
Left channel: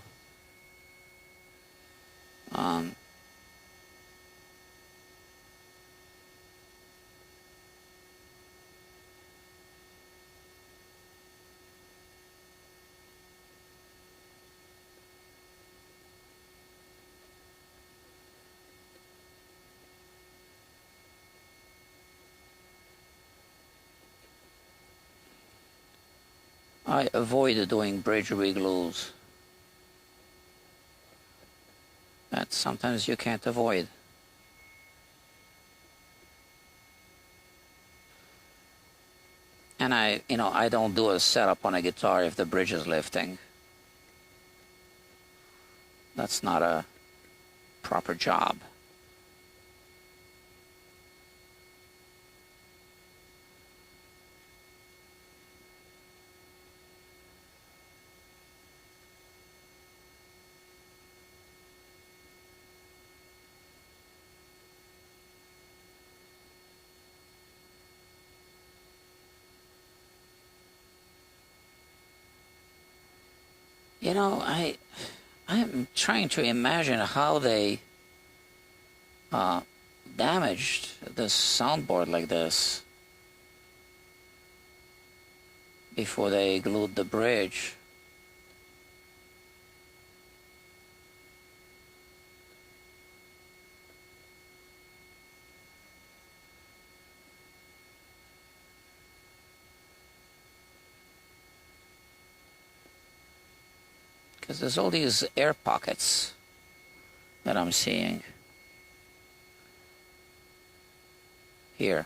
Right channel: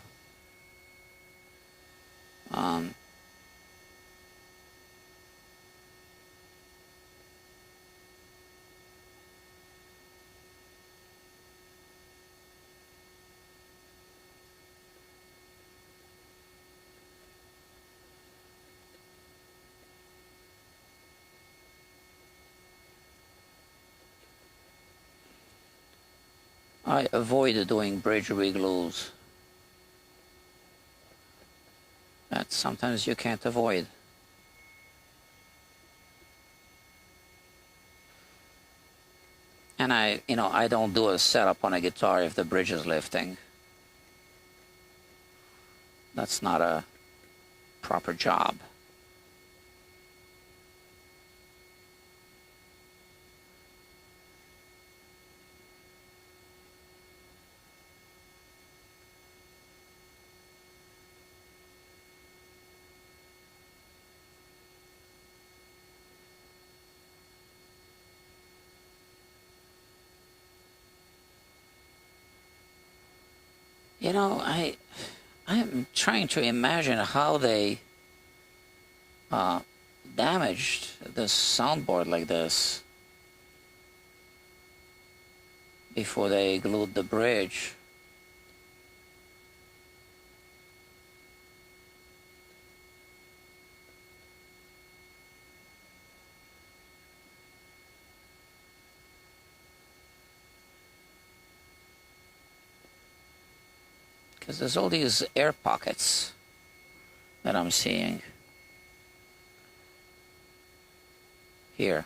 I avoid doing bridge reglues. That sometimes you can't avoid. And I don't do a setup on a guitar if the bridge is lifting. That's not a proper job. You know, I am trying to imagine how they damaged this soundboard like this. before they glued the bridge. Because there's all these air pockets that I'm seeing here.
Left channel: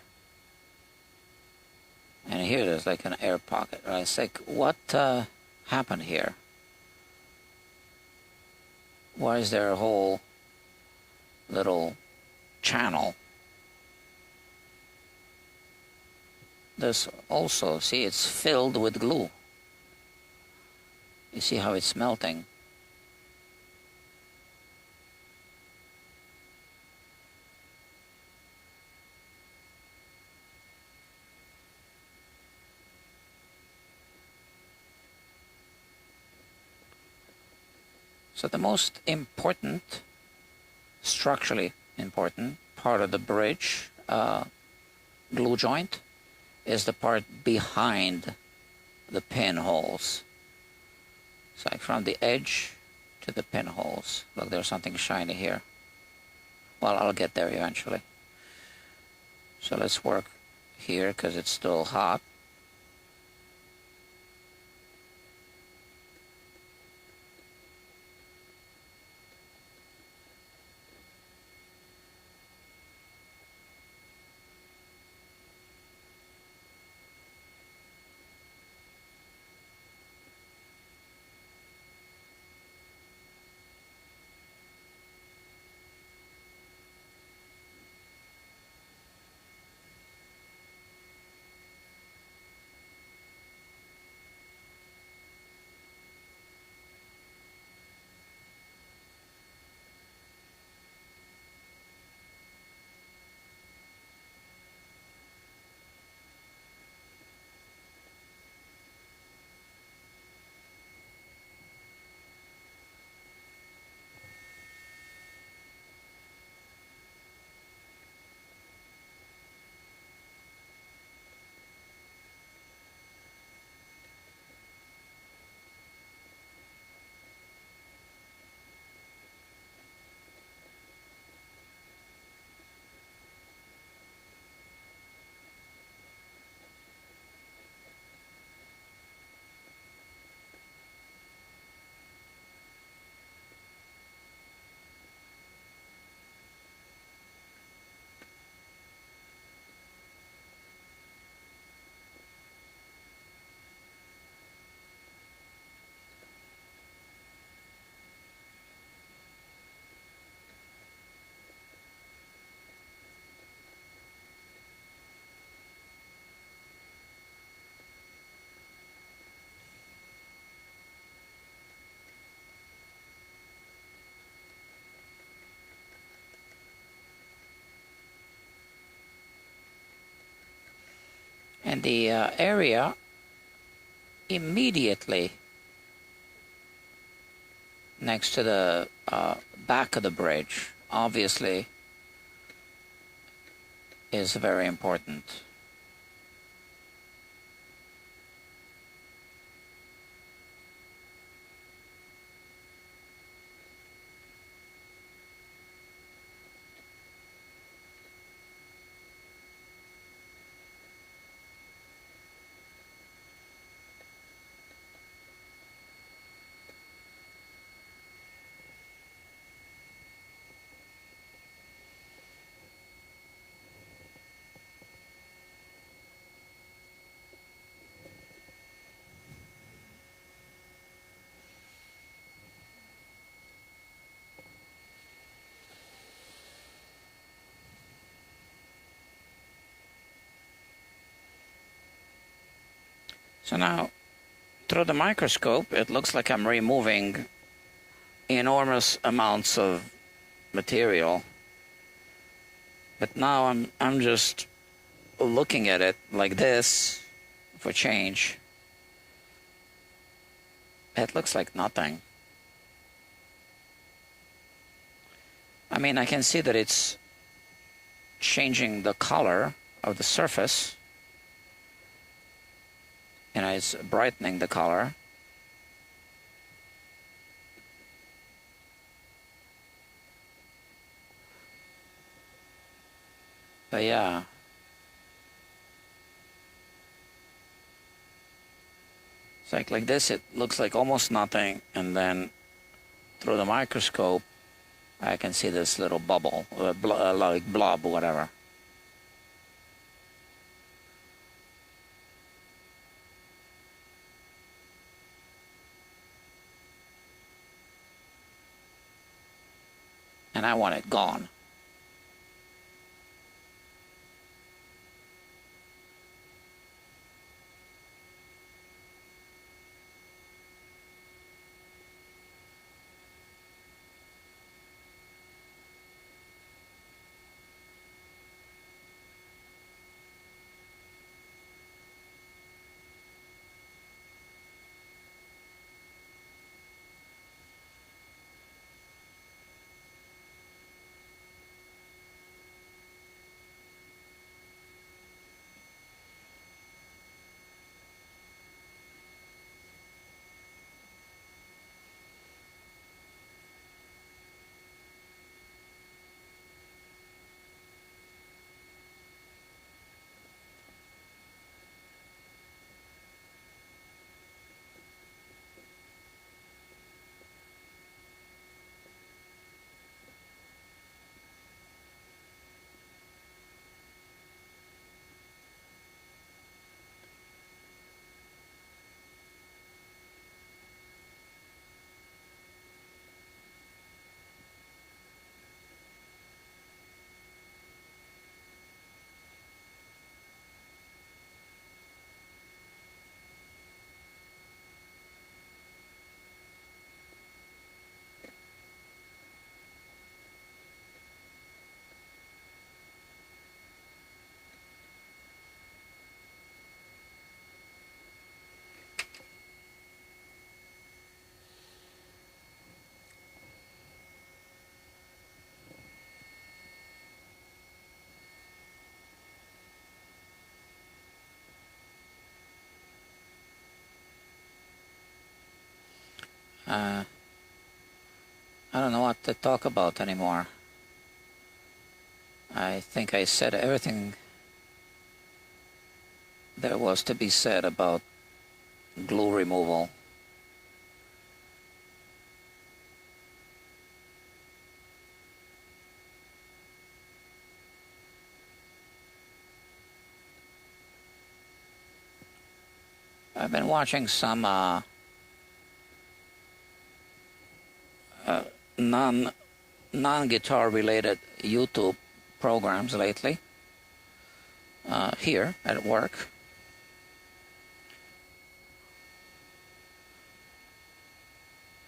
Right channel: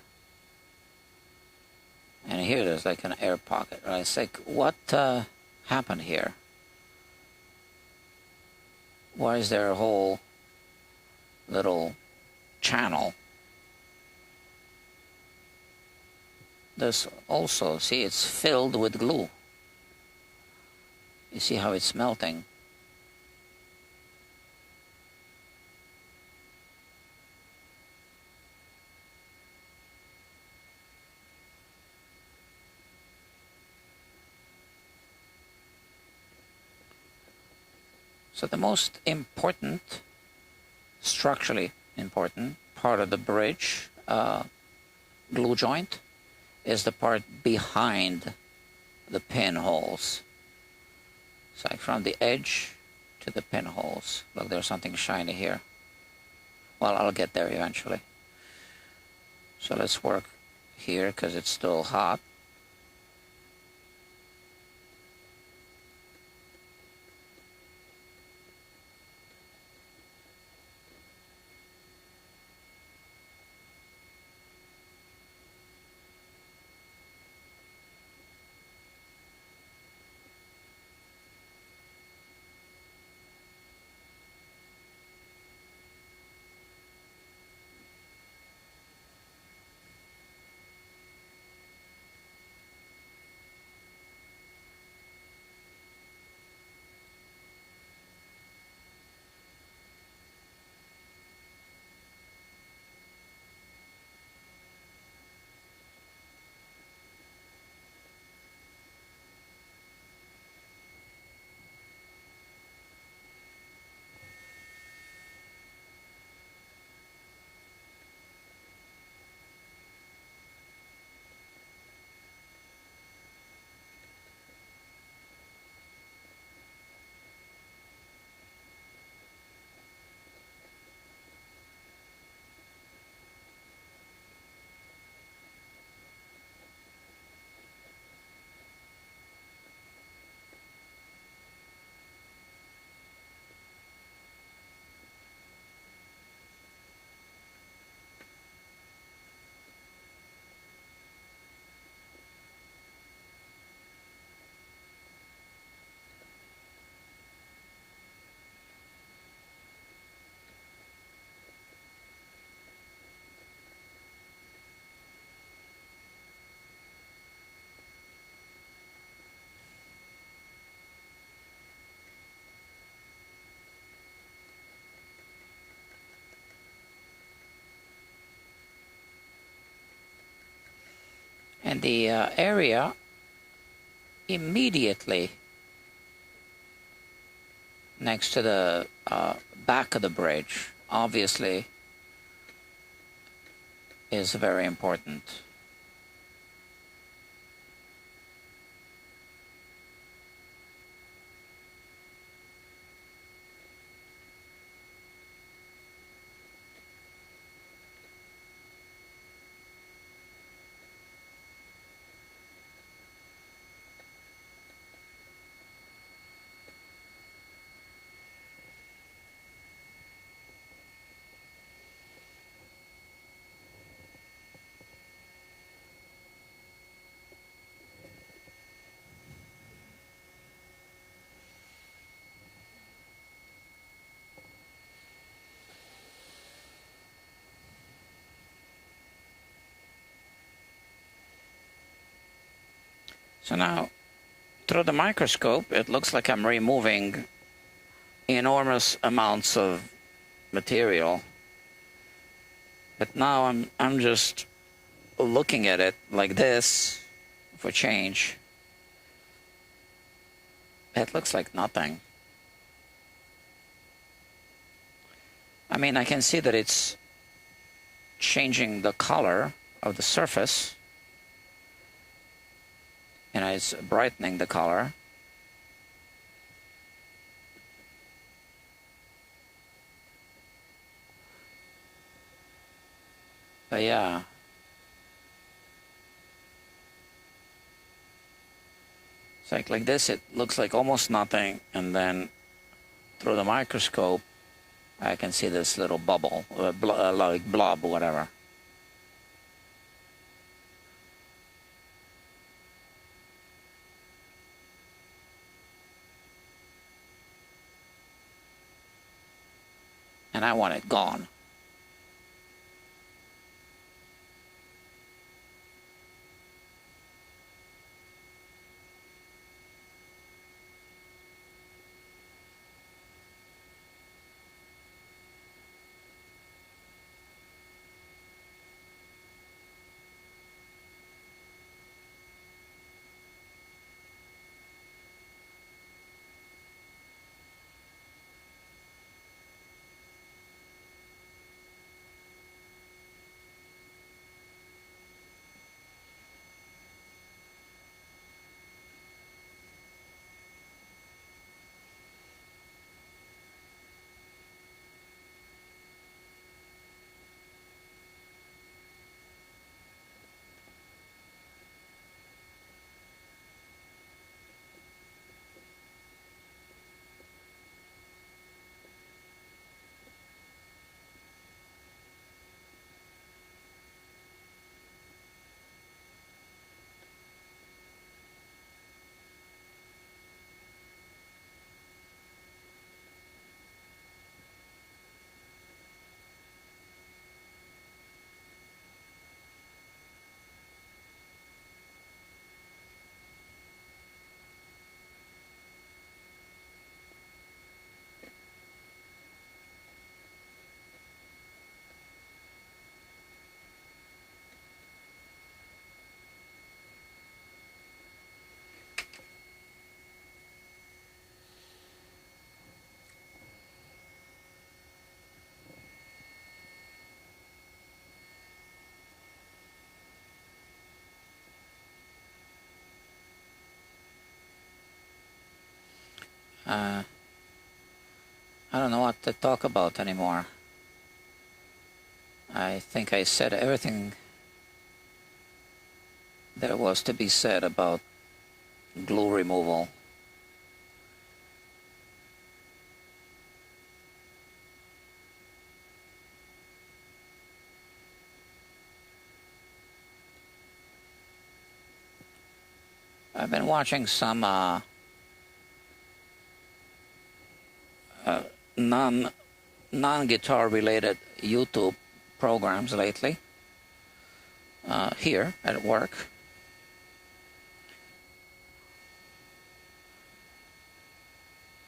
And here there's like an air pocket, right? It's like, what happened here? Why is there a whole little channel? This also, see, it's filled with glue. You see how it's melting? So the most important, structurally important part of the bridge glue joint is the part behind the pinholes. It's like from the edge to the pinholes. Look, there's something shiny here. Well, I'll get there eventually. So let's work here because it's still hot. And the area immediately next to the back of the bridge, obviously, is very important. So now, through the microscope, it looks like I'm removing enormous amounts of material. But now I'm just looking at it like this for change. It looks like nothing. I mean, I can see that it's changing the color of the surface. and it's brightening the color. But yeah, it's like this, it looks like almost nothing, and then through the microscope I can see this little bubble, like blob, whatever. And I want it gone. I don't know what to talk about anymore. I think I said everything there was to be said about glue removal. I've been watching some non-guitar related YouTube programs lately, here at work.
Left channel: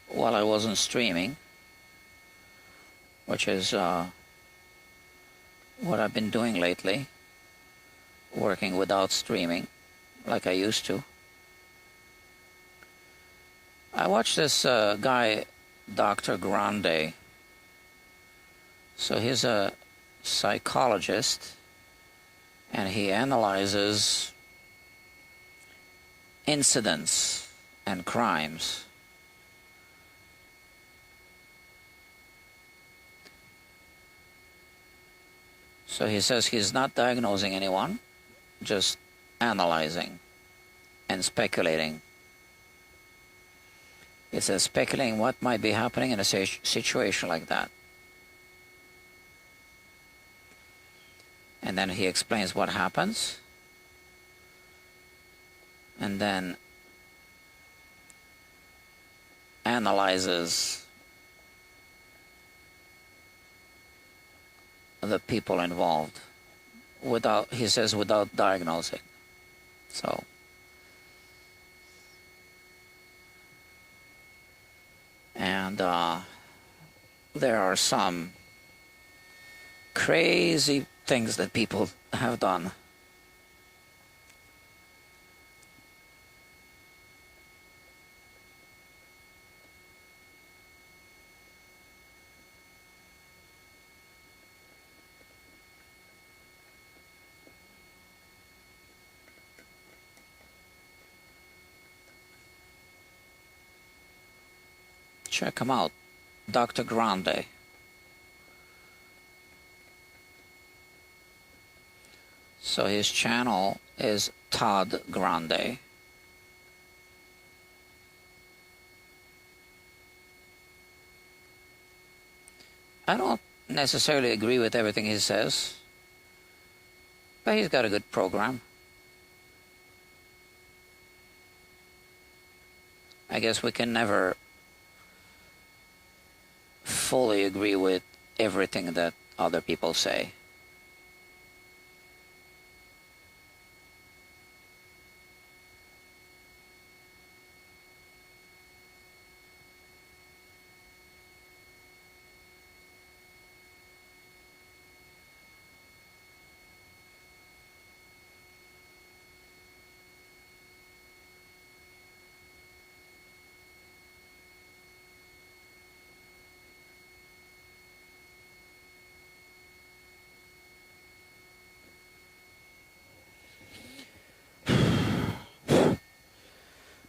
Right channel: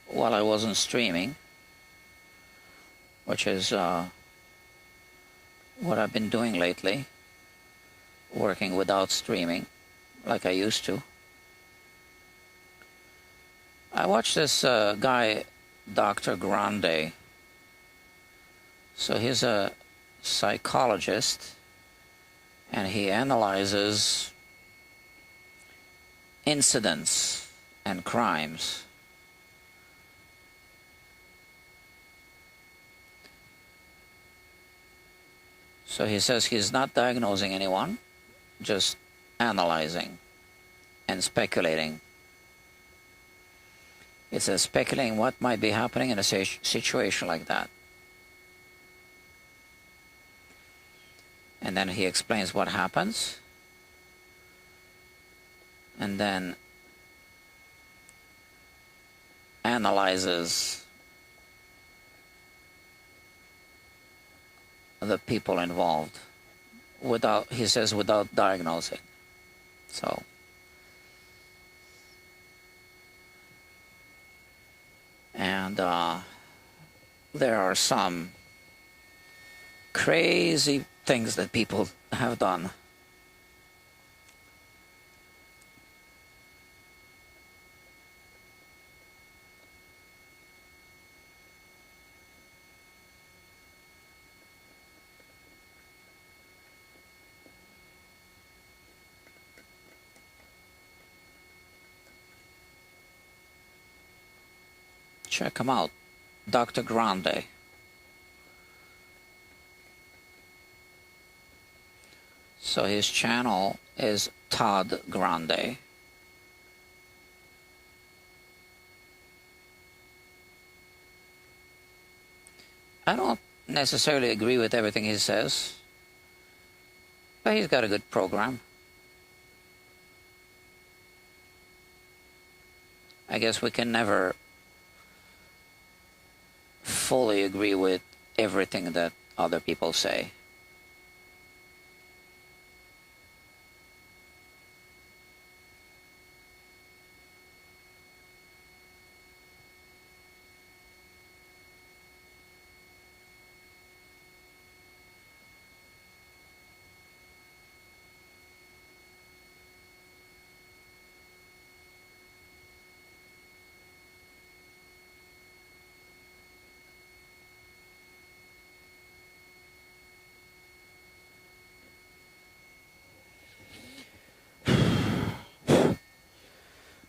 While I wasn't streaming, which is what I've been doing lately, working without streaming like I used to. I watched this guy, Dr. Grande. So he's a psychologist, and he analyzes incidents and crimes. So he says he's not diagnosing anyone, just analyzing and speculating. He says speculating what might be happening in a situation like that. And then he explains what happens. And then analyzes the people involved without, he says, without diagnosing. So and there are some crazy things that people have done. Check him out, Dr. Grande. So his channel is Todd Grande. I don't necessarily agree with everything he says, but he's got a good program. I guess we can never fully agree with everything that other people say.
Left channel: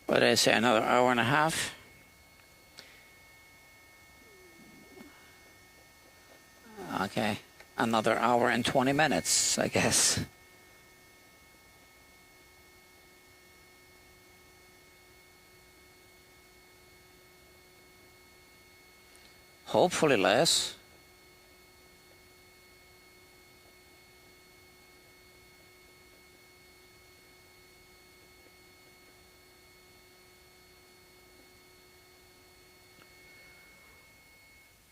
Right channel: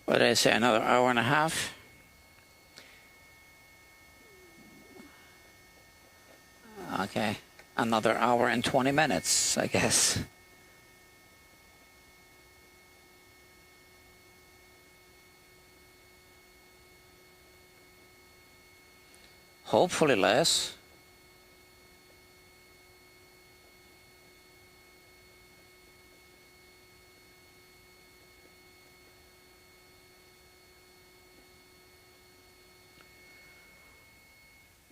What did I say, another hour and a half? Okay, another hour and 20 minutes, I guess. Hopefully less.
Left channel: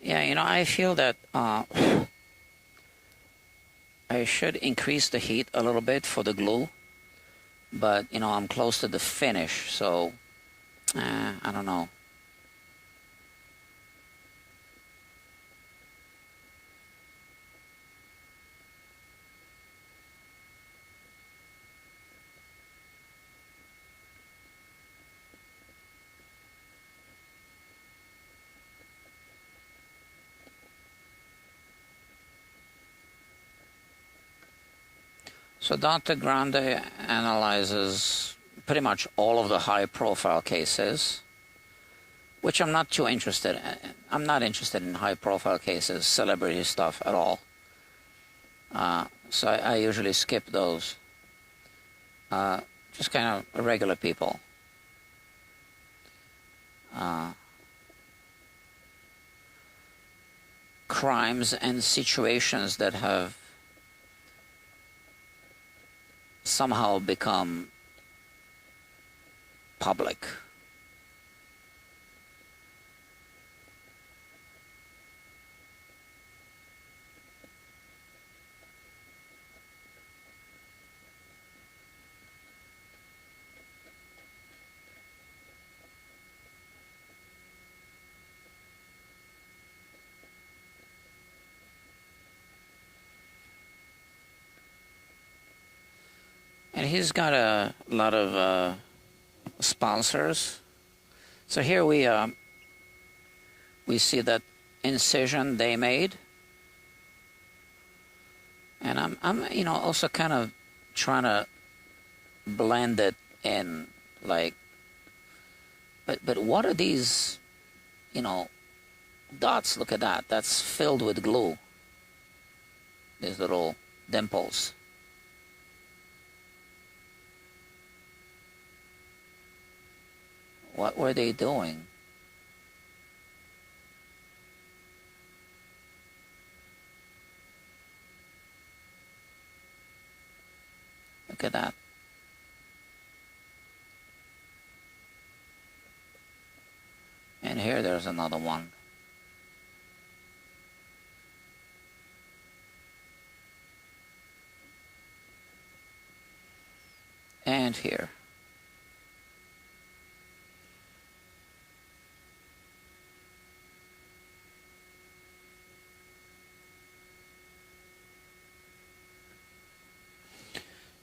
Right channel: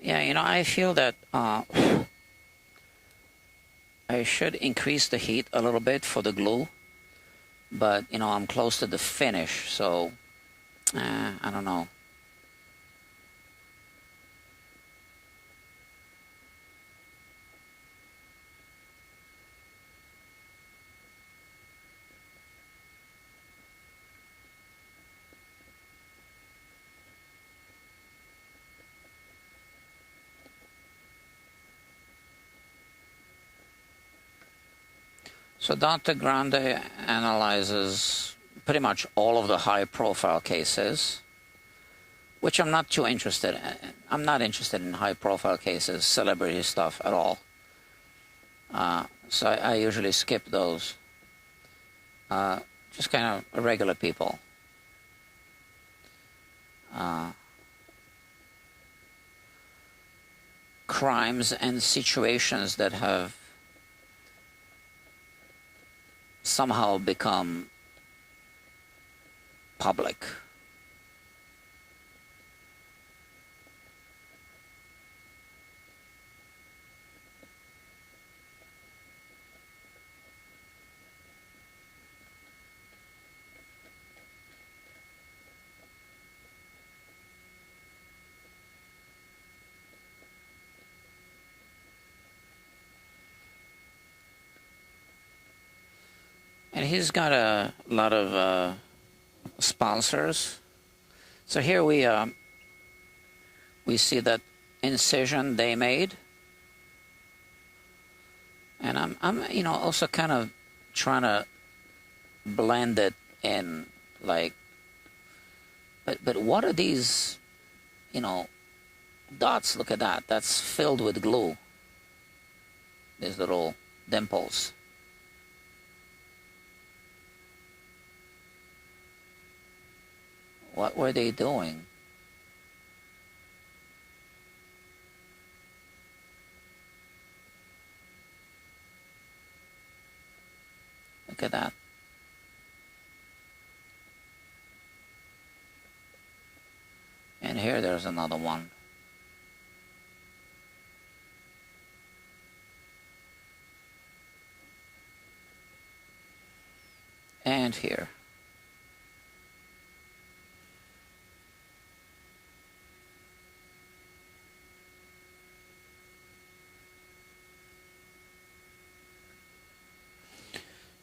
Yeah, you know, I feel that I should increase the heat a little bit for the glue, but, you know, I'm close to the finish, so I don't know. So Dr. Grande analyzes pretty much all of the high-profile cases, which I'm not too interested in. I'm not interested in high-profile cases, celebrity stuff at all. So I usually skip those. Just kind of regular people. Crimes and situations that have somehow become public. And he's got a lot of sponsors. So here we see that incision they made, and I'm you know, also kind of trying to blend it in, like, but what are these, you know, dots? Look at that. That's filled with glue. These little dimples. What were they doing? Look at that. And here there's another one. And here.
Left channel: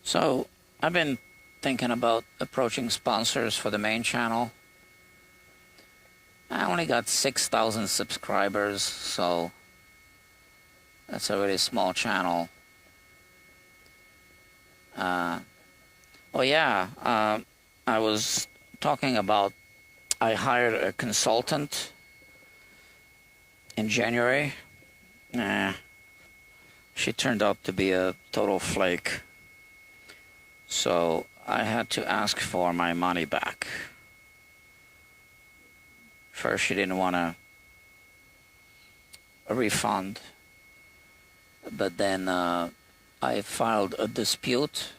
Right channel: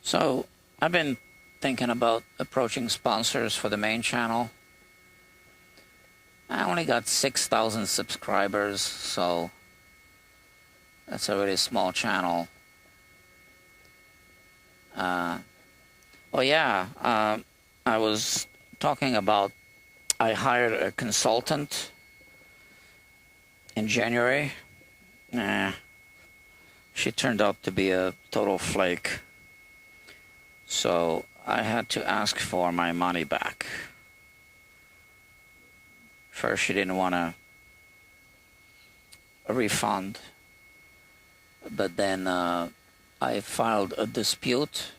So I've been thinking about approaching sponsors for the main channel. I only got 6,000 subscribers, so that's a really small channel. Oh yeah, I was talking about, I hired a consultant in January. She turned out to be a total flake. So I had to ask for my money back. First, she didn't want a refund, but then I filed a dispute,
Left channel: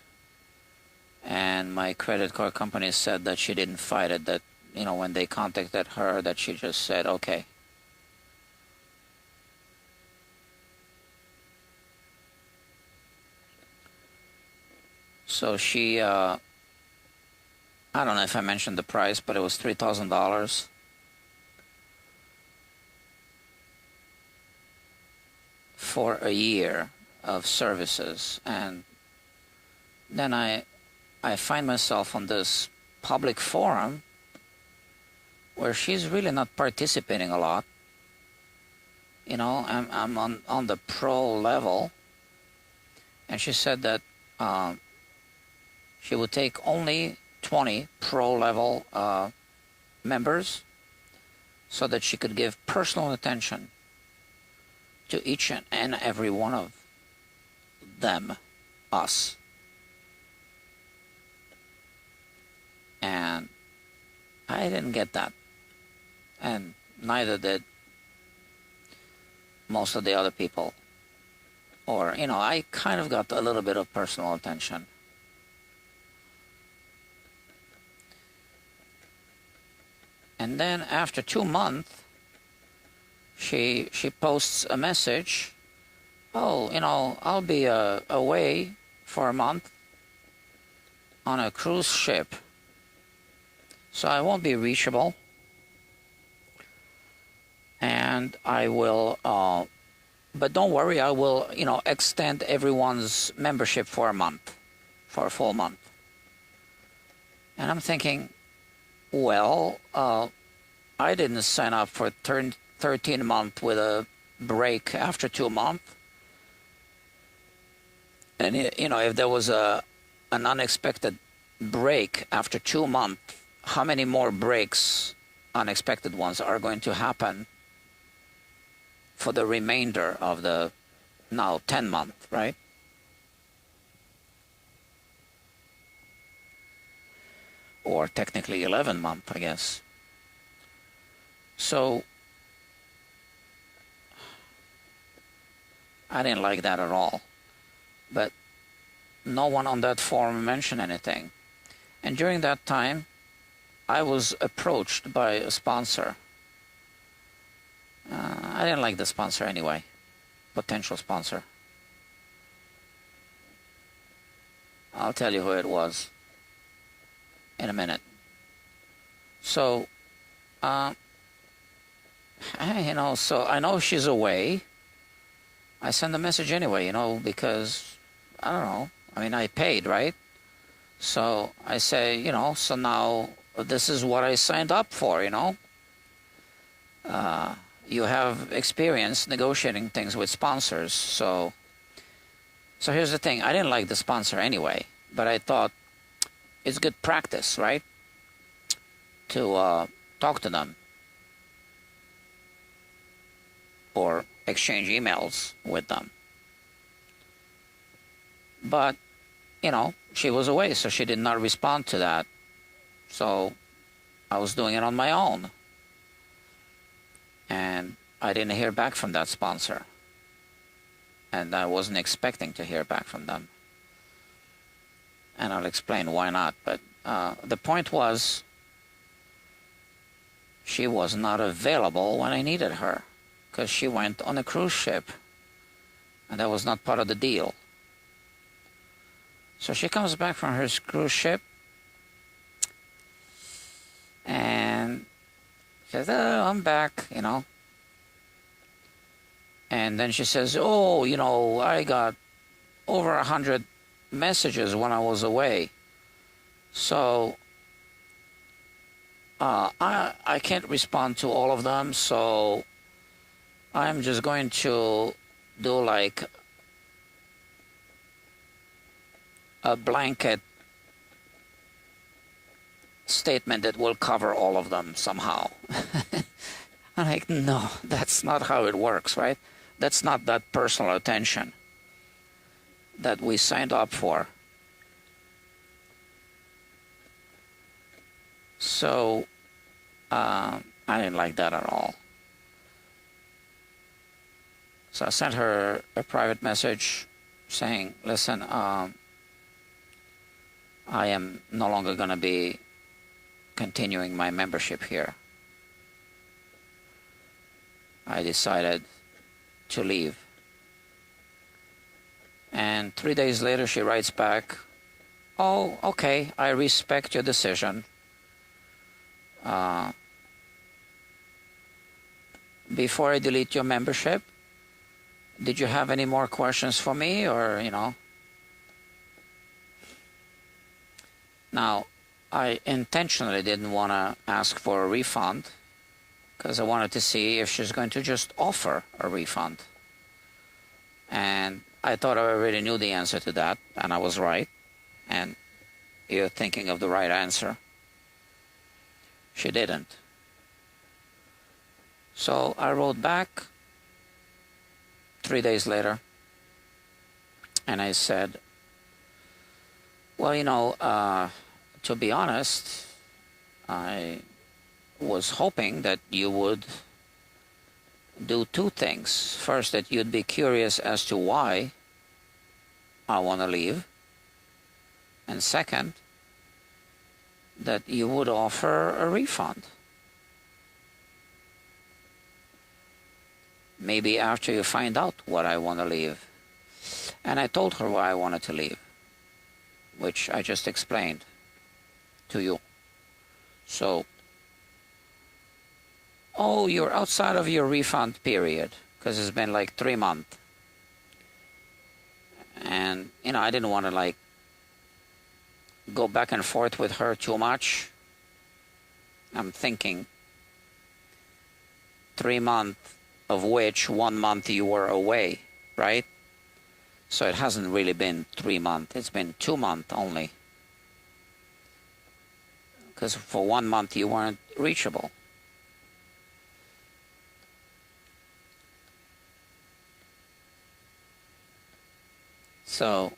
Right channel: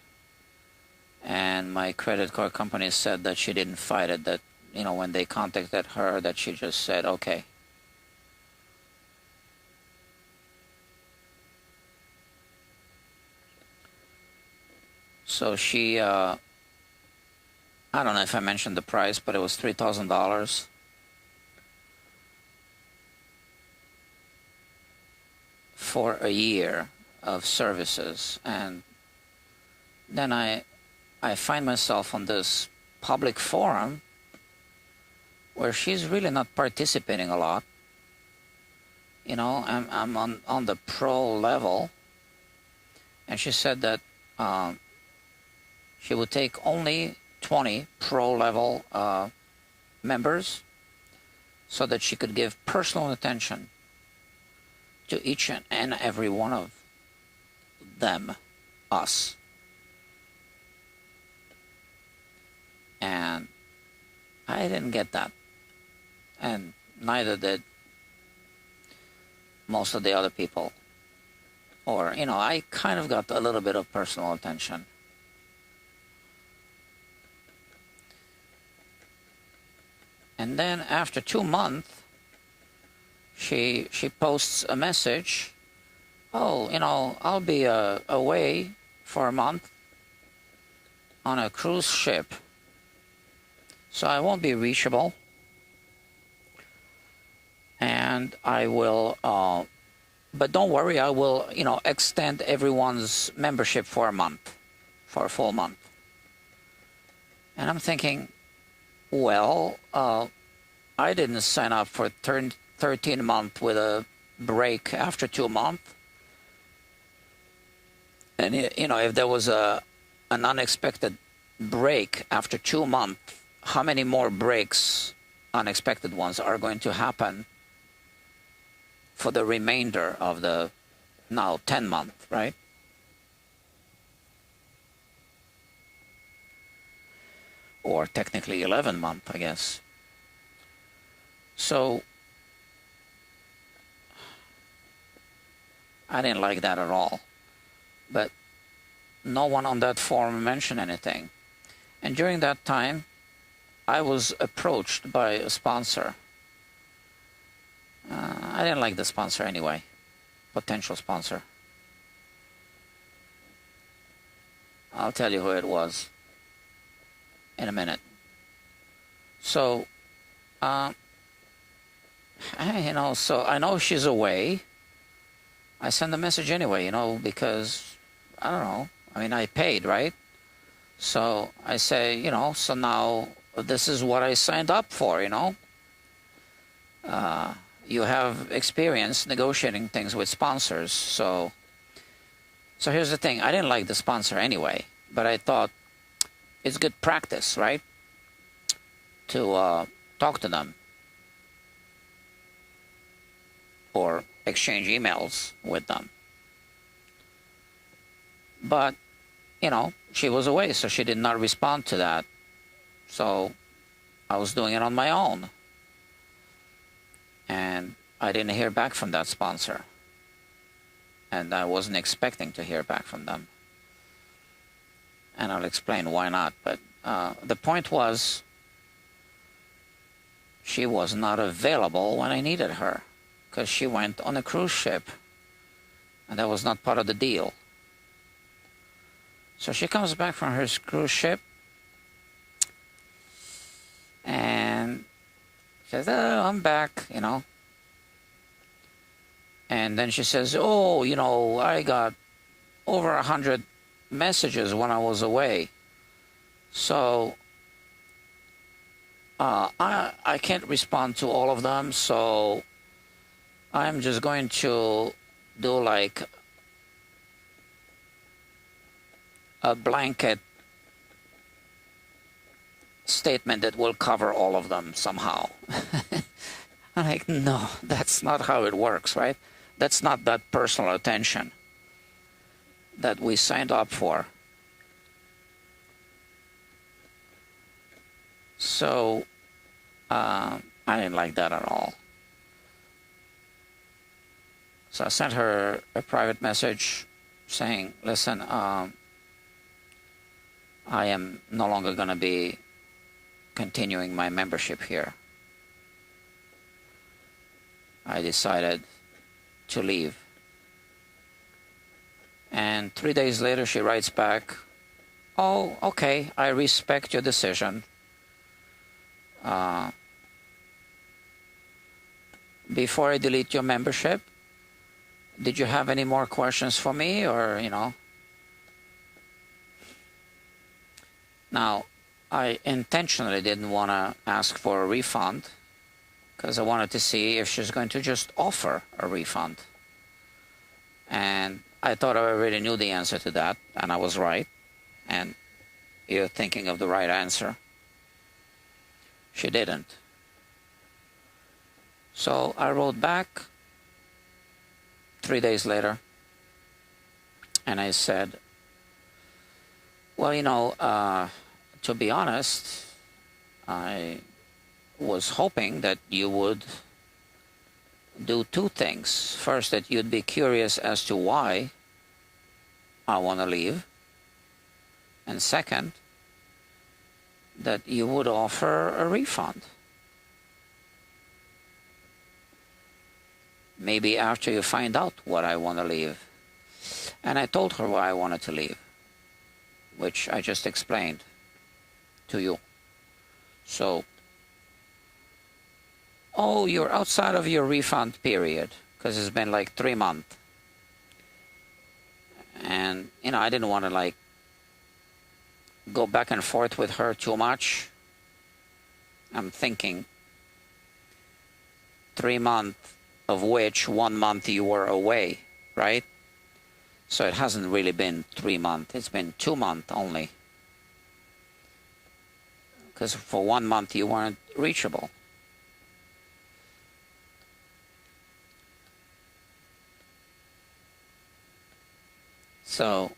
and my credit card company said that she didn't fight it, that, you know, when they contacted her, that she just said, okay. So she, I don't know if I mentioned the price, but it was $3,000 for a year of services. And then I find myself on this public forum where she's really not participating a lot. You know, I'm on the pro level, and she said that she would take only 20 pro level members so that she could give personal attention to each and every one of them, us. And I didn't get that. And neither did most of the other people. Or, you know, I kind of got a little bit of personal attention. And then after 2 months, she posts a message. Oh, you know, I'll be away for a month on a cruise ship, so I won't be reachable. And I will, but don't worry, I will, you know, extend everyone's membership for a month, for a full month. And I'm thinking, well, I didn't sign up for 13 months with a break after 2 months. And, you know, if there was an unexpected break after 2 months, how many more breaks, unexpected ones, are going to happen for the remainder of the now 10 months, right? Or technically 11 months, I guess. So I didn't like that at all. But no one on that forum mentioned anything. And during that time, I was approached by a sponsor. I didn't like the sponsor anyway, potential sponsor. I'll tell you who it was in a minute. So, you know, so I know she's away. I send a message anyway, you know, because, I don't know, I mean, I paid, right? So I say, you know, so now this is what I signed up for, you know. You have experience negotiating things with sponsors, so here's the thing. I didn't like the sponsor anyway, but I thought it's good practice, right, to talk to them or exchange emails with them. But, you know, she was away, so she did not respond to that. So I was doing it on my own. And I didn't hear back from that sponsor. And I wasn't expecting to hear back from them. And I'll explain why not. But the point was, she was not available when I needed her, because she went on a cruise ship, and that was not part of the deal. So she comes back from her cruise ship, and says, oh, I'm back, you know. And then she says, oh, you know, I got over 100 messages when I was away. So I can't respond to all of them, so I'm just going to do like a blanket statement that will cover all of them somehow. I'm like, no, that's not how it works, right? That's not that personal attention that we signed up for. So I didn't like that at all. So I sent her a private message saying, listen, I am no longer going to be continuing my membership here. I decided to leave. And 3 days later, she writes back, oh, okay, I respect your decision. Before I delete your membership, did you have any more questions for me, or, Now, I intentionally didn't want to ask for a refund because I wanted to see if she's going to just offer a refund. And I thought I already knew the answer to that, and I was right. And you're thinking of the right answer. She didn't. So I wrote back 3 days later, and I said, well, to be honest, I was hoping that you would do two things. First, that you'd be curious as to why I want to leave. And second, that you would offer a refund. Maybe after you find out what I want to leave. And I told her why I wanted to leave, which I just explained to you. So, oh, you're outside of your refund period, because it's been like 3 months. And, I didn't want to go back and forth with her too much. I'm thinking 3 months, of which 1 month you were away, right? So it hasn't really been 3 months. It's been 2 months only. Because for 1 month you weren't reachable. So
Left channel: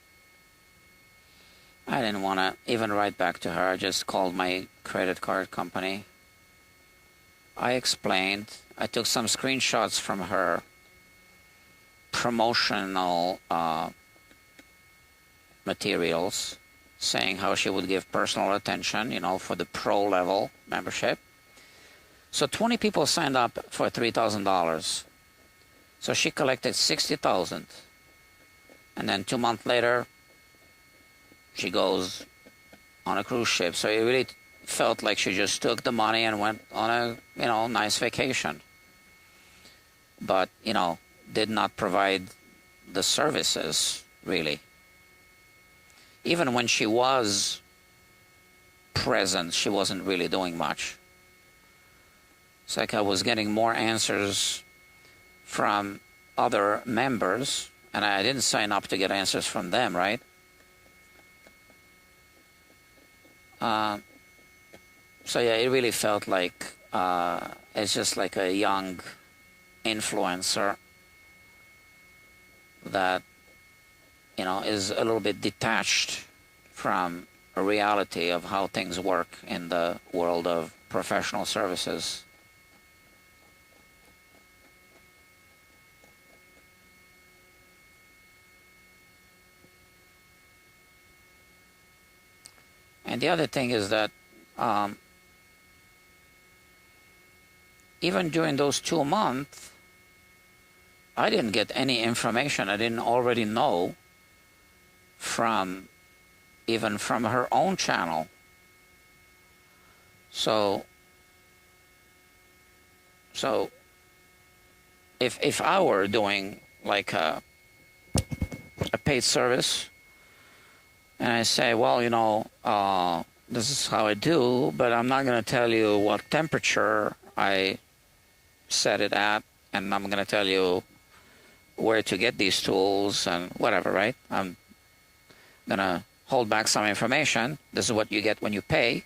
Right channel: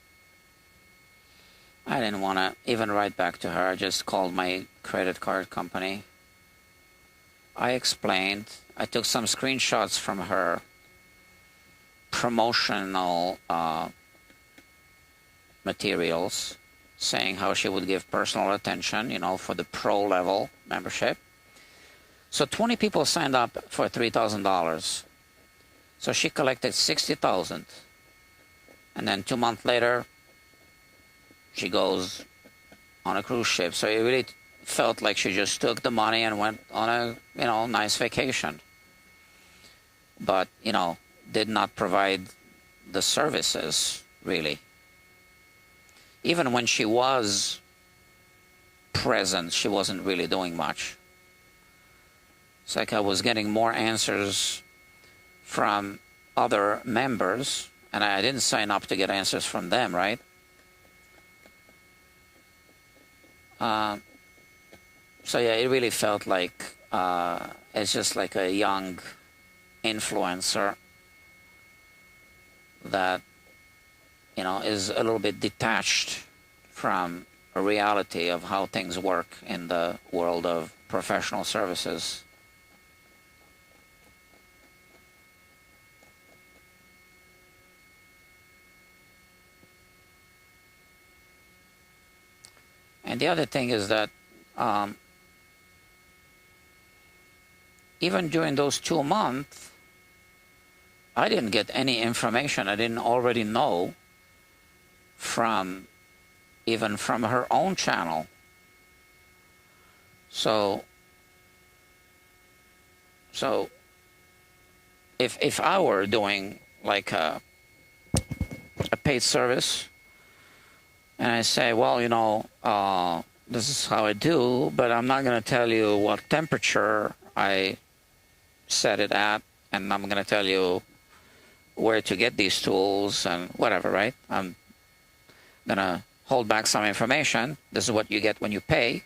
I didn't want to even write back to her. I just called my credit card company. I explained. I took some screenshots from her promotional materials saying how she would give personal attention, for the pro level membership. So 20 people signed up for $3,000. So she collected $60,000. And then 2 months later, she goes on a cruise ship. So it really felt like she just took the money and went on a, nice vacation. But, did not provide the services, really. Even when she was present, she wasn't really doing much. It's like I was getting more answers from other members, and I didn't sign up to get answers from them, right? So yeah, it really felt like it's just like a young influencer that, is a little bit detached from a reality of how things work in the world of professional services. And the other thing is that even during those 2 months, I didn't get any information I didn't already know even from her own channel. So if I were doing like a paid service, and I say, well, this is how I do, but I'm not going to tell you what temperature I set it at, and I'm going to tell you where to get these tools and whatever, right? I'm going to hold back some information. This is what you get when you pay.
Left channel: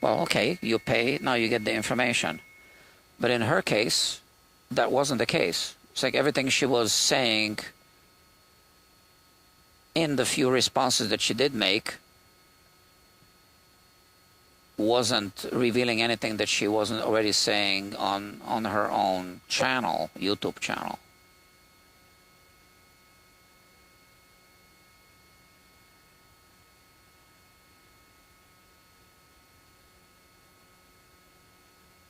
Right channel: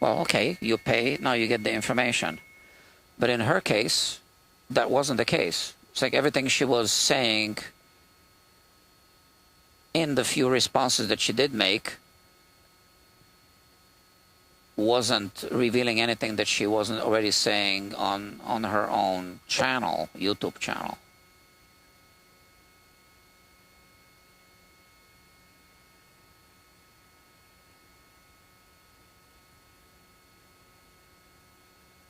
Well, okay, you pay, now you get the information. But in her case, that wasn't the case. It's like everything she was saying in the few responses that she did make wasn't revealing anything that she wasn't already saying on her own channel, YouTube channel.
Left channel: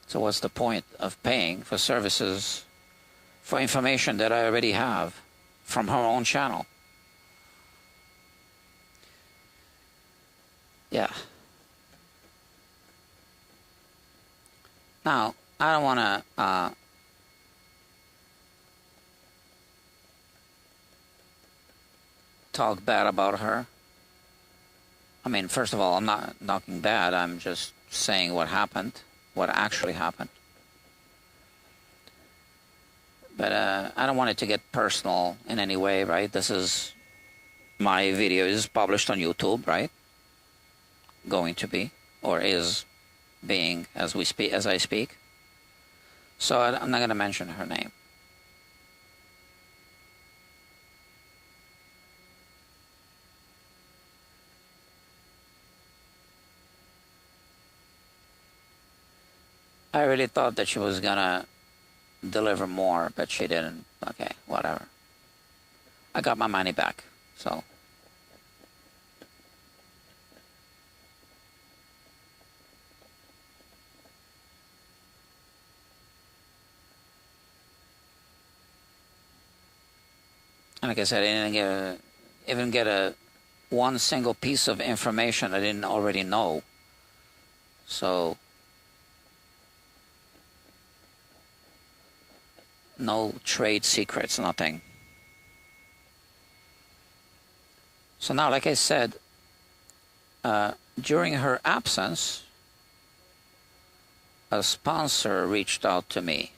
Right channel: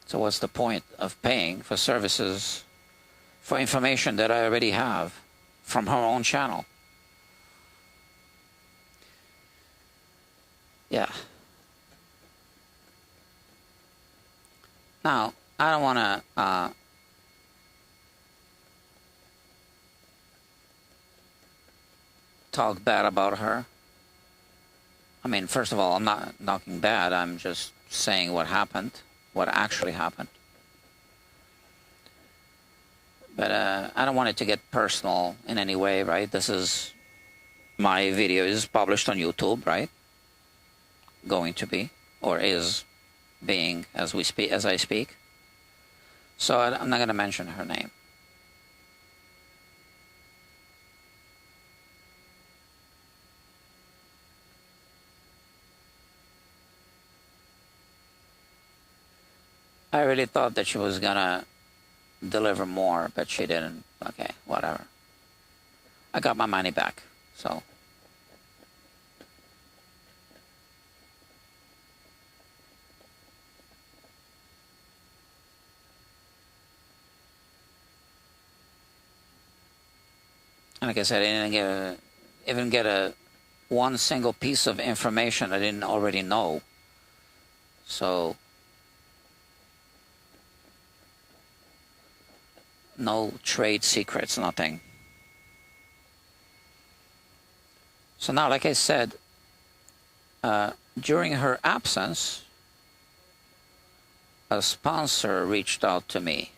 So what's the point of paying for services for information that I already have from her own channel? Yeah. Now, I don't want to talk bad about her. I mean, first of all, I'm not talking bad. I'm just saying what happened, what actually happened. But I don't want it to get personal in any way, right? This is my video is published on YouTube, right? Going to be, or is being as we speak, as I speak. So I'm not going to mention her name. I really thought that she was going to deliver more, but she didn't. Okay, whatever. I got my money back, so. Like I said, I didn't even get a one single piece of information I didn't already know. So no trade secrets, nothing. So now, like I said, during her absence, a sponsor reached out to me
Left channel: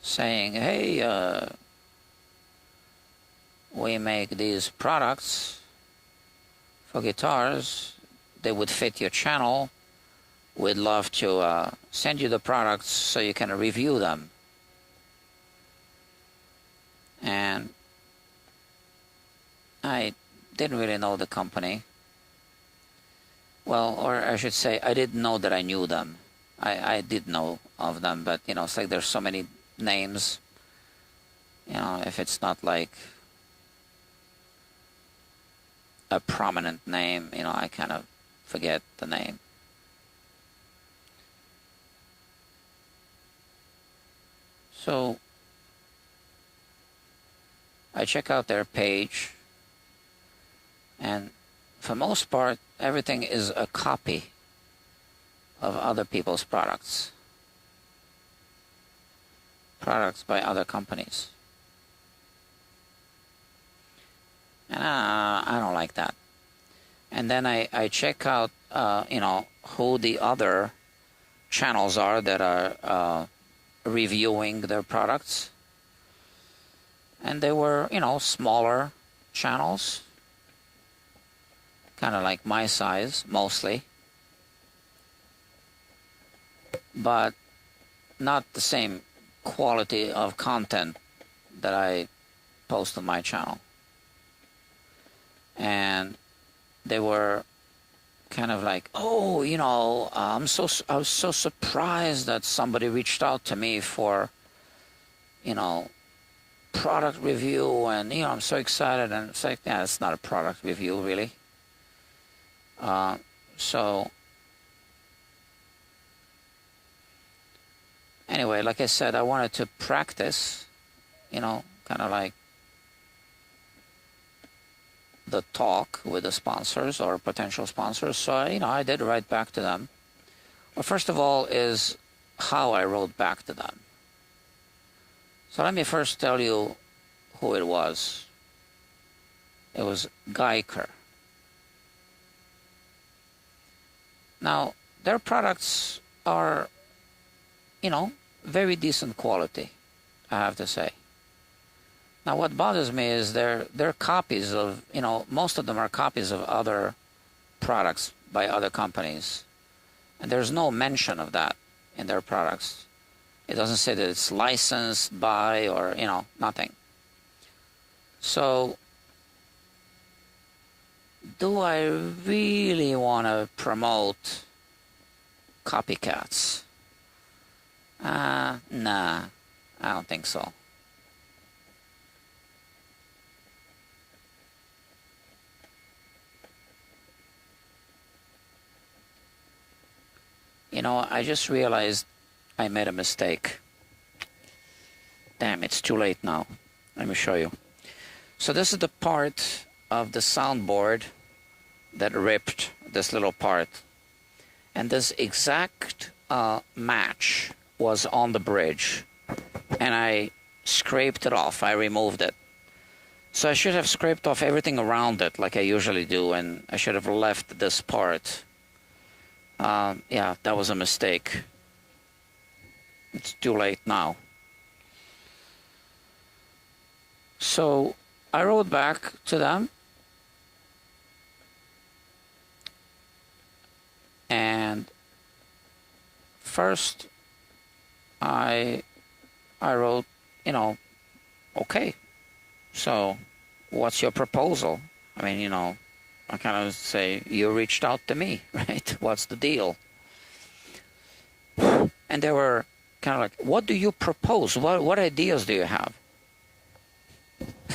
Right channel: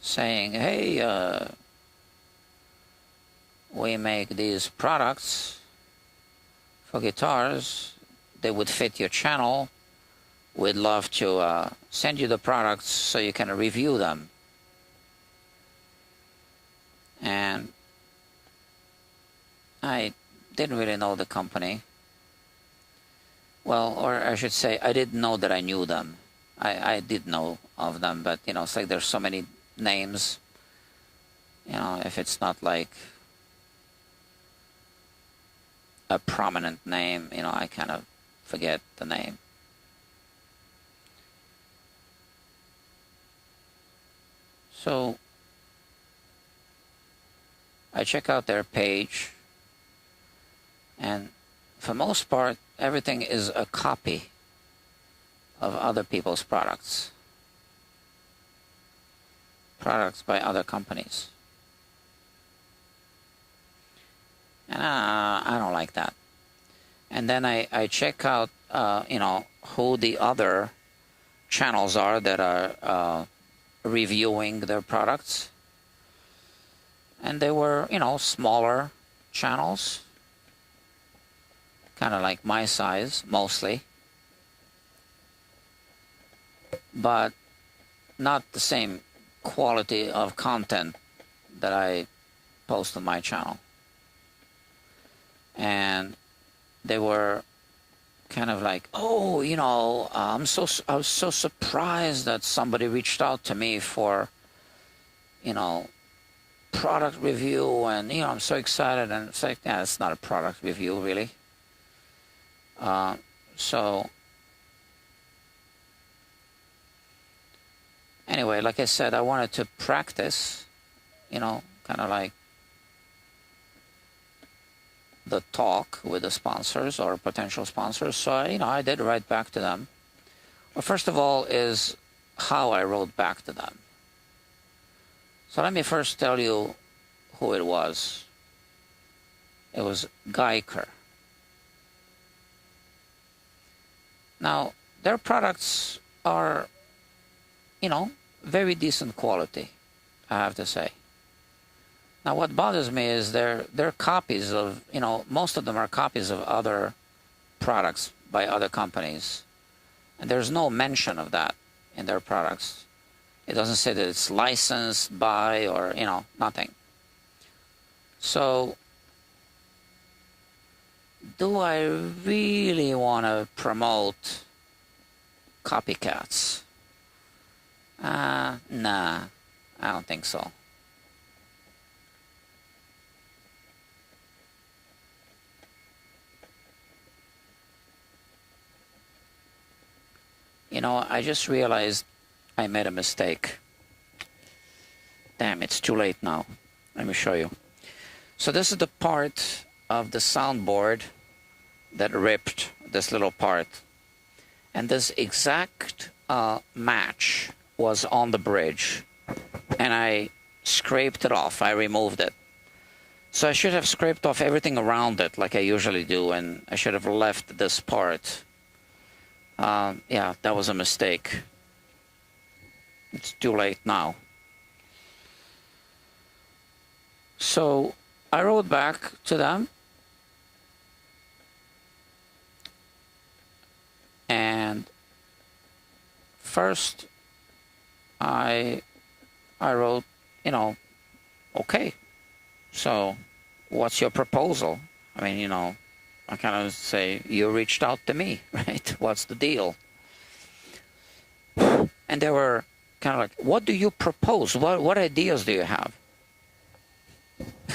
saying, hey, we make these products for guitars. They would fit your channel. We'd love to send you the products so you can review them. And I didn't really know the company. Well, or I should say, I didn't know that I knew them. I did know of them, but, you know, it's like there's so many names. You know, if it's not like a prominent name, you know, I kind of forget the name. So I check out their page, and for most part, everything is a copy of other people's products by other companies. And I don't like that. And then I check out, you know, who the other channels are that are reviewing their products. And they were, you know, smaller channels, kind of like my size, mostly. But not the same quality of content that I post on my channel. And they were kind of like, oh, you know, I was so surprised that somebody reached out to me for, you know, product review, and, you know, I'm so excited. And it's like, yeah, it's not a product review, really. So anyway, like I said, I wanted to practice, you know, kind of like the talk with the sponsors or potential sponsors. So, you know, I did write back to them. Well, first of all is how I wrote back to them. So let me first tell you who it was. It was Geiker. Now, their products are, you know, very decent quality, I have to say. Now, what bothers me is they're copies of, you know, most of them are copies of other products by other companies. And there's no mention of that in their products. It doesn't say that it's licensed by or, nothing. So, do I really want to promote copycats? Nah, I don't think so. I just realized I made a mistake. Damn, it's too late now. Let me show you. So this is the part of the soundboard that ripped, this little part. And this exact match was on the bridge. And I scraped it off. I removed it. So I should have scraped off everything around it like I usually do, and I should have left this part. Yeah, that was a mistake. It's too late now. So I wrote back to them, and first I wrote, okay, so what's your proposal? I mean, I kind of say, you reached out to me, right? What's the deal? And they were kind of like, what do you propose? What ideas do you have?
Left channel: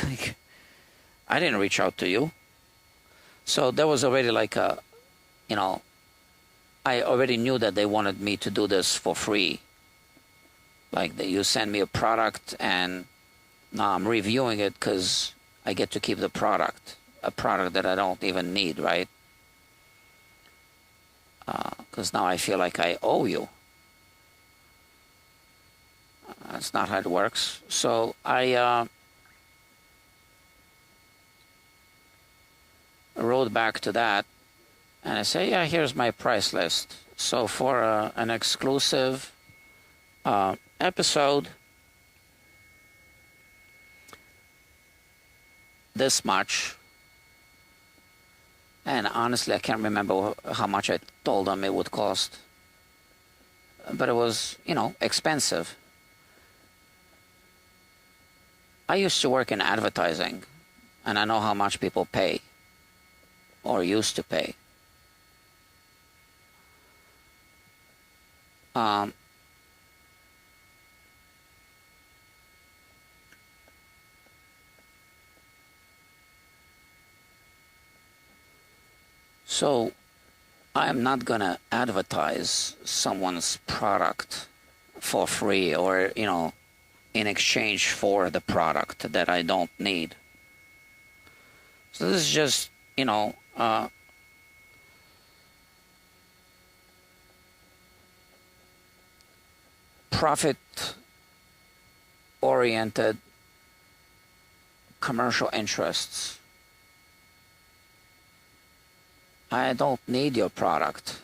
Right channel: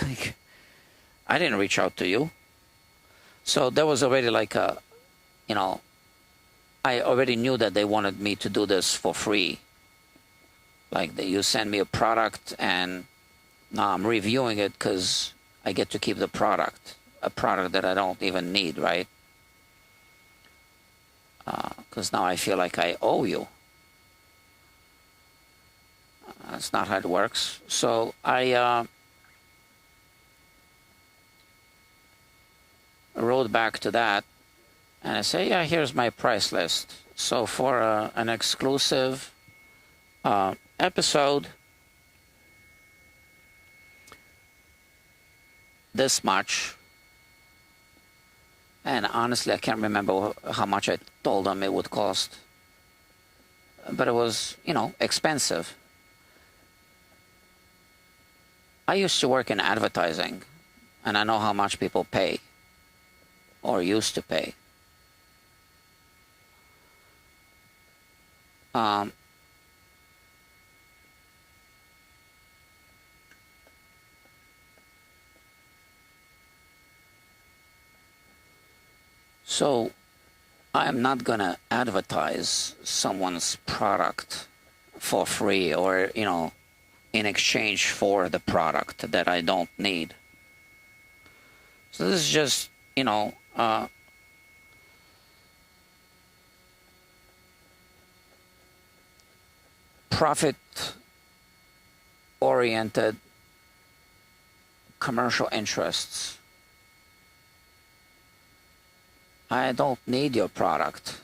Like, I didn't reach out to you. So there was already like a, I already knew that they wanted me to do this for free. Like, you send me a product and now I'm reviewing it because I get to keep the product. A product that I don't even need, right? Because now I feel like I owe you. That's not how it works. So I wrote back to that, and I say, yeah, here's my price list. So for an exclusive episode, this much. And honestly, I can't remember how much I told them it would cost. But it was, expensive. I used to work in advertising, and I know how much people pay, or used to pay. So I'm not going to advertise someone's product for free or, in exchange for the product that I don't need. So this is just, profit-oriented commercial interests. I don't need your product.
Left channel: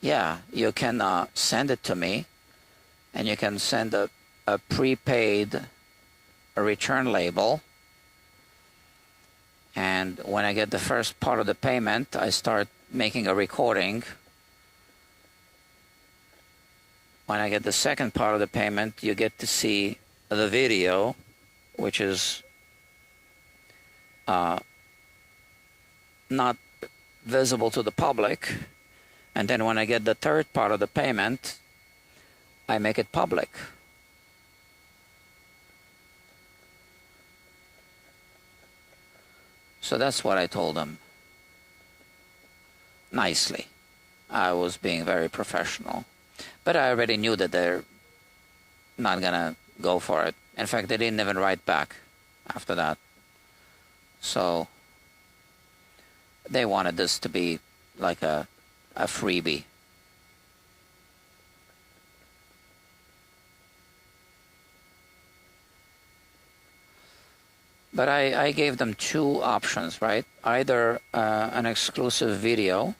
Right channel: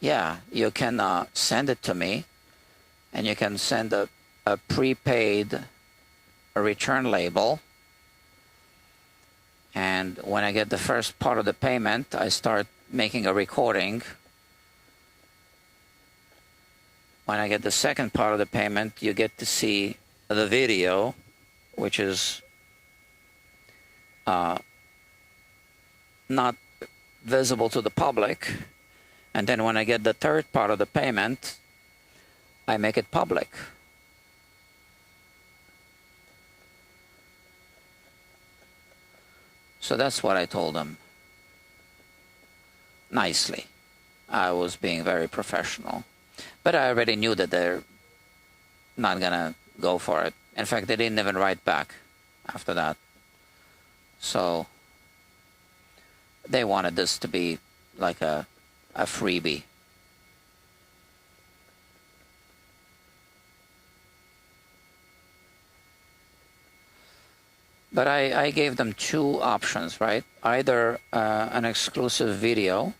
Yeah, you can send it to me, and you can send a prepaid return label. And when I get the first part of the payment, I start making a recording. When I get the second part of the payment, you get to see the video, which is not visible to the public. And then when I get the third part of the payment, I make it public. So that's what I told them. Nicely. I was being very professional. But I already knew that they're not going to go for it. In fact, they didn't even write back after that. So they wanted this to be like a freebie. But I gave them two options, right? Either an exclusive video,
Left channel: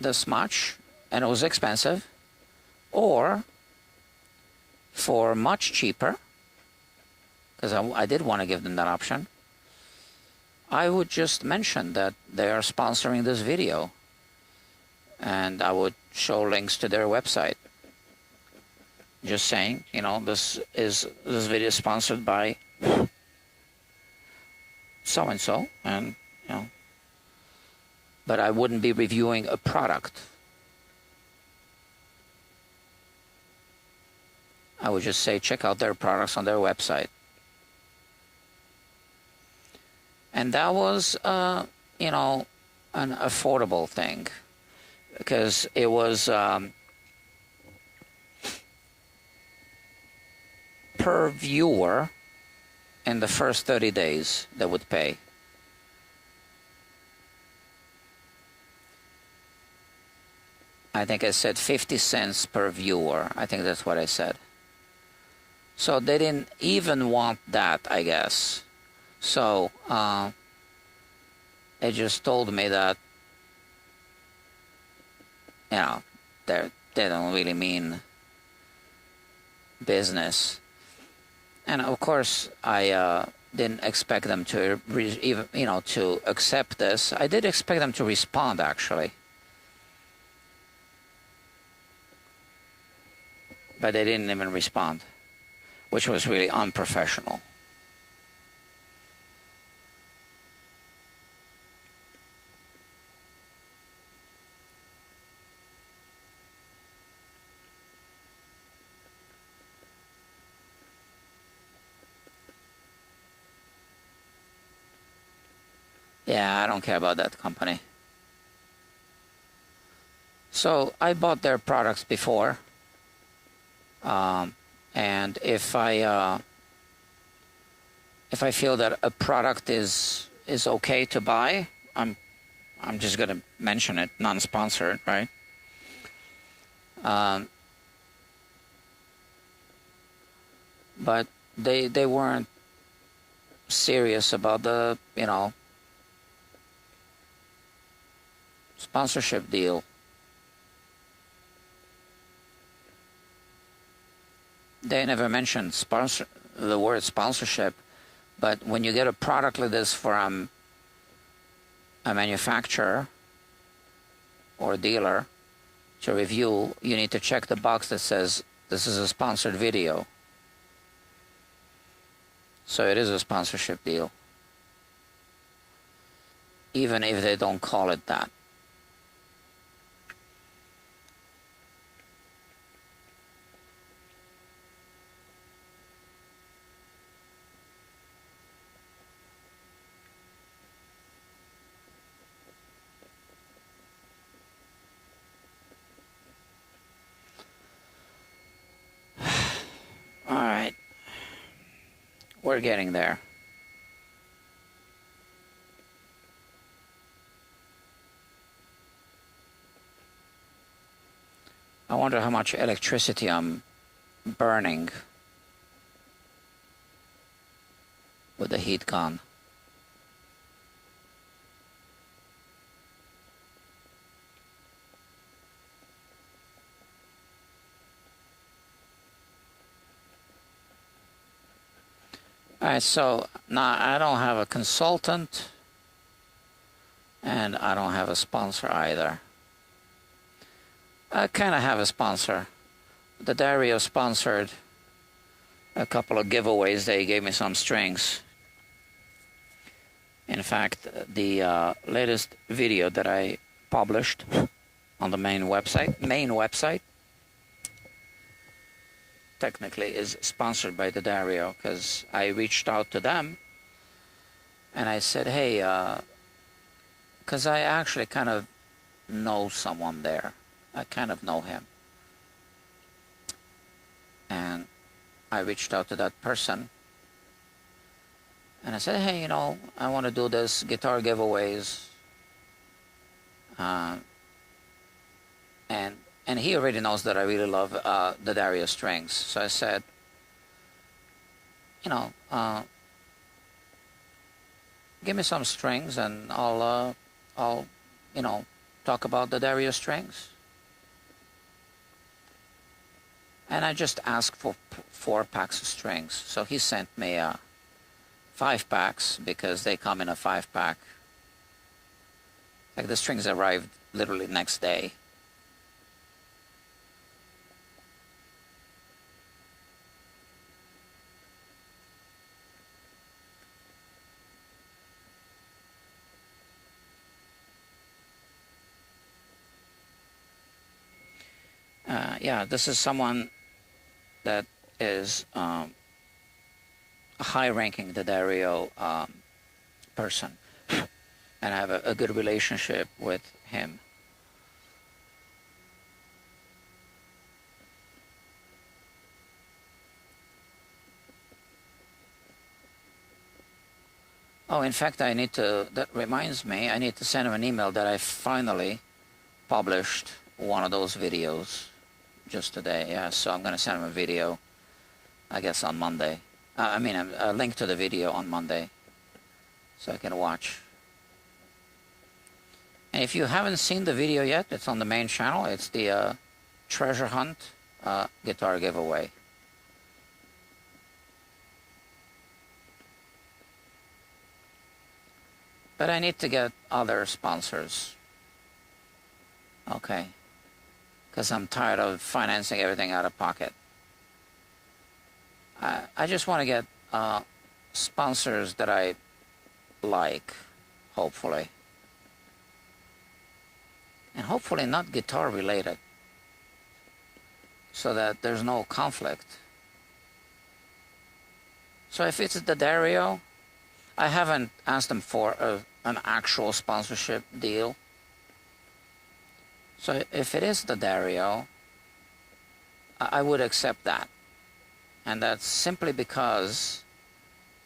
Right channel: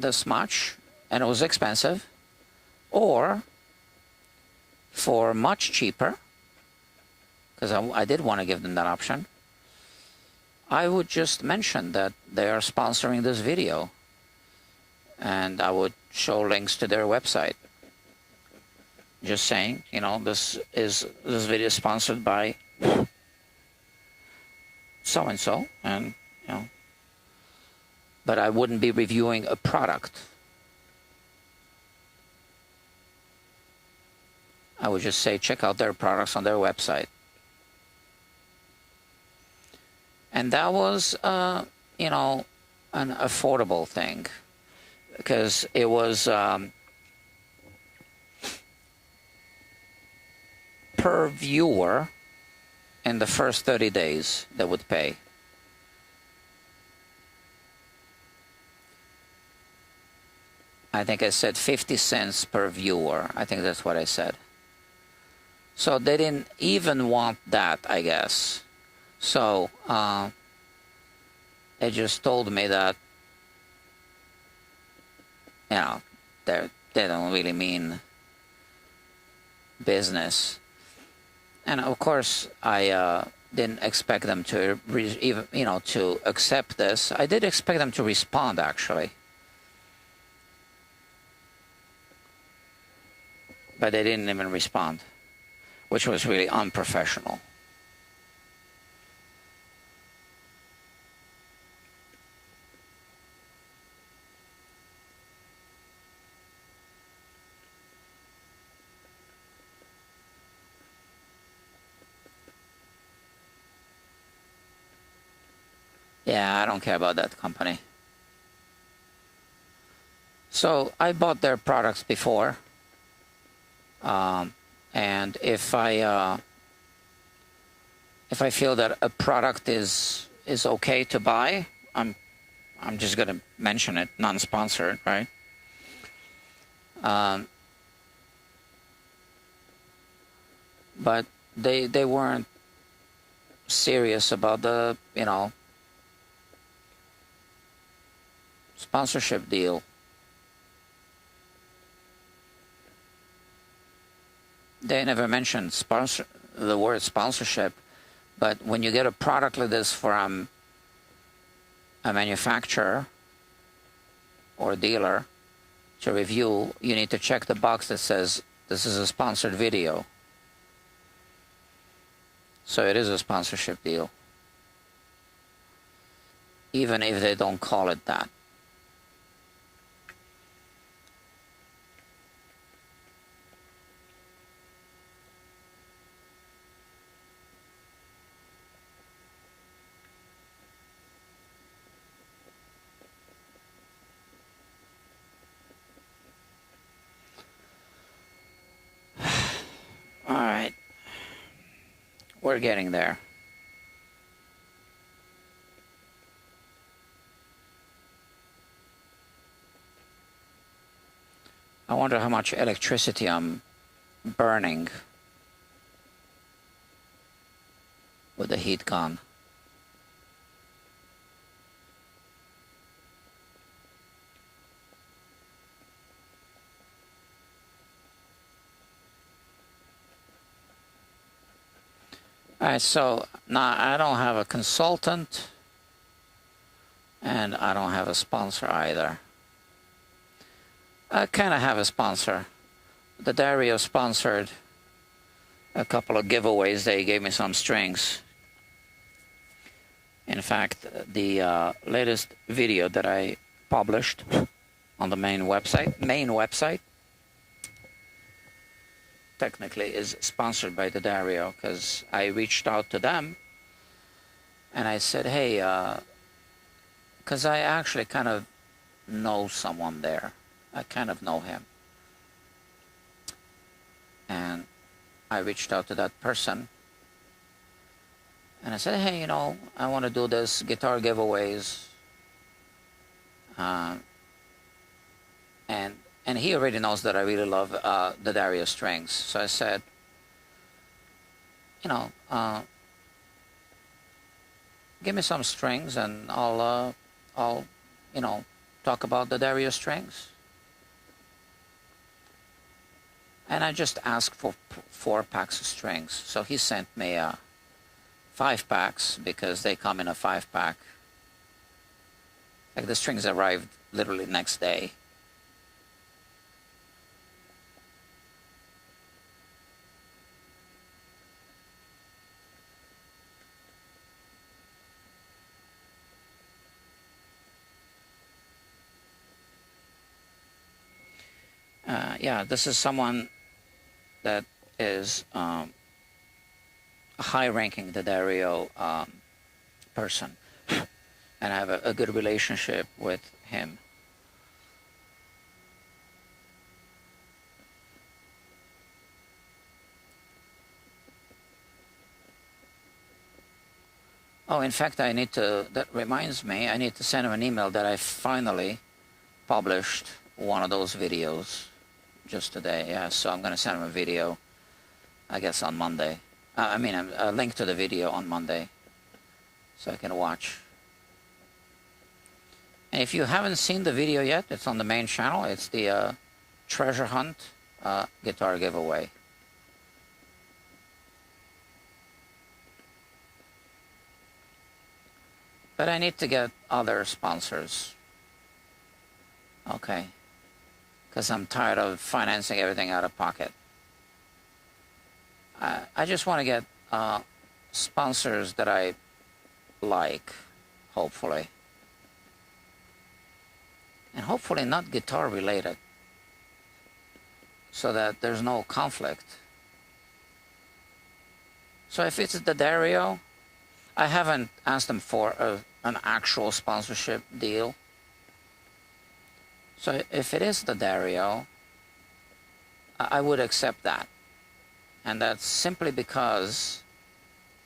this much, and it was expensive, or for much cheaper, because I did want to give them that option, I would just mention that they are sponsoring this video. and I would show links to their website. Just saying, you know, this video is sponsored by so and so, and you know, but I wouldn't be reviewing a product. I would just say check out their products on their website. And that was, you know, an affordable thing, because it was per viewer in the first 30 days they would pay. I think I said 50 cents per viewer. I think that's what I said. So they didn't even want that, I guess. So they just told me that, you know, they don't really mean business. And of course, I didn't expect them to even, you know, to accept this. I did expect them to respond, actually, but they didn't even respond, which was really unprofessional. Yeah, I don't care about that company. So I bought their products before, and if I feel that a product is okay to buy, I'm just gonna mention it, non-sponsored, right? But they weren't serious about the, you know, sponsorship deal. They never mentioned the word sponsorship, but when you get a product like this from a manufacturer or a dealer to review, you need to check the box that says this is a sponsored video. So it is a sponsorship deal, even if they don't call it that. We're getting there. I wonder how much electricity I'm burning with the heat gun. Alright, so now I don't have a consultant, and I don't have a sponsor either. I kind of have a sponsor. The Dario sponsored a couple of giveaways. They gave me some strings. In fact, the latest video that I published on the main website, technically is sponsored by the Dario, because I reached out to them and I said, hey, because I actually kind of know someone there. I kind of know him. And I reached out to that person and I said, hey, you know, I want to do this guitar giveaways. And he already knows that I really love the Dario strings. So I said, you know, give me some strings and I'll you know, talk about the Dario strings. And I just asked for 4 packs of strings. So he sent me 5 packs, because they come in a 5-pack. Like, the strings arrived literally next day. yeah, this is someone that is a high-ranking D'Addario person, and I have a good relationship with him. Oh, in fact, that reminds me, I need to send him an email that I finally published one of those videos just today. Yeah, so I'm going to send him a video, I guess, on Monday. I mean, a link to the video on Monday so I can watch. And if you haven't seen the video yet, it's on the main channel. It's the treasure hunt guitar giveaway. But I need to get other sponsors. Okay. Because I'm tired of financing everything out of pocket. I just want to get sponsors that I like, hopefully. And hopefully not guitar related. So that there's no conflict. So if it's the D'Addario, I haven't asked them for an actual sponsorship deal. So if it is the D'Addario, I would accept that. And that's simply because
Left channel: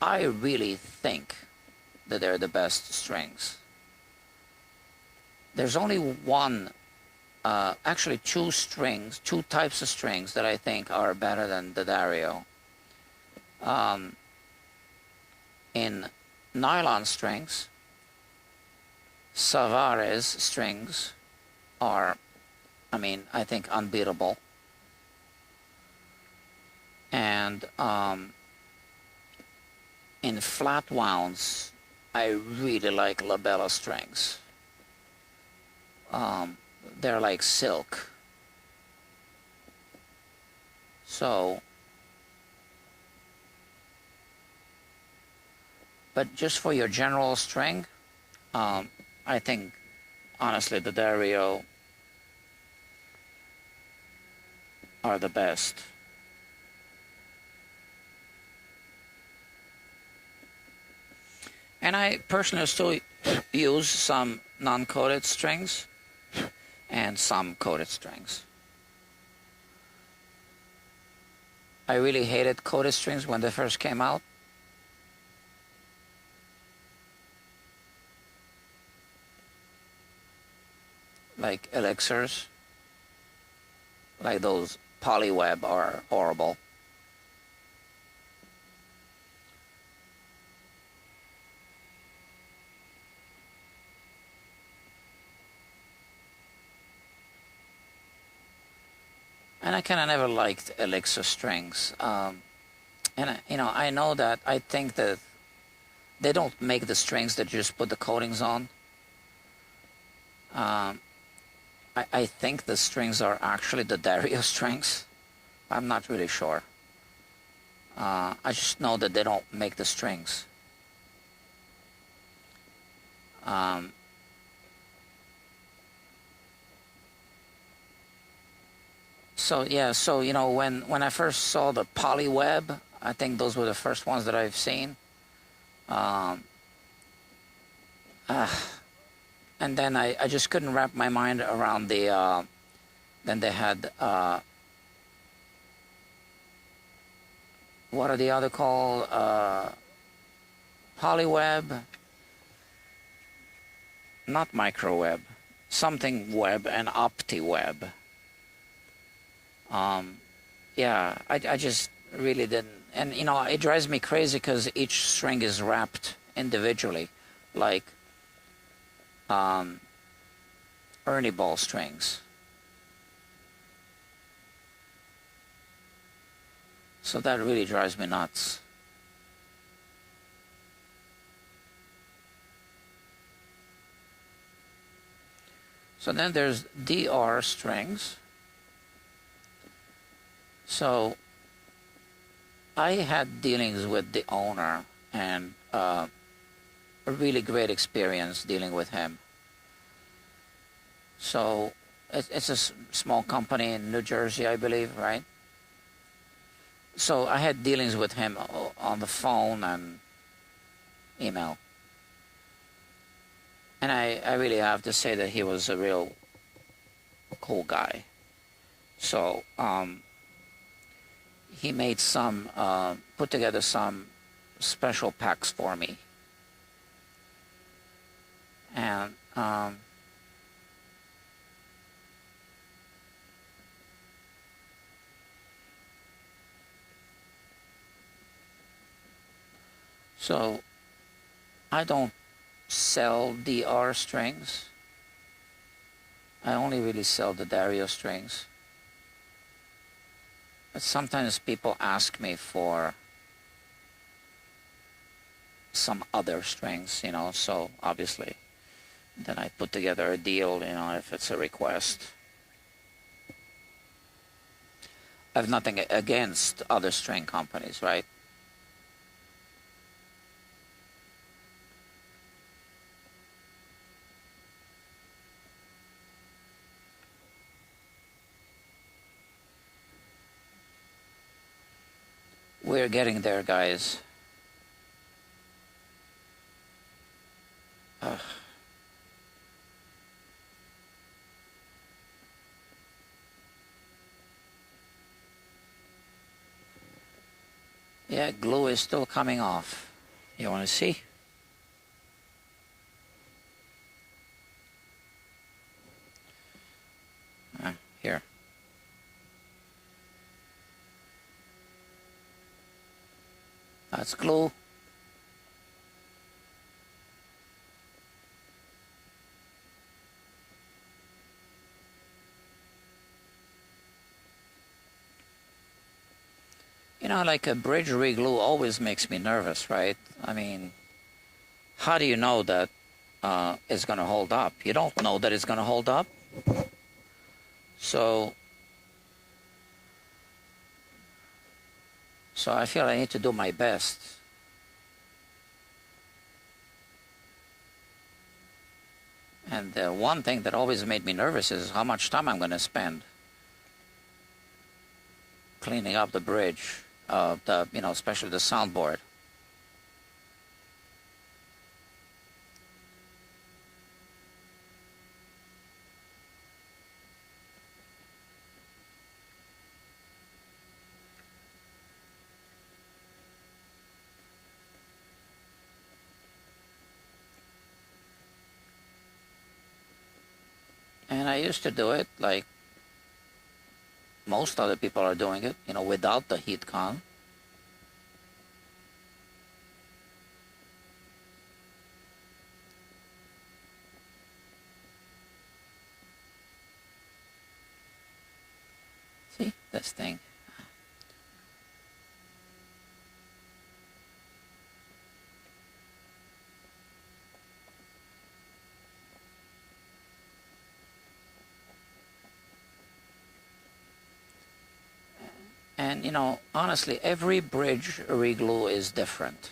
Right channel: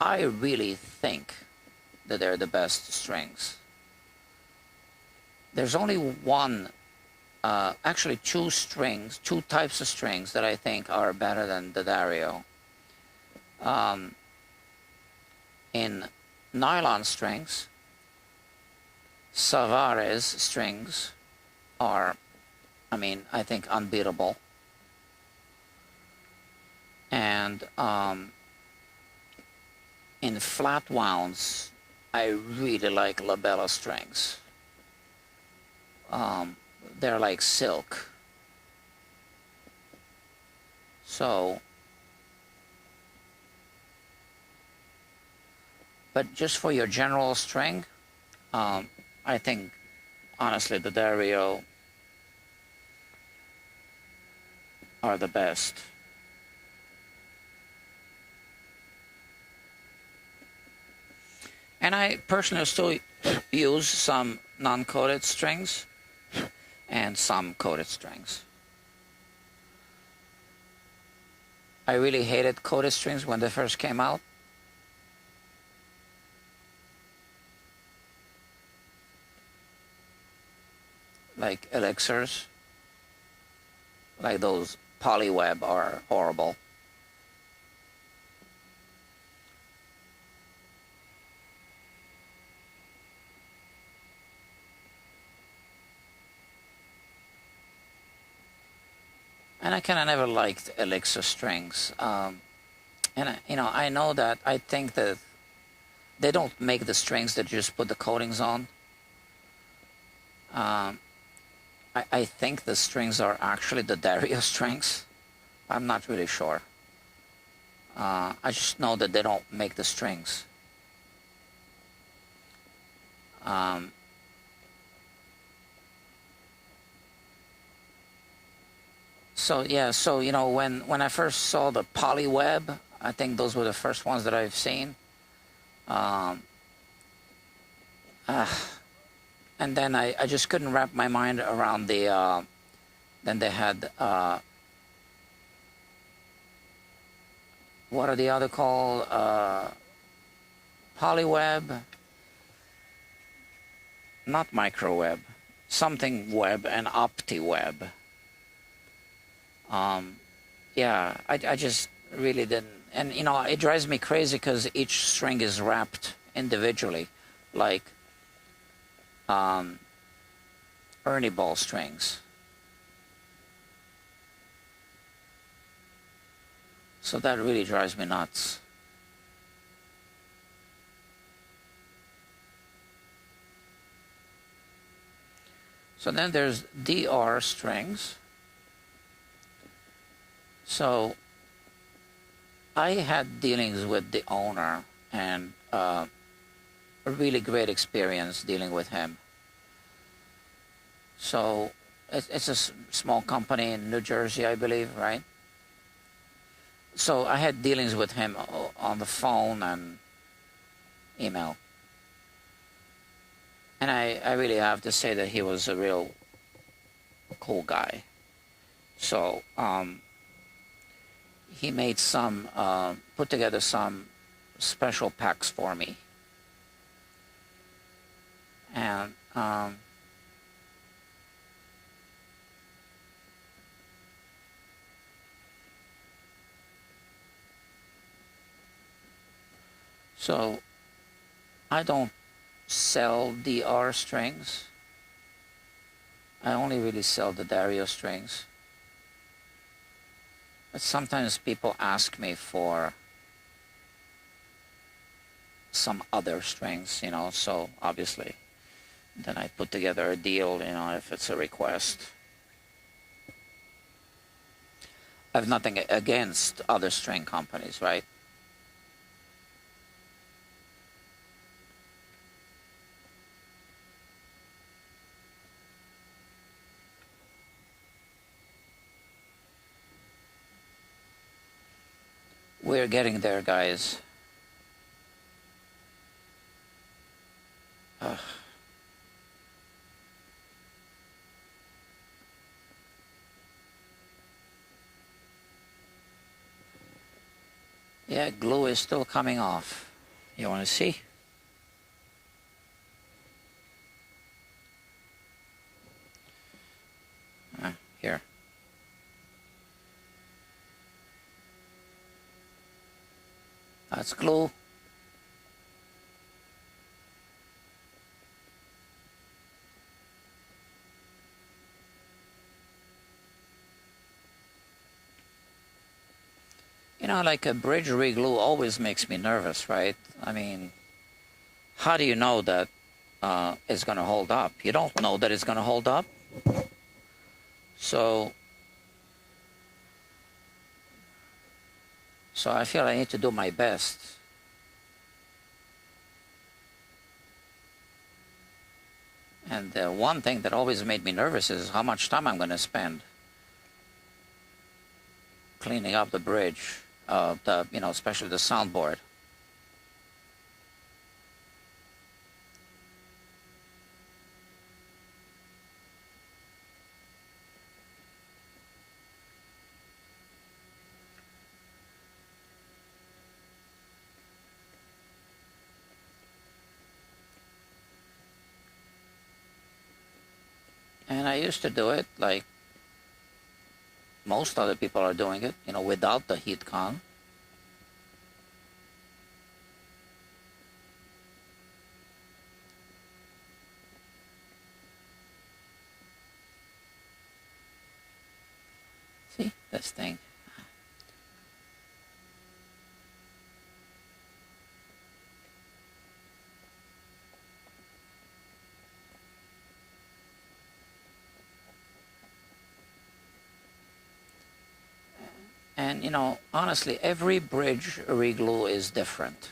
I really think that they're the best strings. There's only one, actually two types of strings that I think are better than the D'Addario. In nylon strings, Savares strings are, I think, unbeatable. And in flat wounds, I really like labella strings. They're like silk. So, but just for your general string, I think, honestly, the D'Addario are the best. And I personally still use some non-coated strings and some coated strings. I really hated coated strings when they first came out. Like elixirs, like those polyweb are horrible. And I kind of never liked elixir strings. And I know that I think that they don't make the strings that just put the coatings on. I think the strings are actually the D'Addario strings. I'm not really sure. I just know that they don't make the strings. So when I first saw the polyweb, I think those were the first ones that I've seen. And then I just couldn't wrap my mind around the, then they had, what are the other called? Polyweb, not microweb, something web and OptiWeb. Yeah, I just really didn't, and it drives me crazy because each string is wrapped individually, like Ernie ball strings. So that really drives me nuts. So then there's DR strings. So I had dealings with the owner and a really great experience dealing with him. So it's a small company in New Jersey, I believe, right? So I had dealings with him on the phone and email. And I really have to say that he was a real cool guy. So he made some, put together some special packs for me. And so I don't sell DR strings. I only really sell the Dario strings. But sometimes people ask me for some other strings, you know, so obviously then I put together a deal, you know, if it's a request. I have nothing against other string companies, right? We're getting there, guys. Yeah, glue is still coming off. You want to see? Here. That's glue. You know, like a bridge reglue always makes me nervous, right? I mean, how do you know that it's going to hold up? You don't know that it's going to hold up. So I feel I need to do my best. And one thing that always made me nervous is how much time I'm going to spend cleaning up the bridge, you know, especially the soundboard. And I used to do it like most other people are doing it, you know, without the heat con. See, this thing. And, you know, honestly, every bridge reglue is different.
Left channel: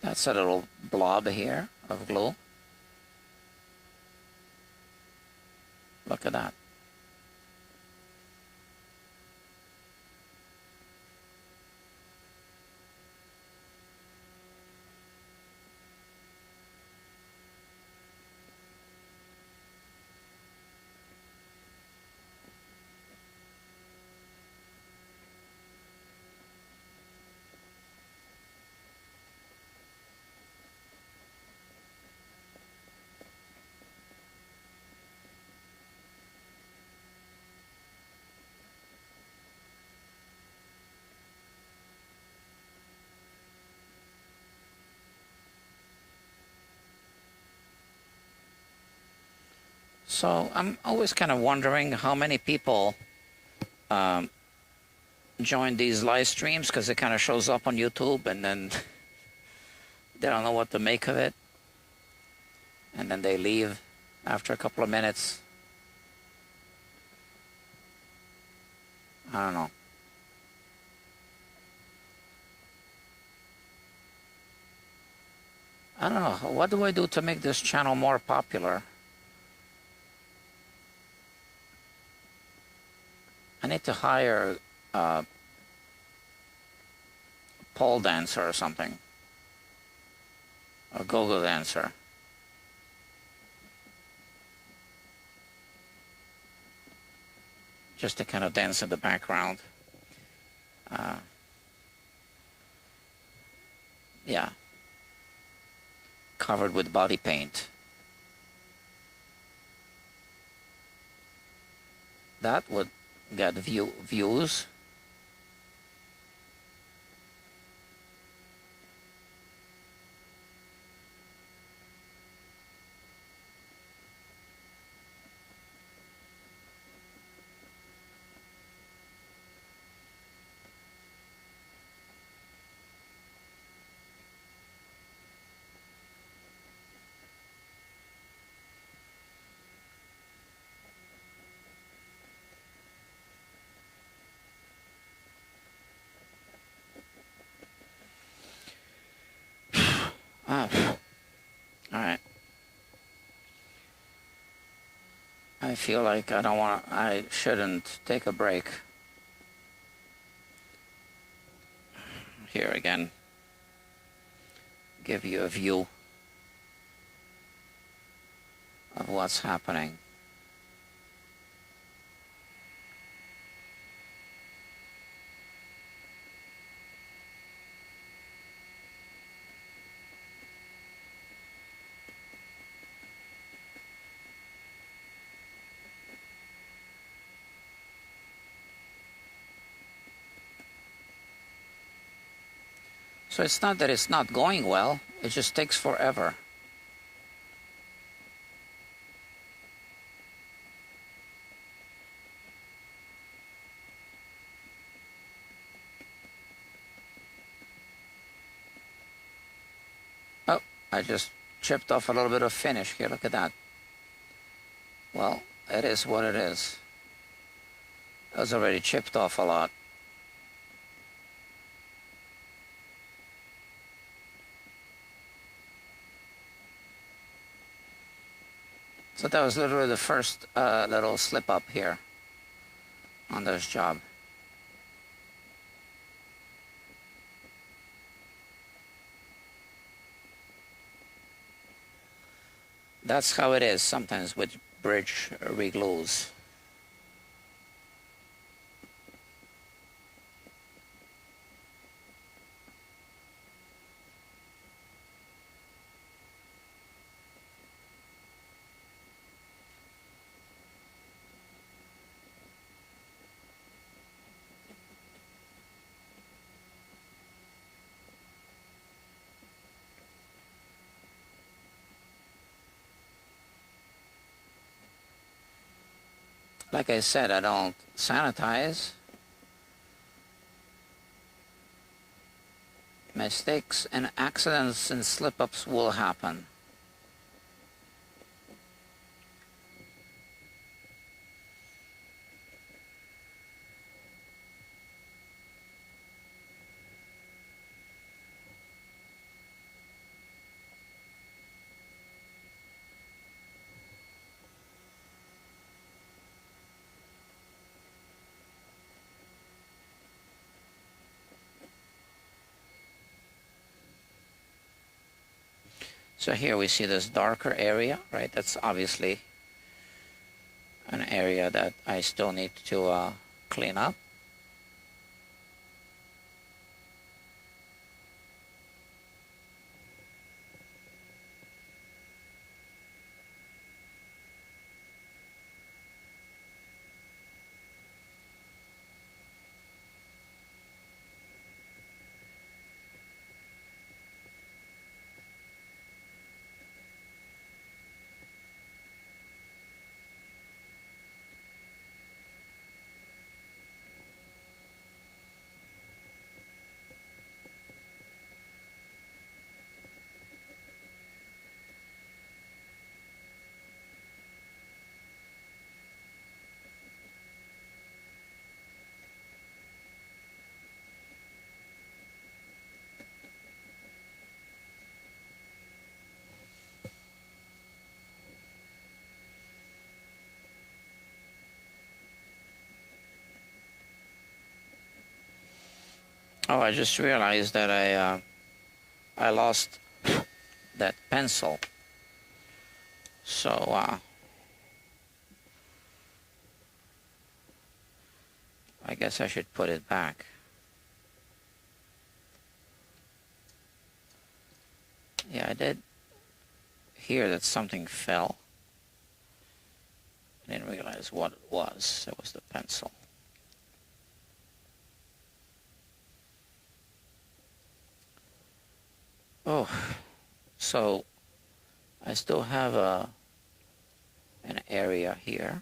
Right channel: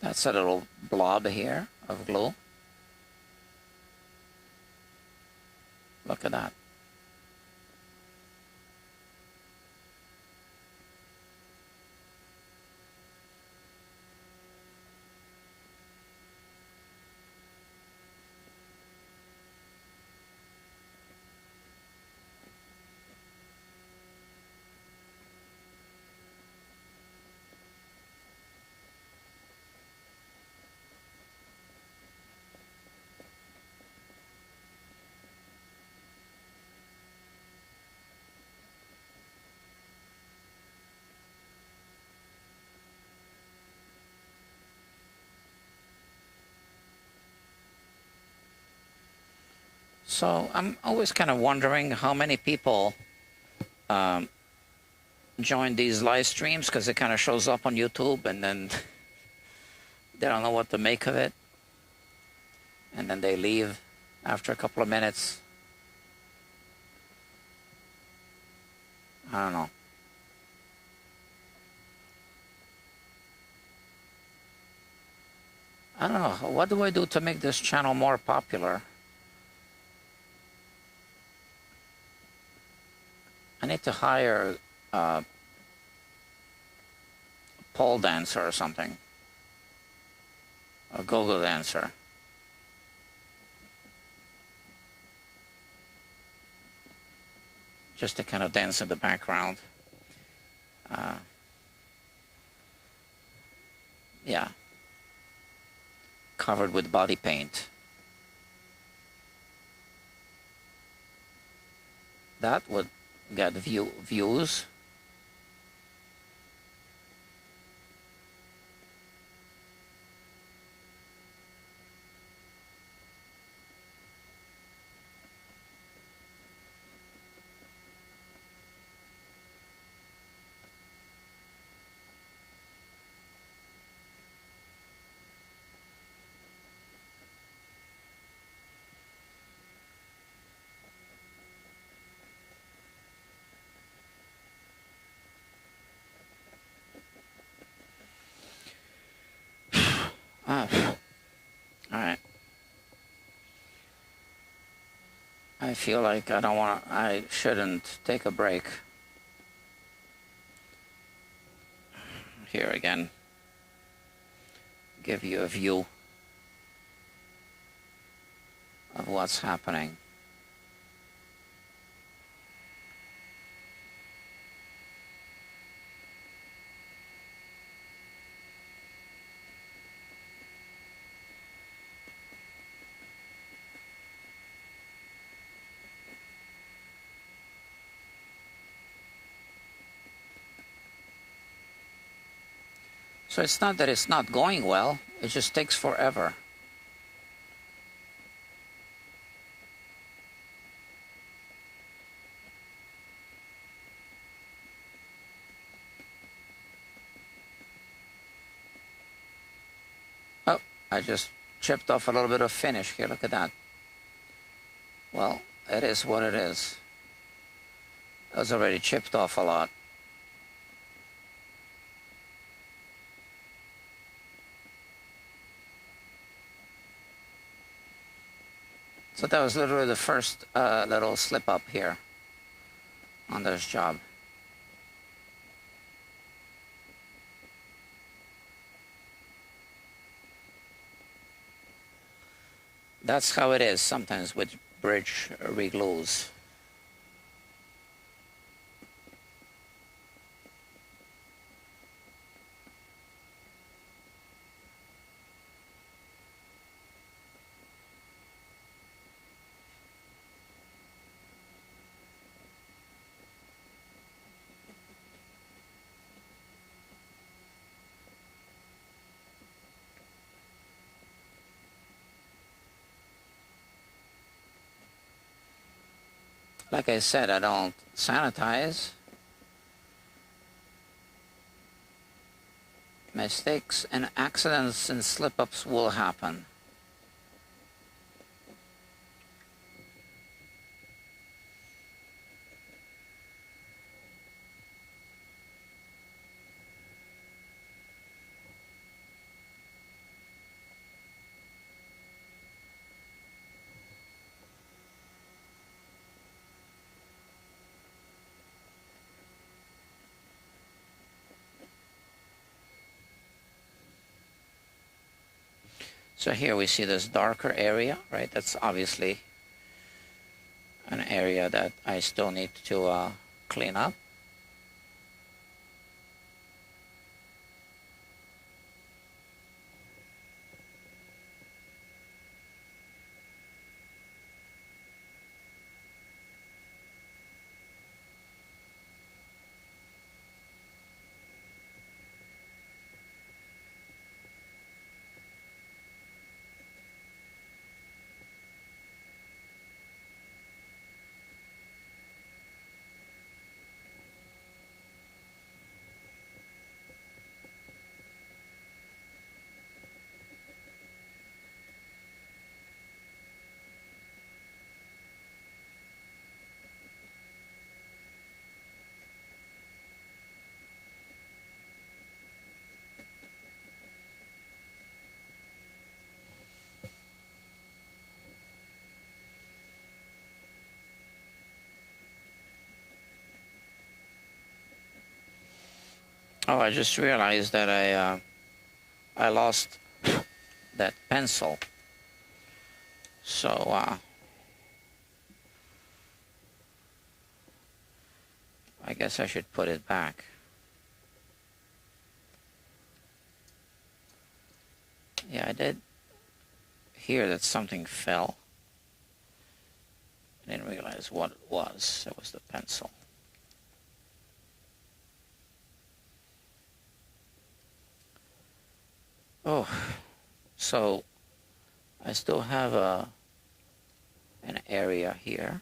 That's a little blob here of glue. Look at that. So I'm always kind of wondering how many people join these live streams, because it kind of shows up on YouTube and then they don't know what to make of it, and then they leave after a couple of minutes. I don't know. I don't know. What do I do to make this channel more popular? I need to hire a pole dancer or something. A go-go dancer. Just to kind of dance in the background. Yeah. Covered with body paint. That would get views. Alright. I feel like I shouldn't take a break. Here again. Give you a view of what's happening. So it's not that it's not going well, it just takes forever. Oh, I just chipped off a little bit of finish here, look at that. Well, it is what it is. It was already chipped off a lot. So that was literally the first little slip up here on this job. That's how it is sometimes with bridge reglues. Like I said, I don't sanitize. Mistakes and accidents and slip-ups will happen. So here we see this darker area, right? That's obviously an area that I still need to clean up. Oh, I just realized that I lost that pencil. So I guess I should put it back. Yeah, I did hear that something fell. I didn't realize what it was. It was the pencil. Oh, so I still have an area here.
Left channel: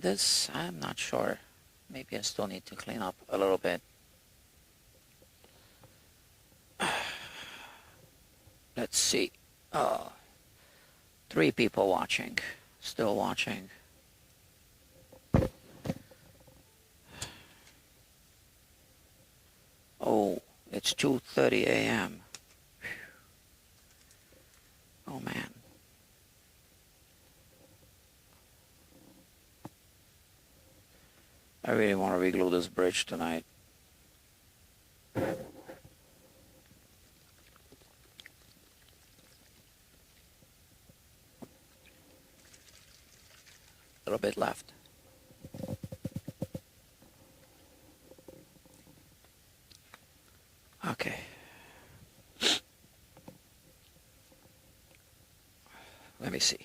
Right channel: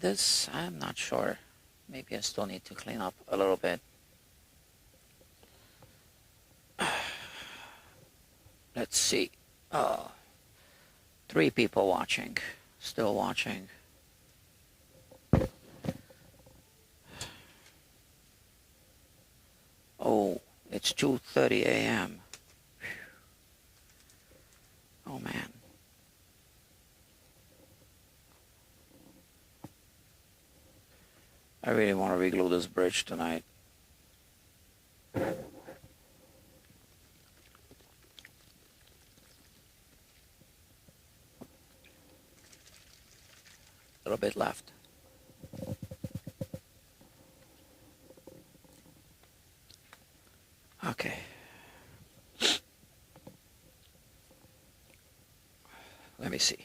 This, I'm not sure. Maybe I still need to clean up a little bit. Let's see. 3 people watching. Still watching. Oh, it's 2:30 a.m. Oh, man. I really want to reglue this bridge tonight. A little bit left. Okay. Let me see.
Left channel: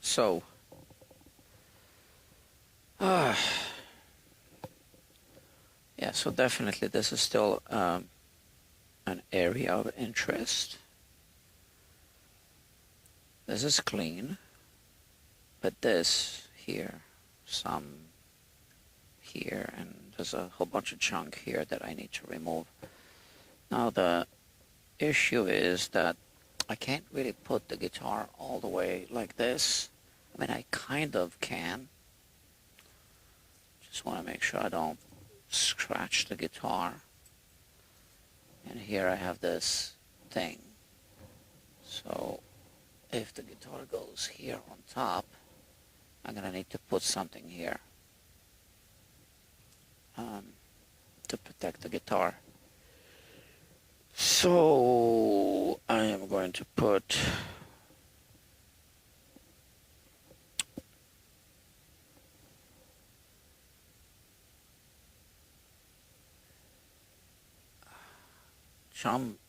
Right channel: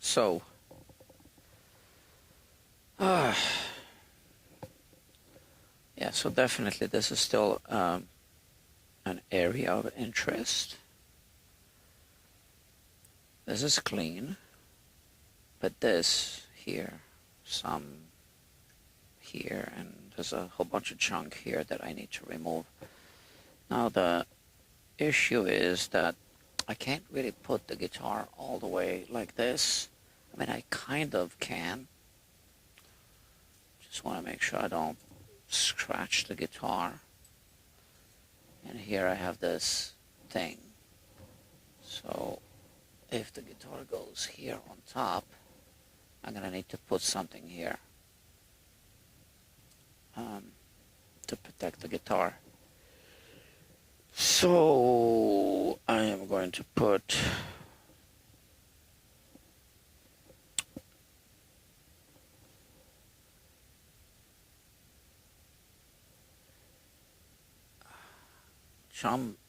So, yeah, so definitely this is still an area of interest. This is clean, but this here, some here, and there's a whole bunch of junk here that I need to remove. Now the issue is that I can't really put the guitar all the way like this. I mean, I kind of can. Just want to make sure I don't scratch the guitar. And here I have this thing. So if the guitar goes here on top, I'm going to need to put something here to protect the guitar. So I am going to put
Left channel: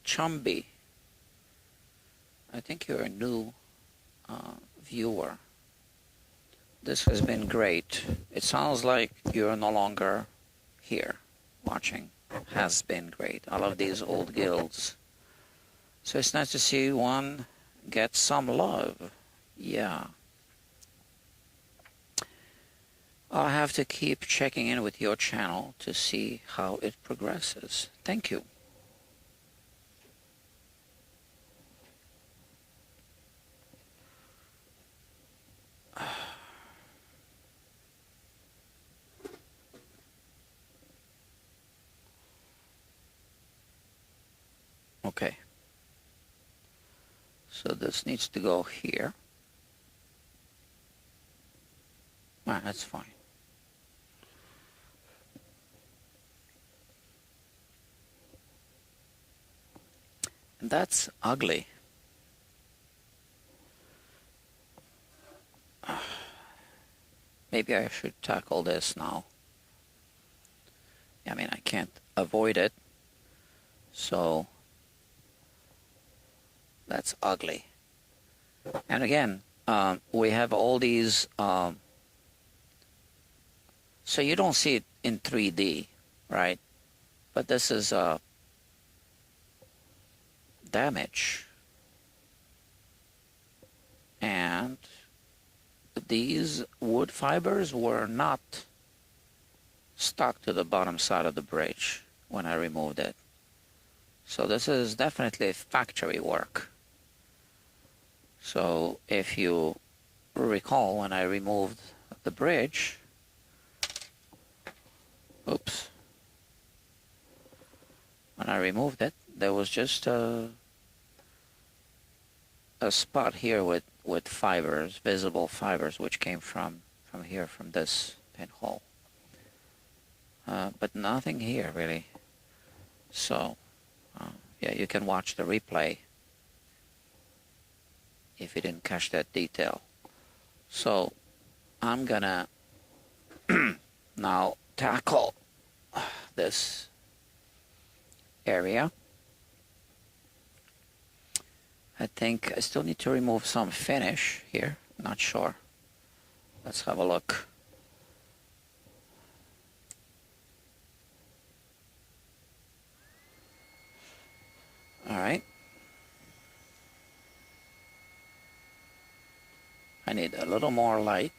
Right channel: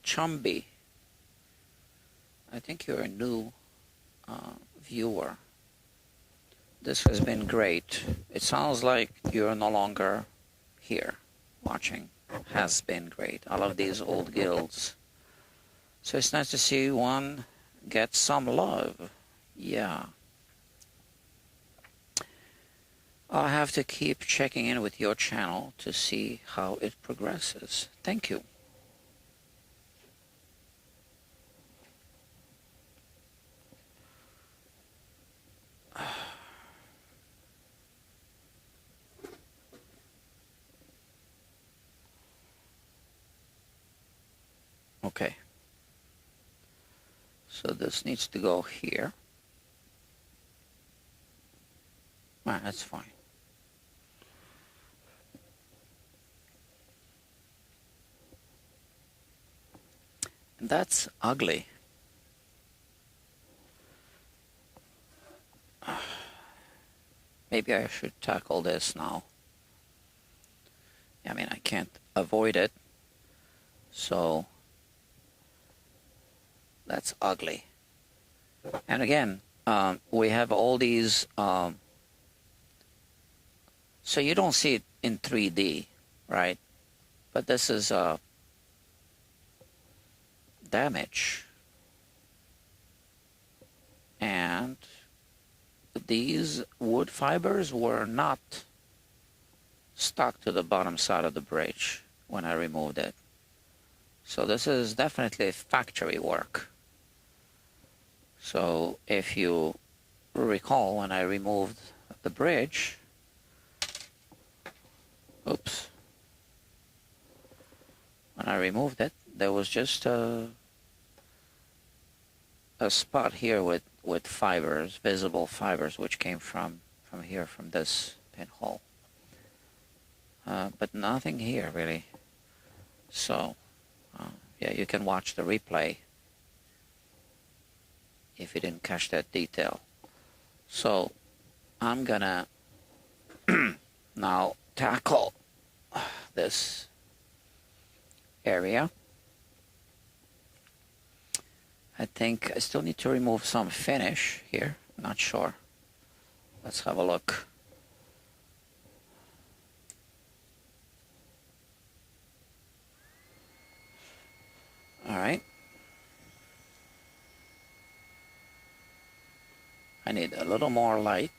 Chumby. I think you're a new viewer. This has been great. It sounds like you're no longer here watching. Has been great. I love these old guilds. So it's nice to see one get some love. Yeah. I'll have to keep checking in with your channel to see how it progresses. Thank you. Okay. So this needs to go here. Well, that's fine. That's ugly. Maybe I should tackle this now. I mean, I can't avoid it. So that's ugly. And again, we have all these, so you don't see it in 3D, right? But this is damage. And these wood fibers were not stuck to the bottom side of the bridge when I removed it. So this is definitely factory work. So if you recall, when I removed the bridge, oops, removed it, there was just a spot here with fibers, visible fibers, which came from here, from this pinhole. But nothing here, really. So, yeah, you can watch the replay if you didn't catch that detail. So, I'm gonna now tackle this area. I think I still need to remove some finish here. Not sure. Let's have a look. All right. I need a little more light.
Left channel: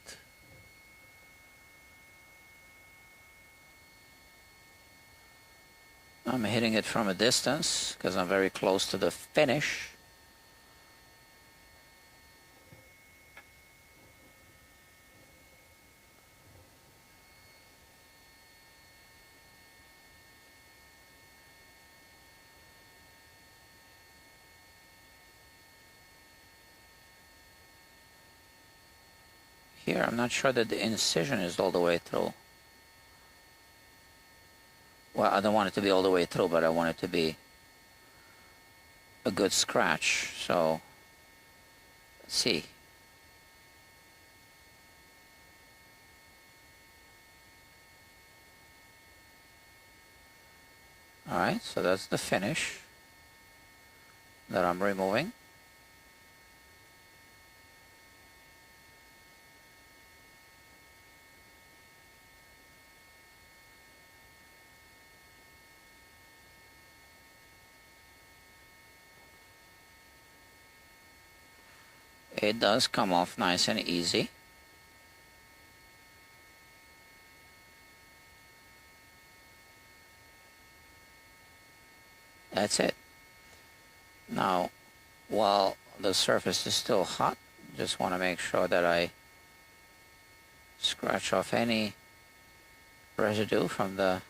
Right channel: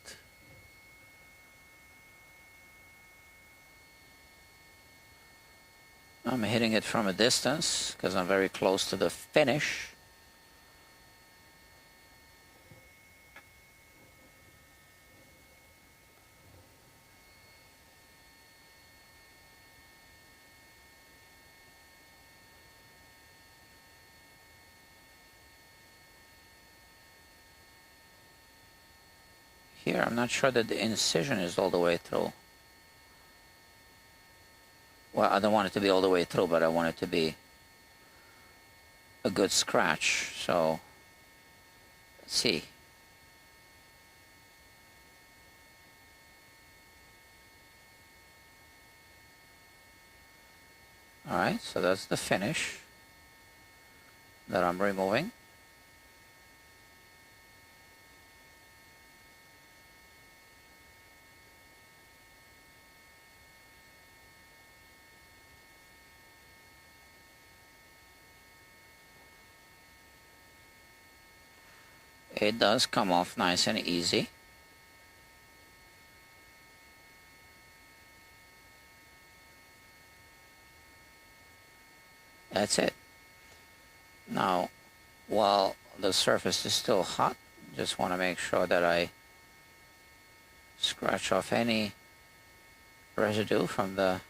I'm hitting it from a distance because I'm very close to the finish. Here, I'm not sure that the incision is all the way through. Well, I don't want it to be all the way through, but I want it to be a good scratch. So, let's see. All right, so that's the finish that I'm removing. It does come off nice and easy. That's it. Now, while the surface is still hot, just want to make sure that I scratch off any residue from the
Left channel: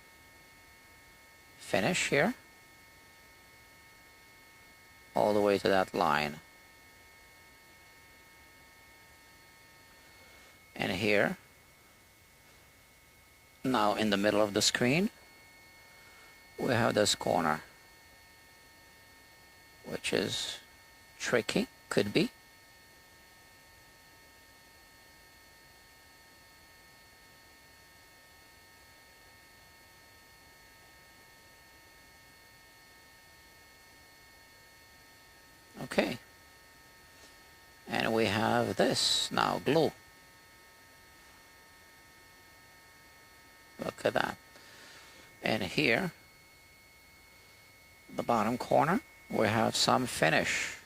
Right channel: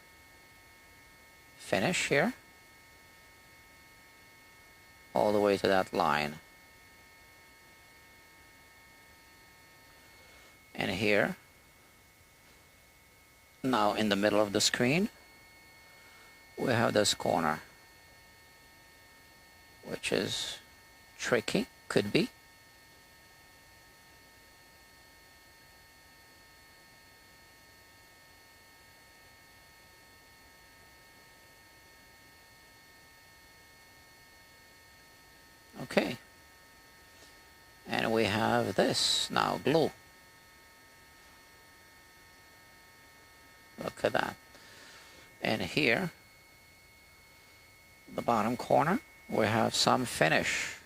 finish here, all the way to that line. And here, now in the middle of the screen, we have this corner, which is tricky, could be. Okay. And we have this now, glue. Look at that. And here, the bottom corner, we have some finish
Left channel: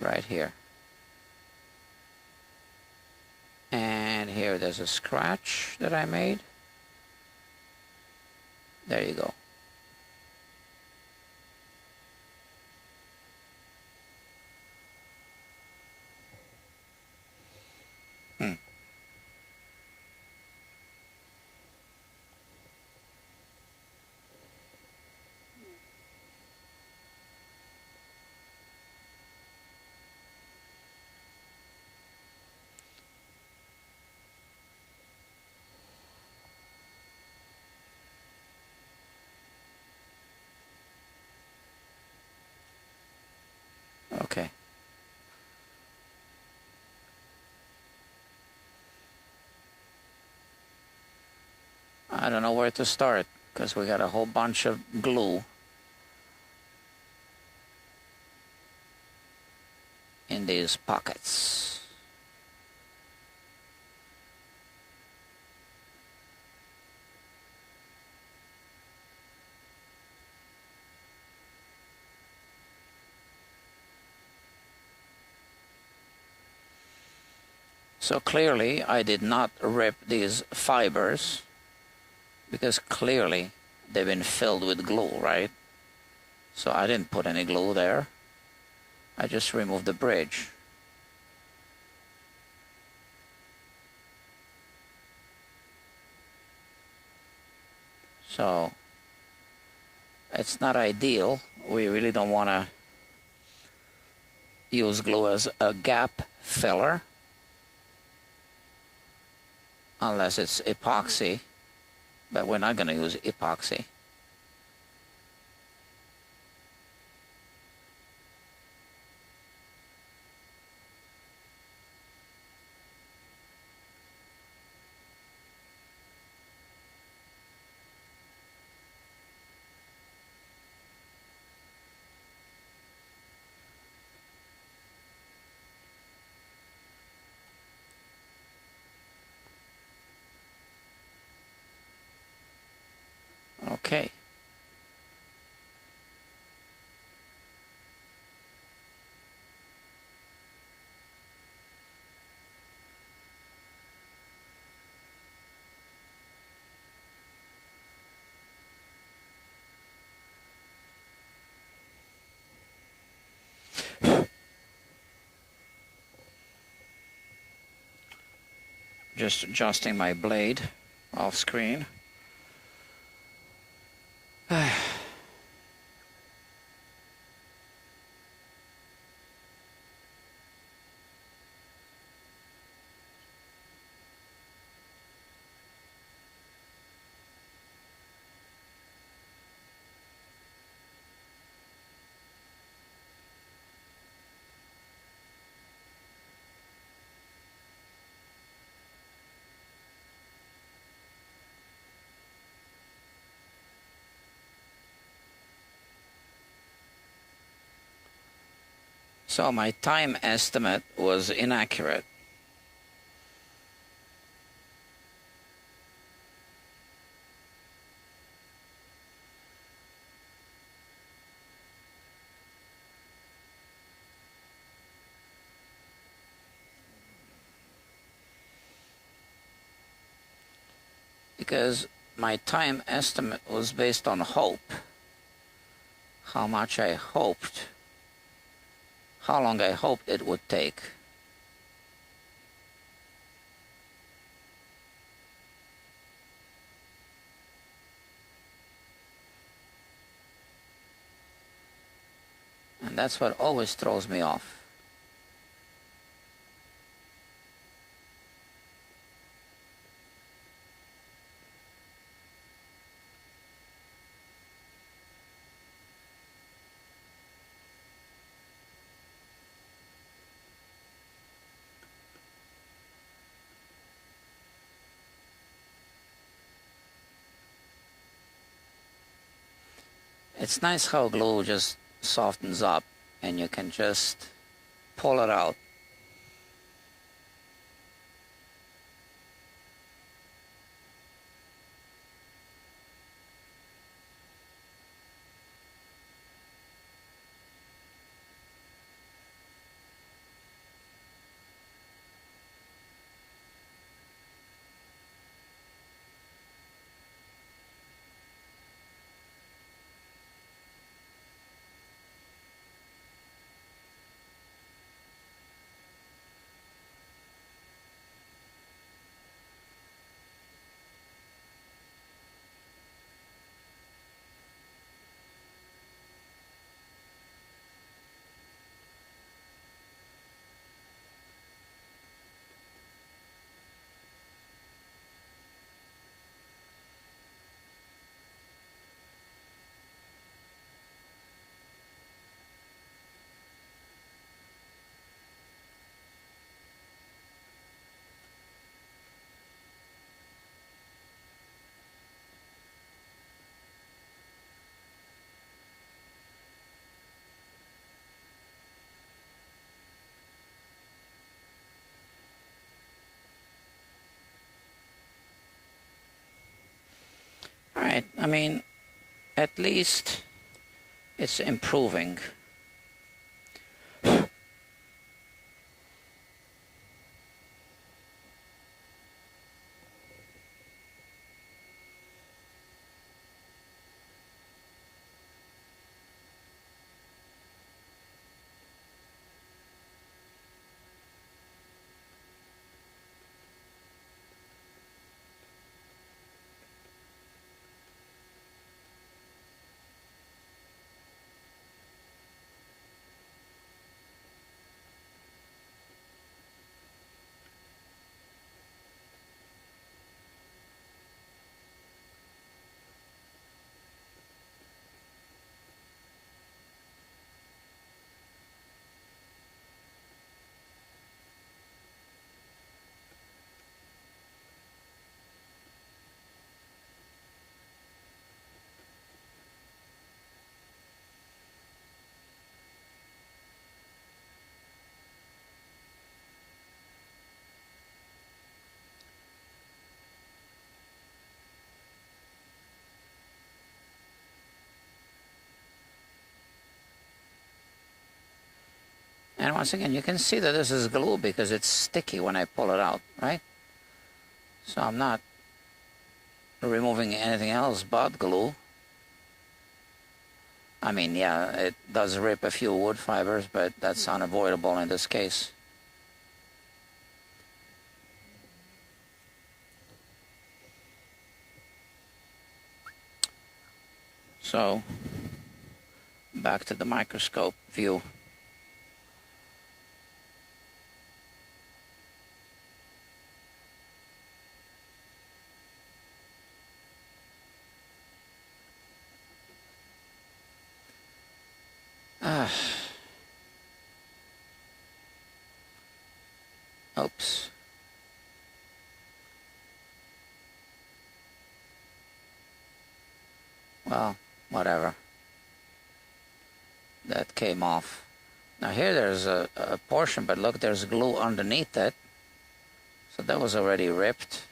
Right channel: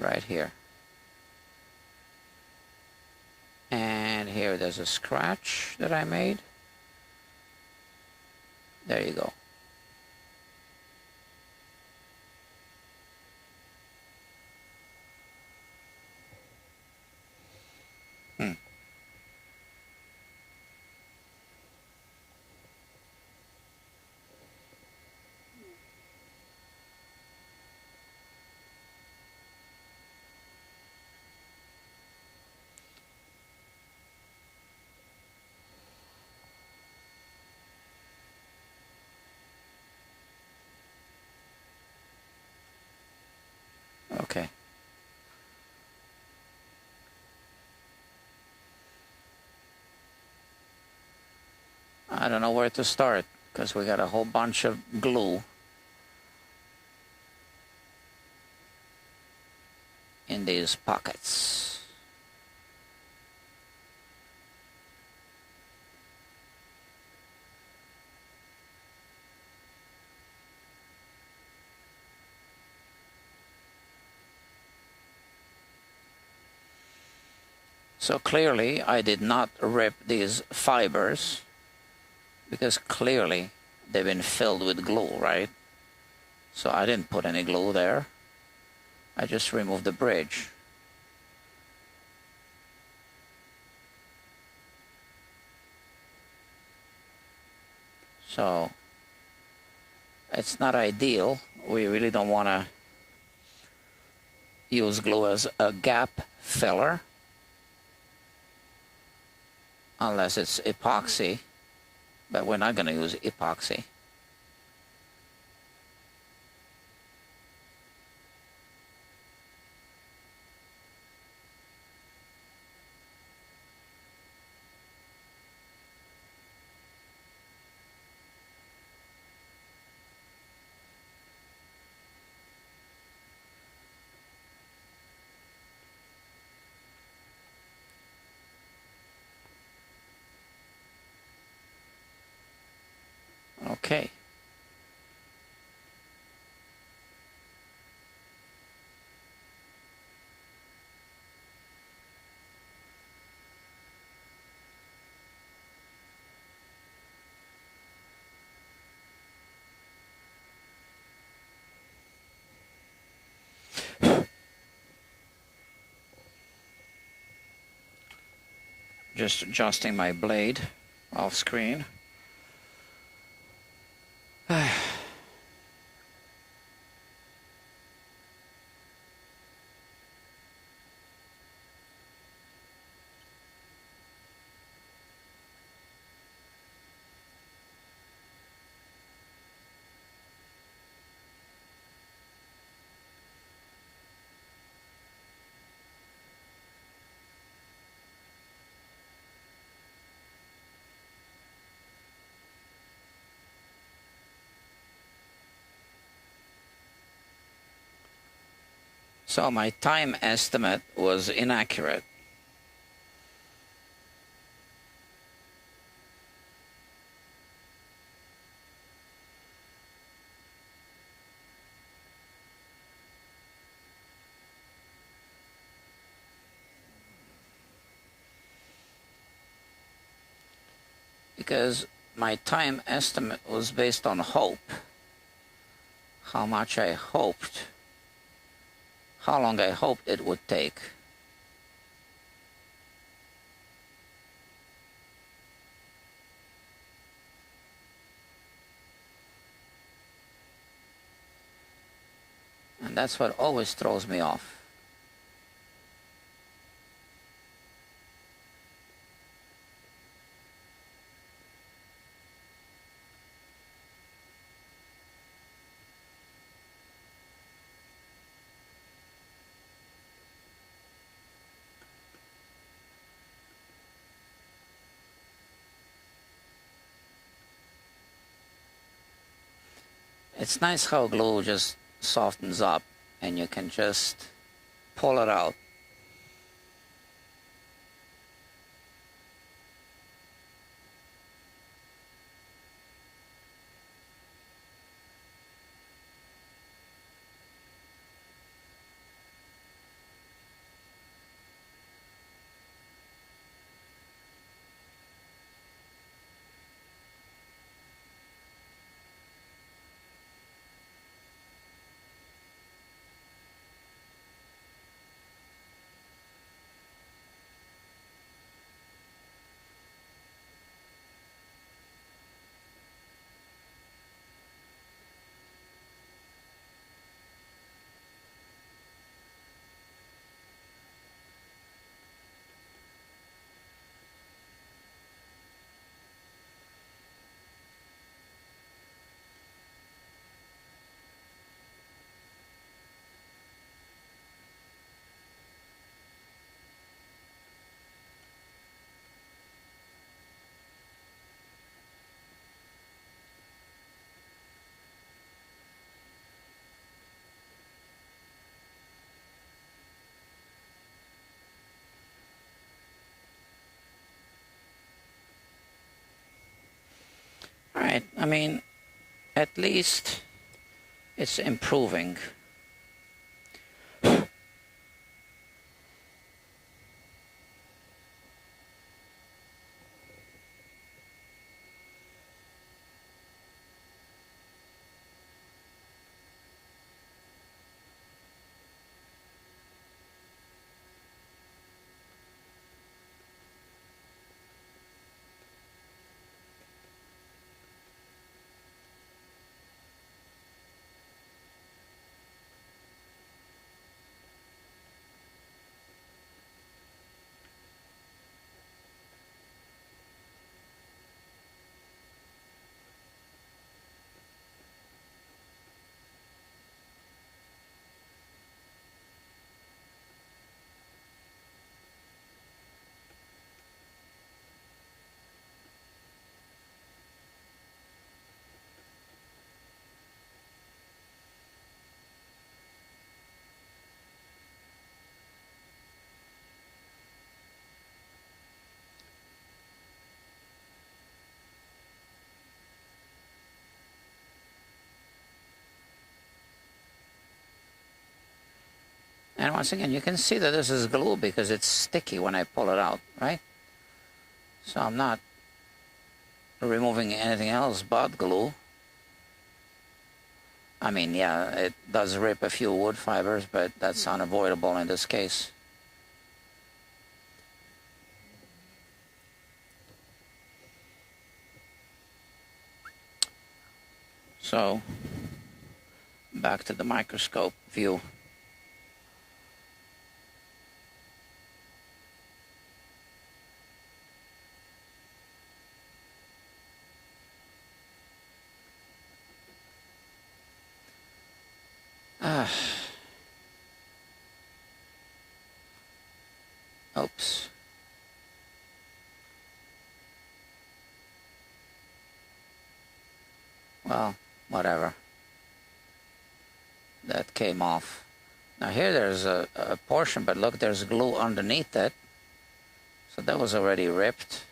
right here. And here there's a scratch that I made. There you go. Okay. I don't know where to start because we got a whole bunch of glue in these pockets. So clearly I did not rip these fibers because clearly they've been filled with glue, right? So I didn't put any glue there. I just removed the bridge. So It's not ideal. We really don't want to use glue as a gap filler unless it's epoxy, but we're not going to use epoxy. Okay. Just adjusting my blade off screen. So my time estimate was inaccurate. Because my time estimate was based on hope. How much I hoped, how long I hoped it would take. And that's what always throws me off. It's nice how glue just softens up and you can just pull it out. All right, I mean, at least it's improving. And once again, you can see that this is glue because it's sticky when I pull it out, right? So I'm not removing anything else but glue. I mean, yeah, it does rip a few wood fibers, but that's unavoidable in this case. So, back to the microscope view. Oops. Well, whatever. That came off. Now here there's a portion, but look, there's glue underneath it. So that was already ripped.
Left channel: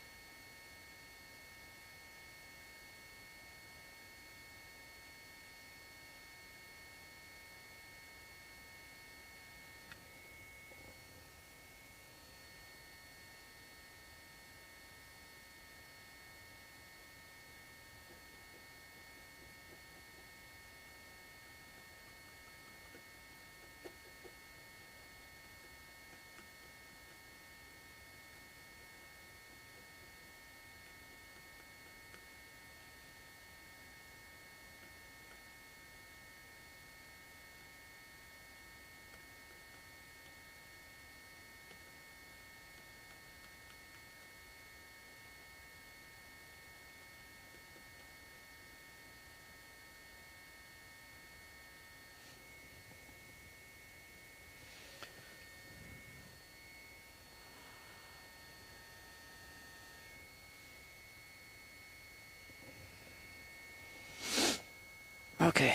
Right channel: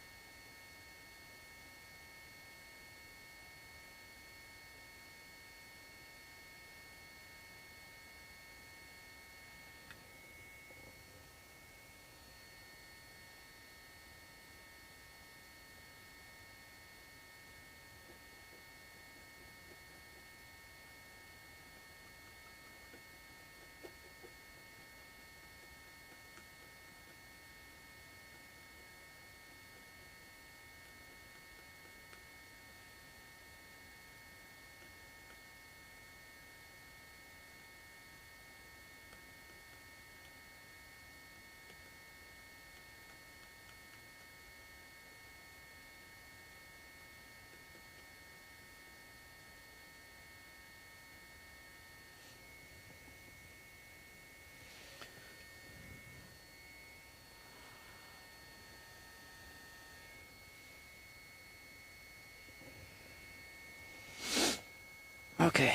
Okay.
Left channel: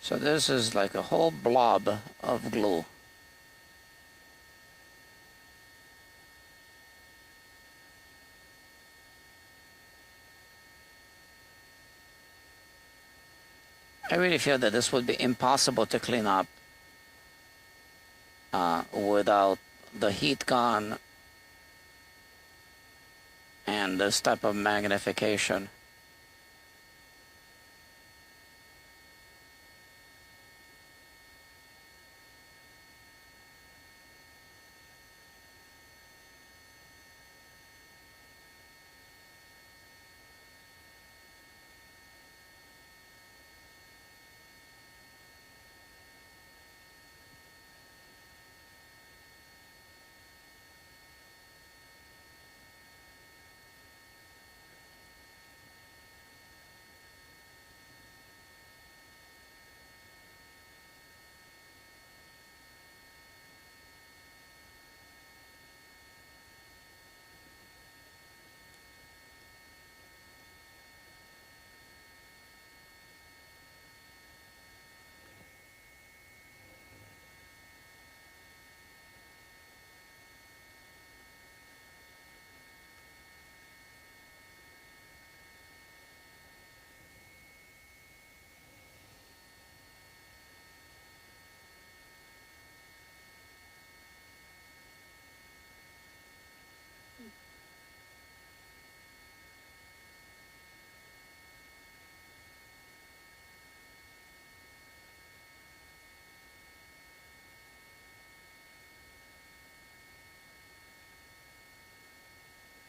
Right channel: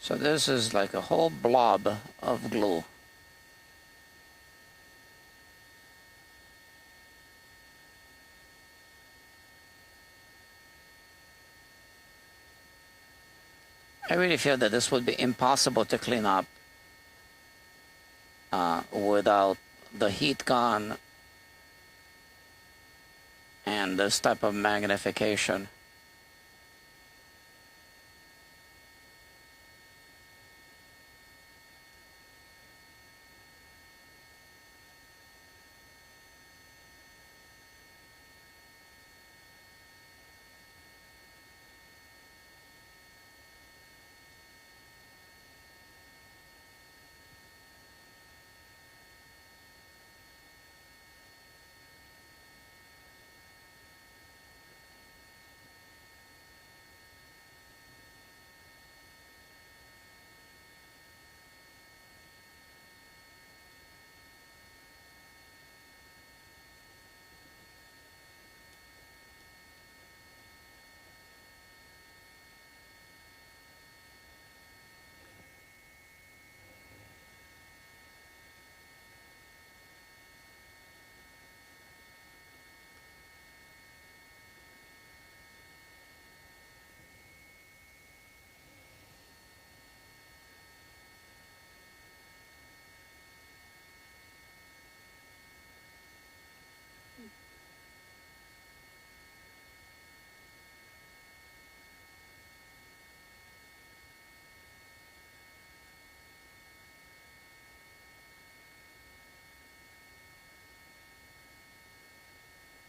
So this is like a whole blob of glue. I really feel that this would be impossible to clean up without the heat gun and this type of magnification.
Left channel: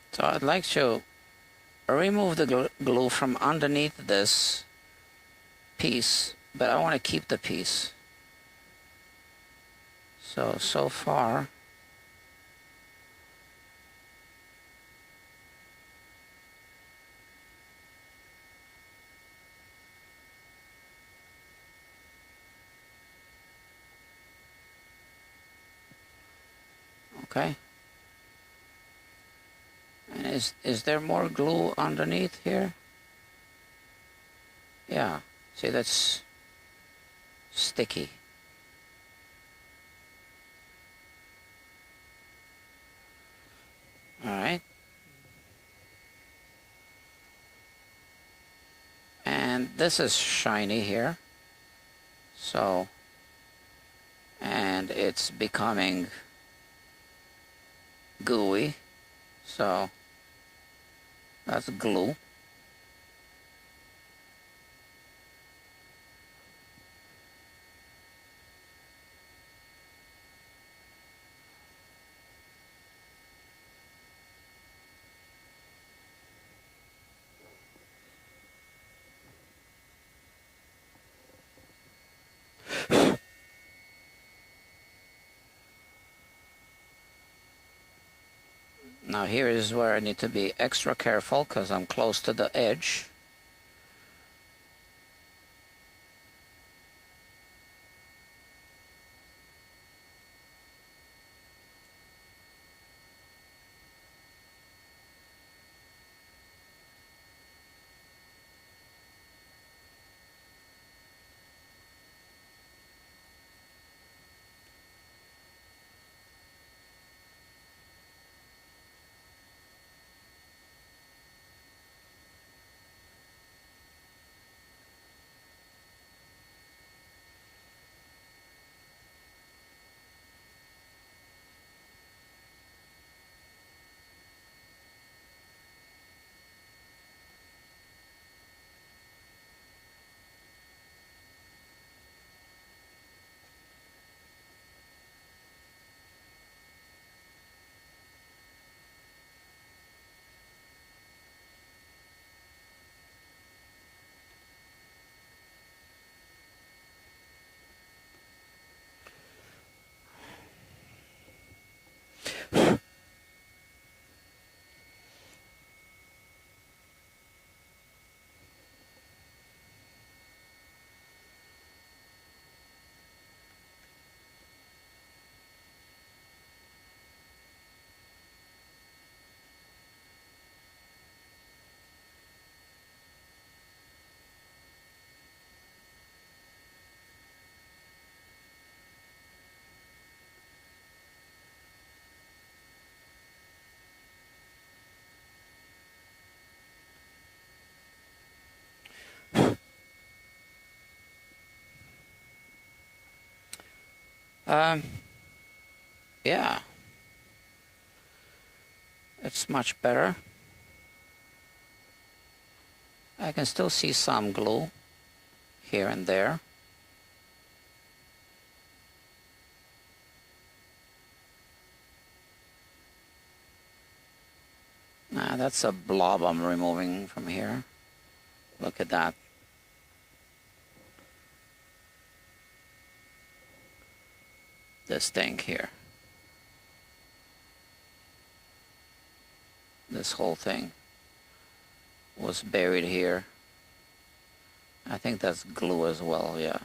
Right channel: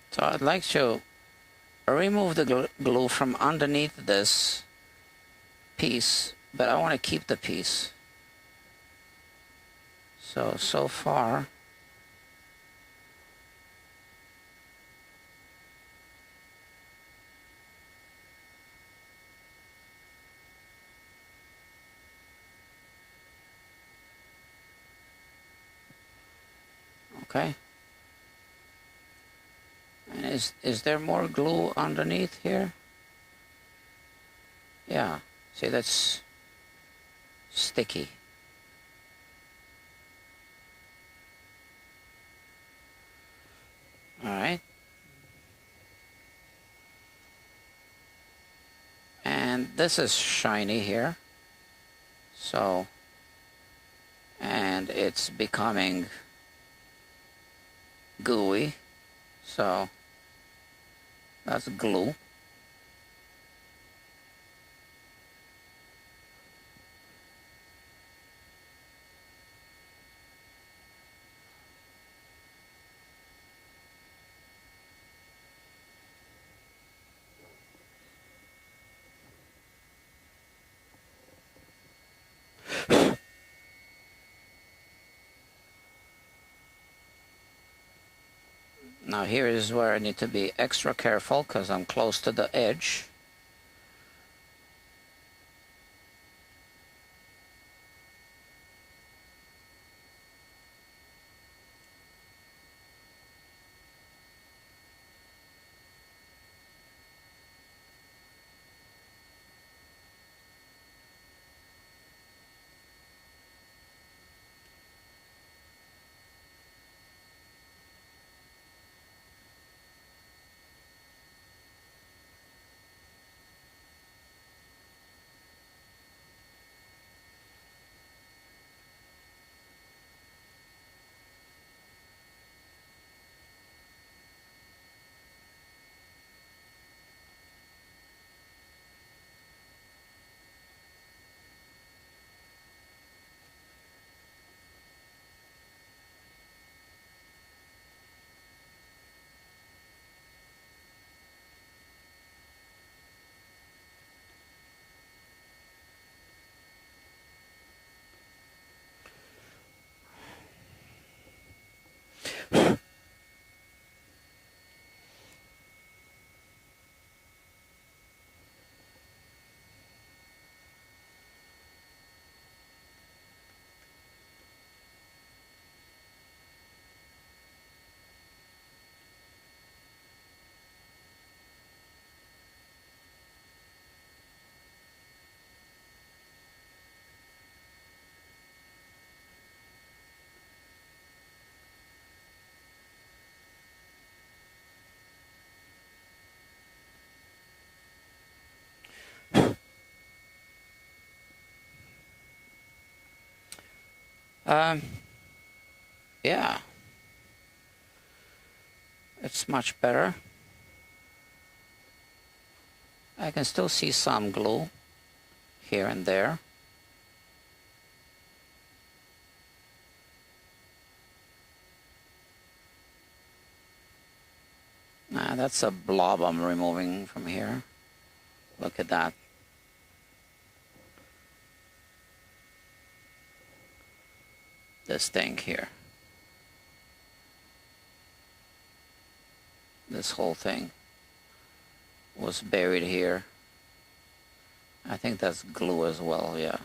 So I'd like to remove the glue from underneath this piece, but I want to keep the piece. So far, okay. And is there more glue underneath here? Yeah, see, that's sticky. All right. And this is shiny here. So, and it's becoming gooey. So, that's glue. Now here is where I need to be extra careful because I'm close to the edge. Yeah, it's much better. I can still see some glue here and there. That's a blob I'm removing from here. Look at that. This thing here. This whole thing was buried here. I think that's glue as well, yeah.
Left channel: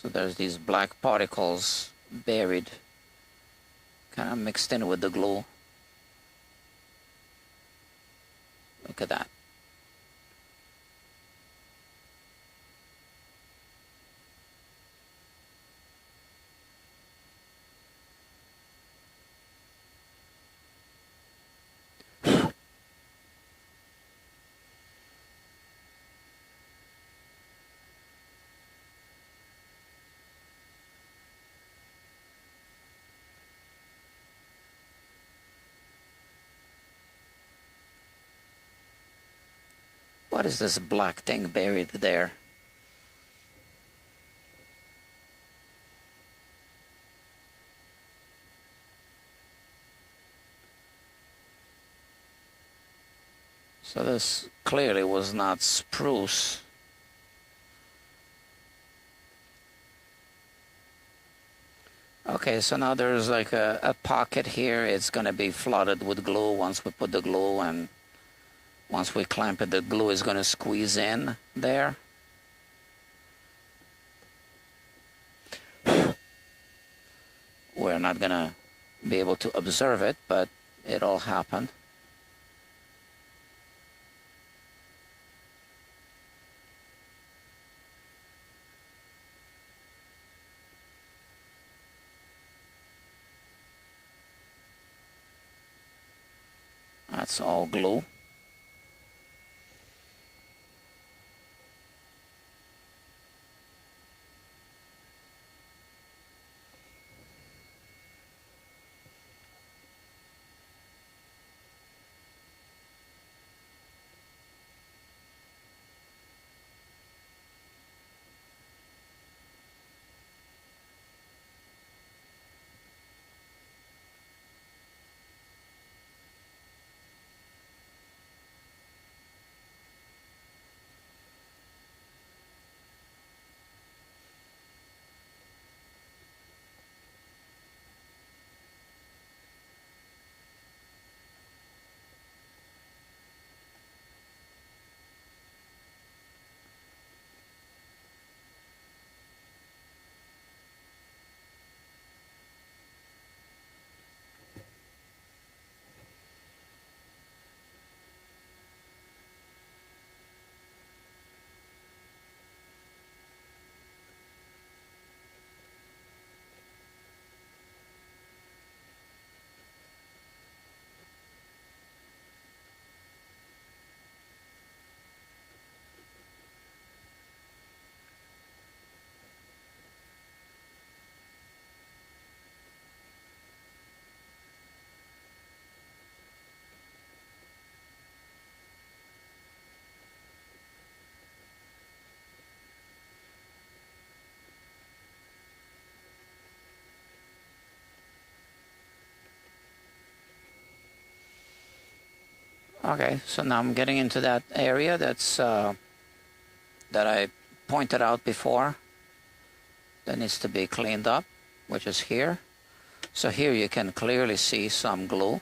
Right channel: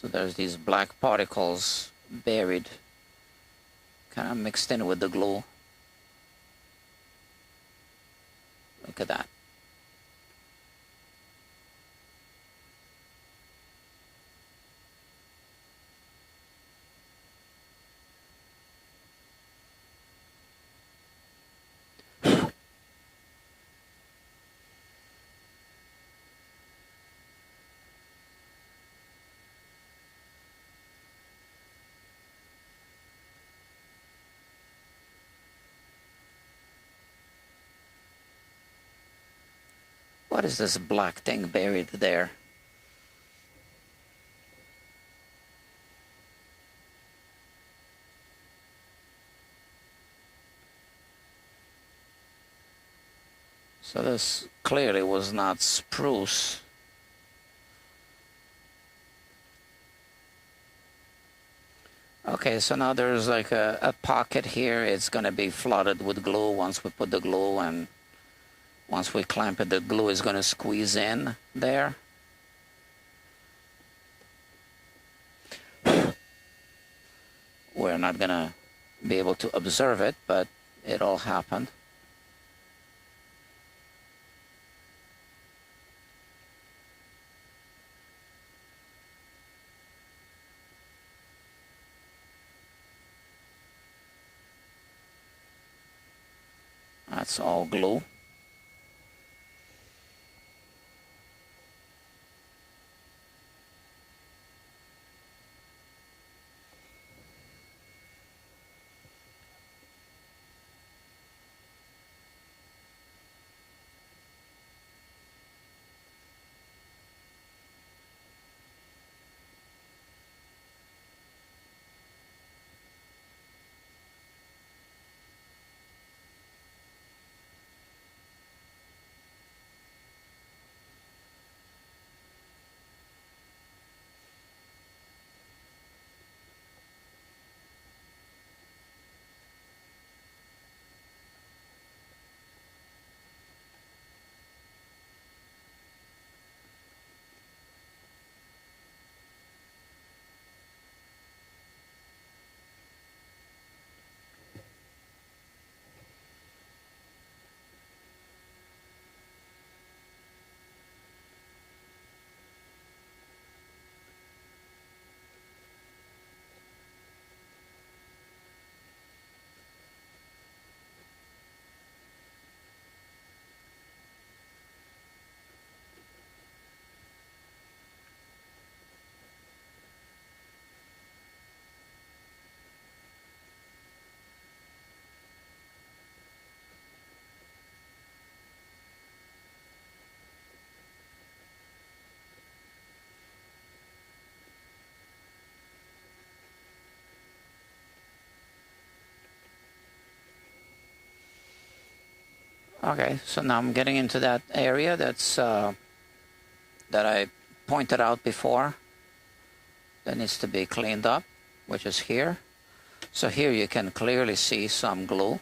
So there's these black particles buried, kind of mixed in with the glue. Look at that. What is this black thing buried there? So this clearly was not spruce. Okay, so now there's like a pocket here. It's going to be flooded with glue once we put the glue, and once we clamp it, the glue is going to squeeze in there. We're not going to be able to observe it, but it'll happen. That's all glue. Okay, so now I'm getting into that area that's that I pointed out before that needs to be cleaned up, which is here. So here you can clearly see some glue.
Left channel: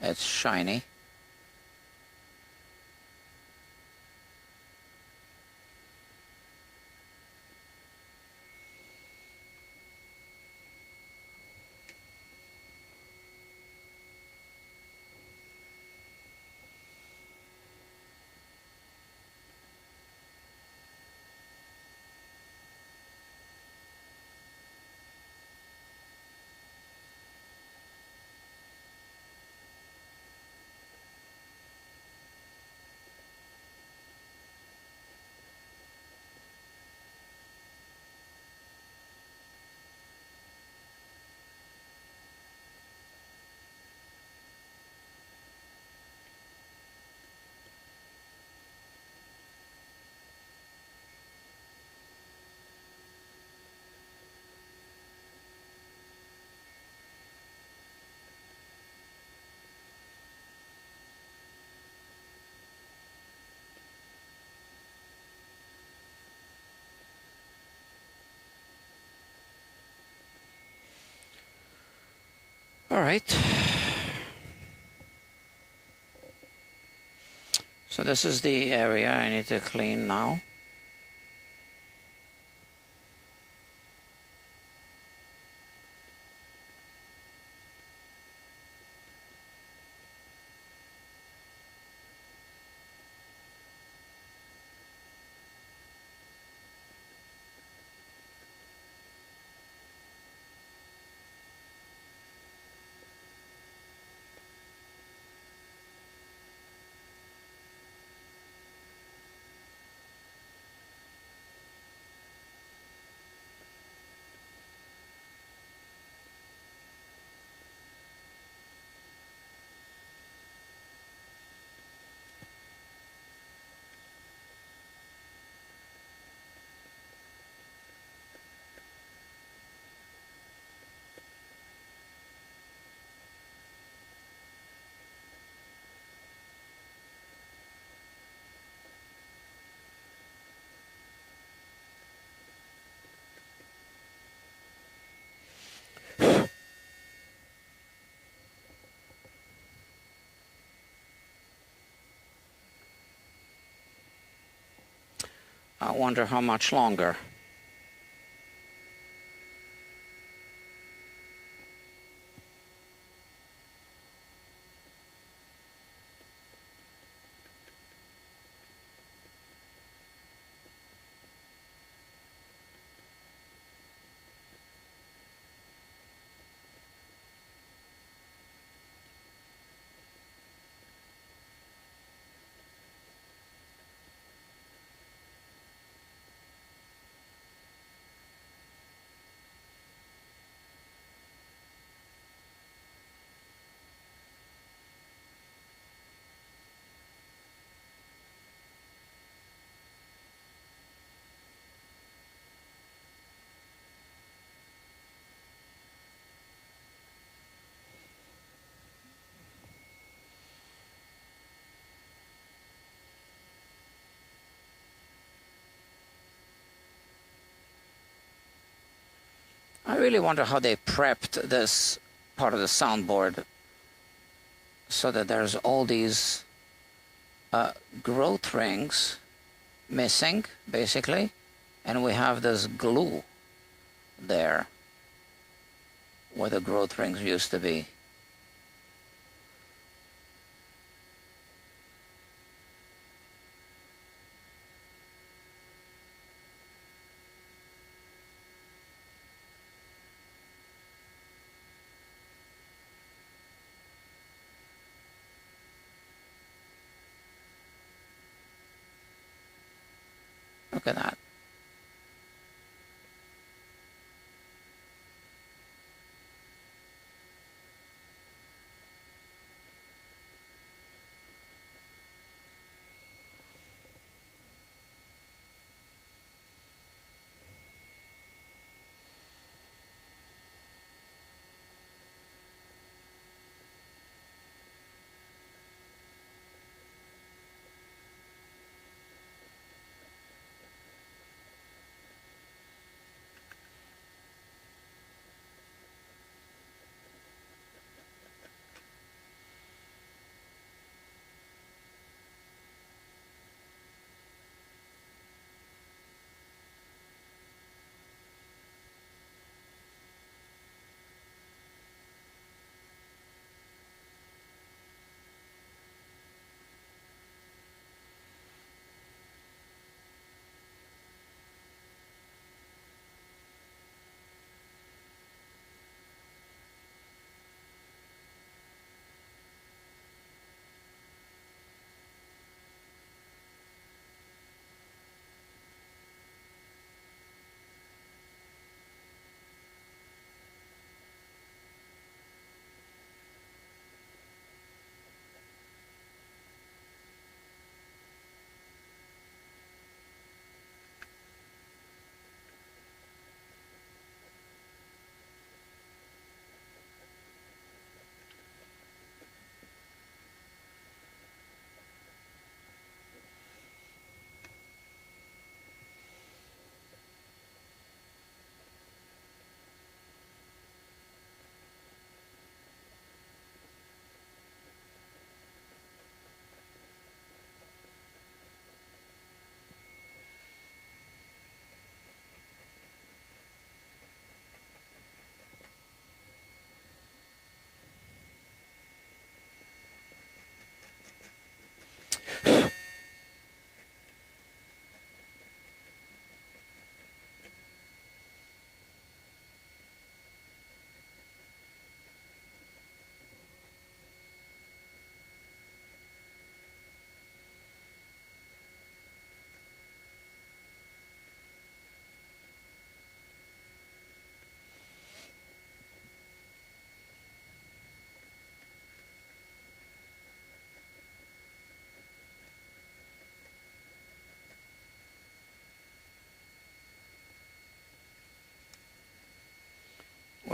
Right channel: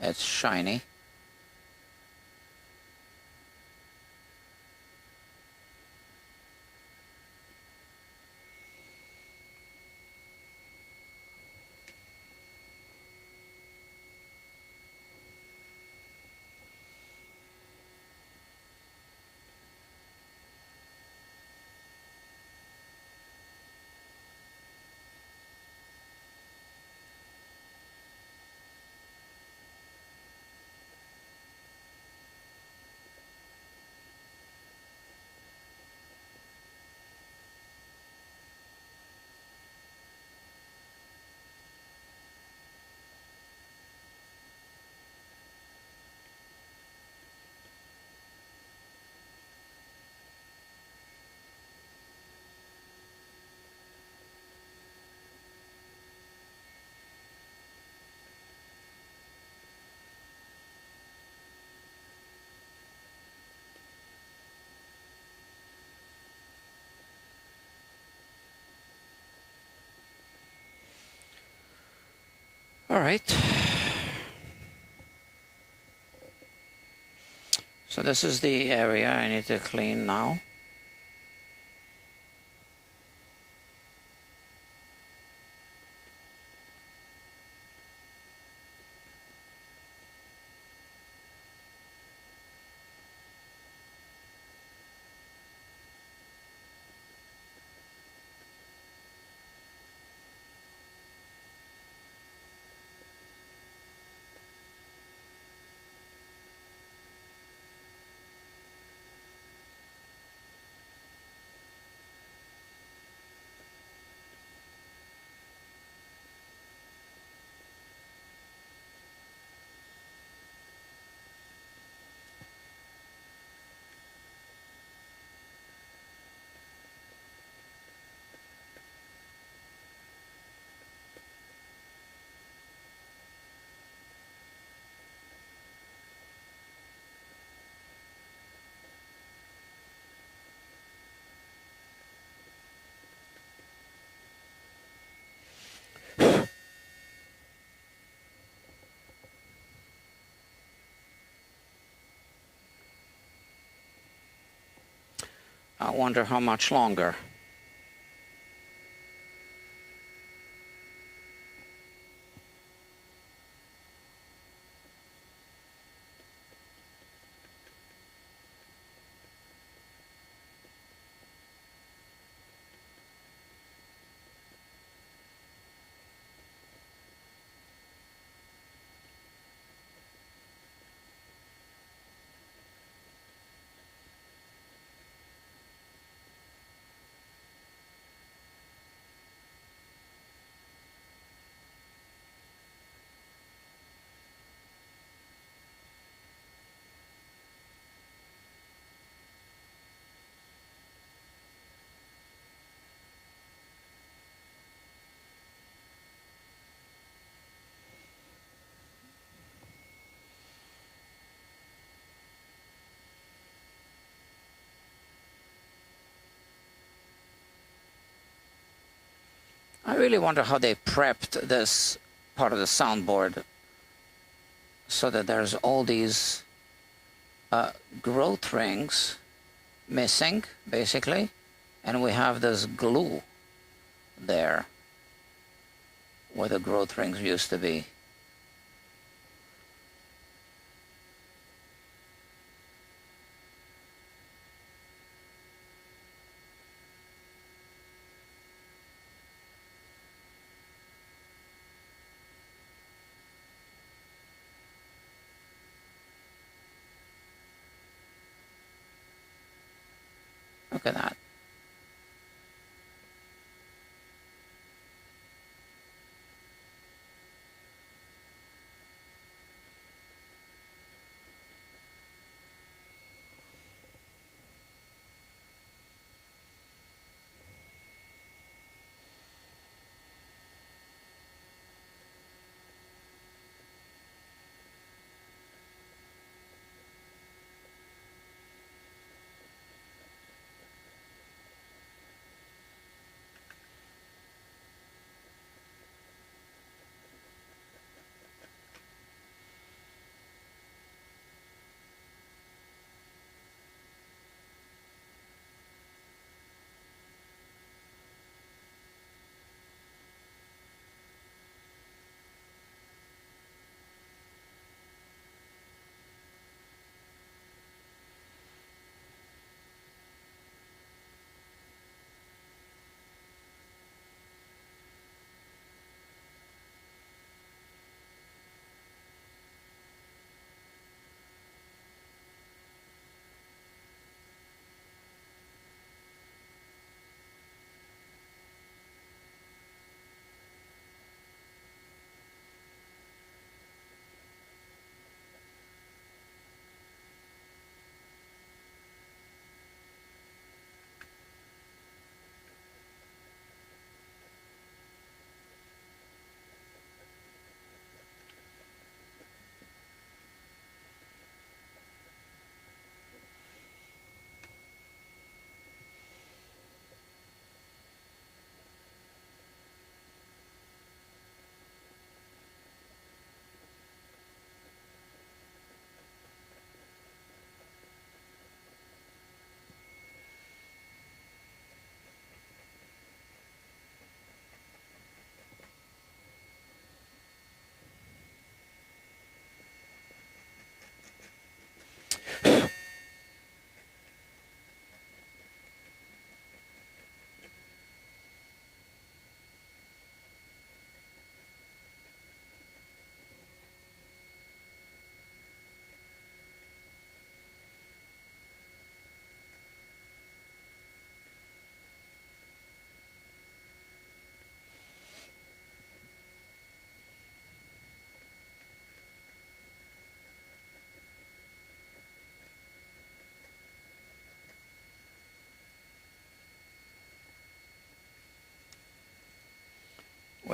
It's shiny. All right. So this is the area I need to clean now. I wonder how much longer. I really wonder how they prepped this part of the soundboard so that there's all these growth rings missing, basically, and we have this glue there where the growth rings used to be. Look at that.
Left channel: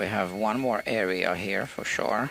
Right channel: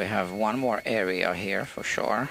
we have one more area here for sure.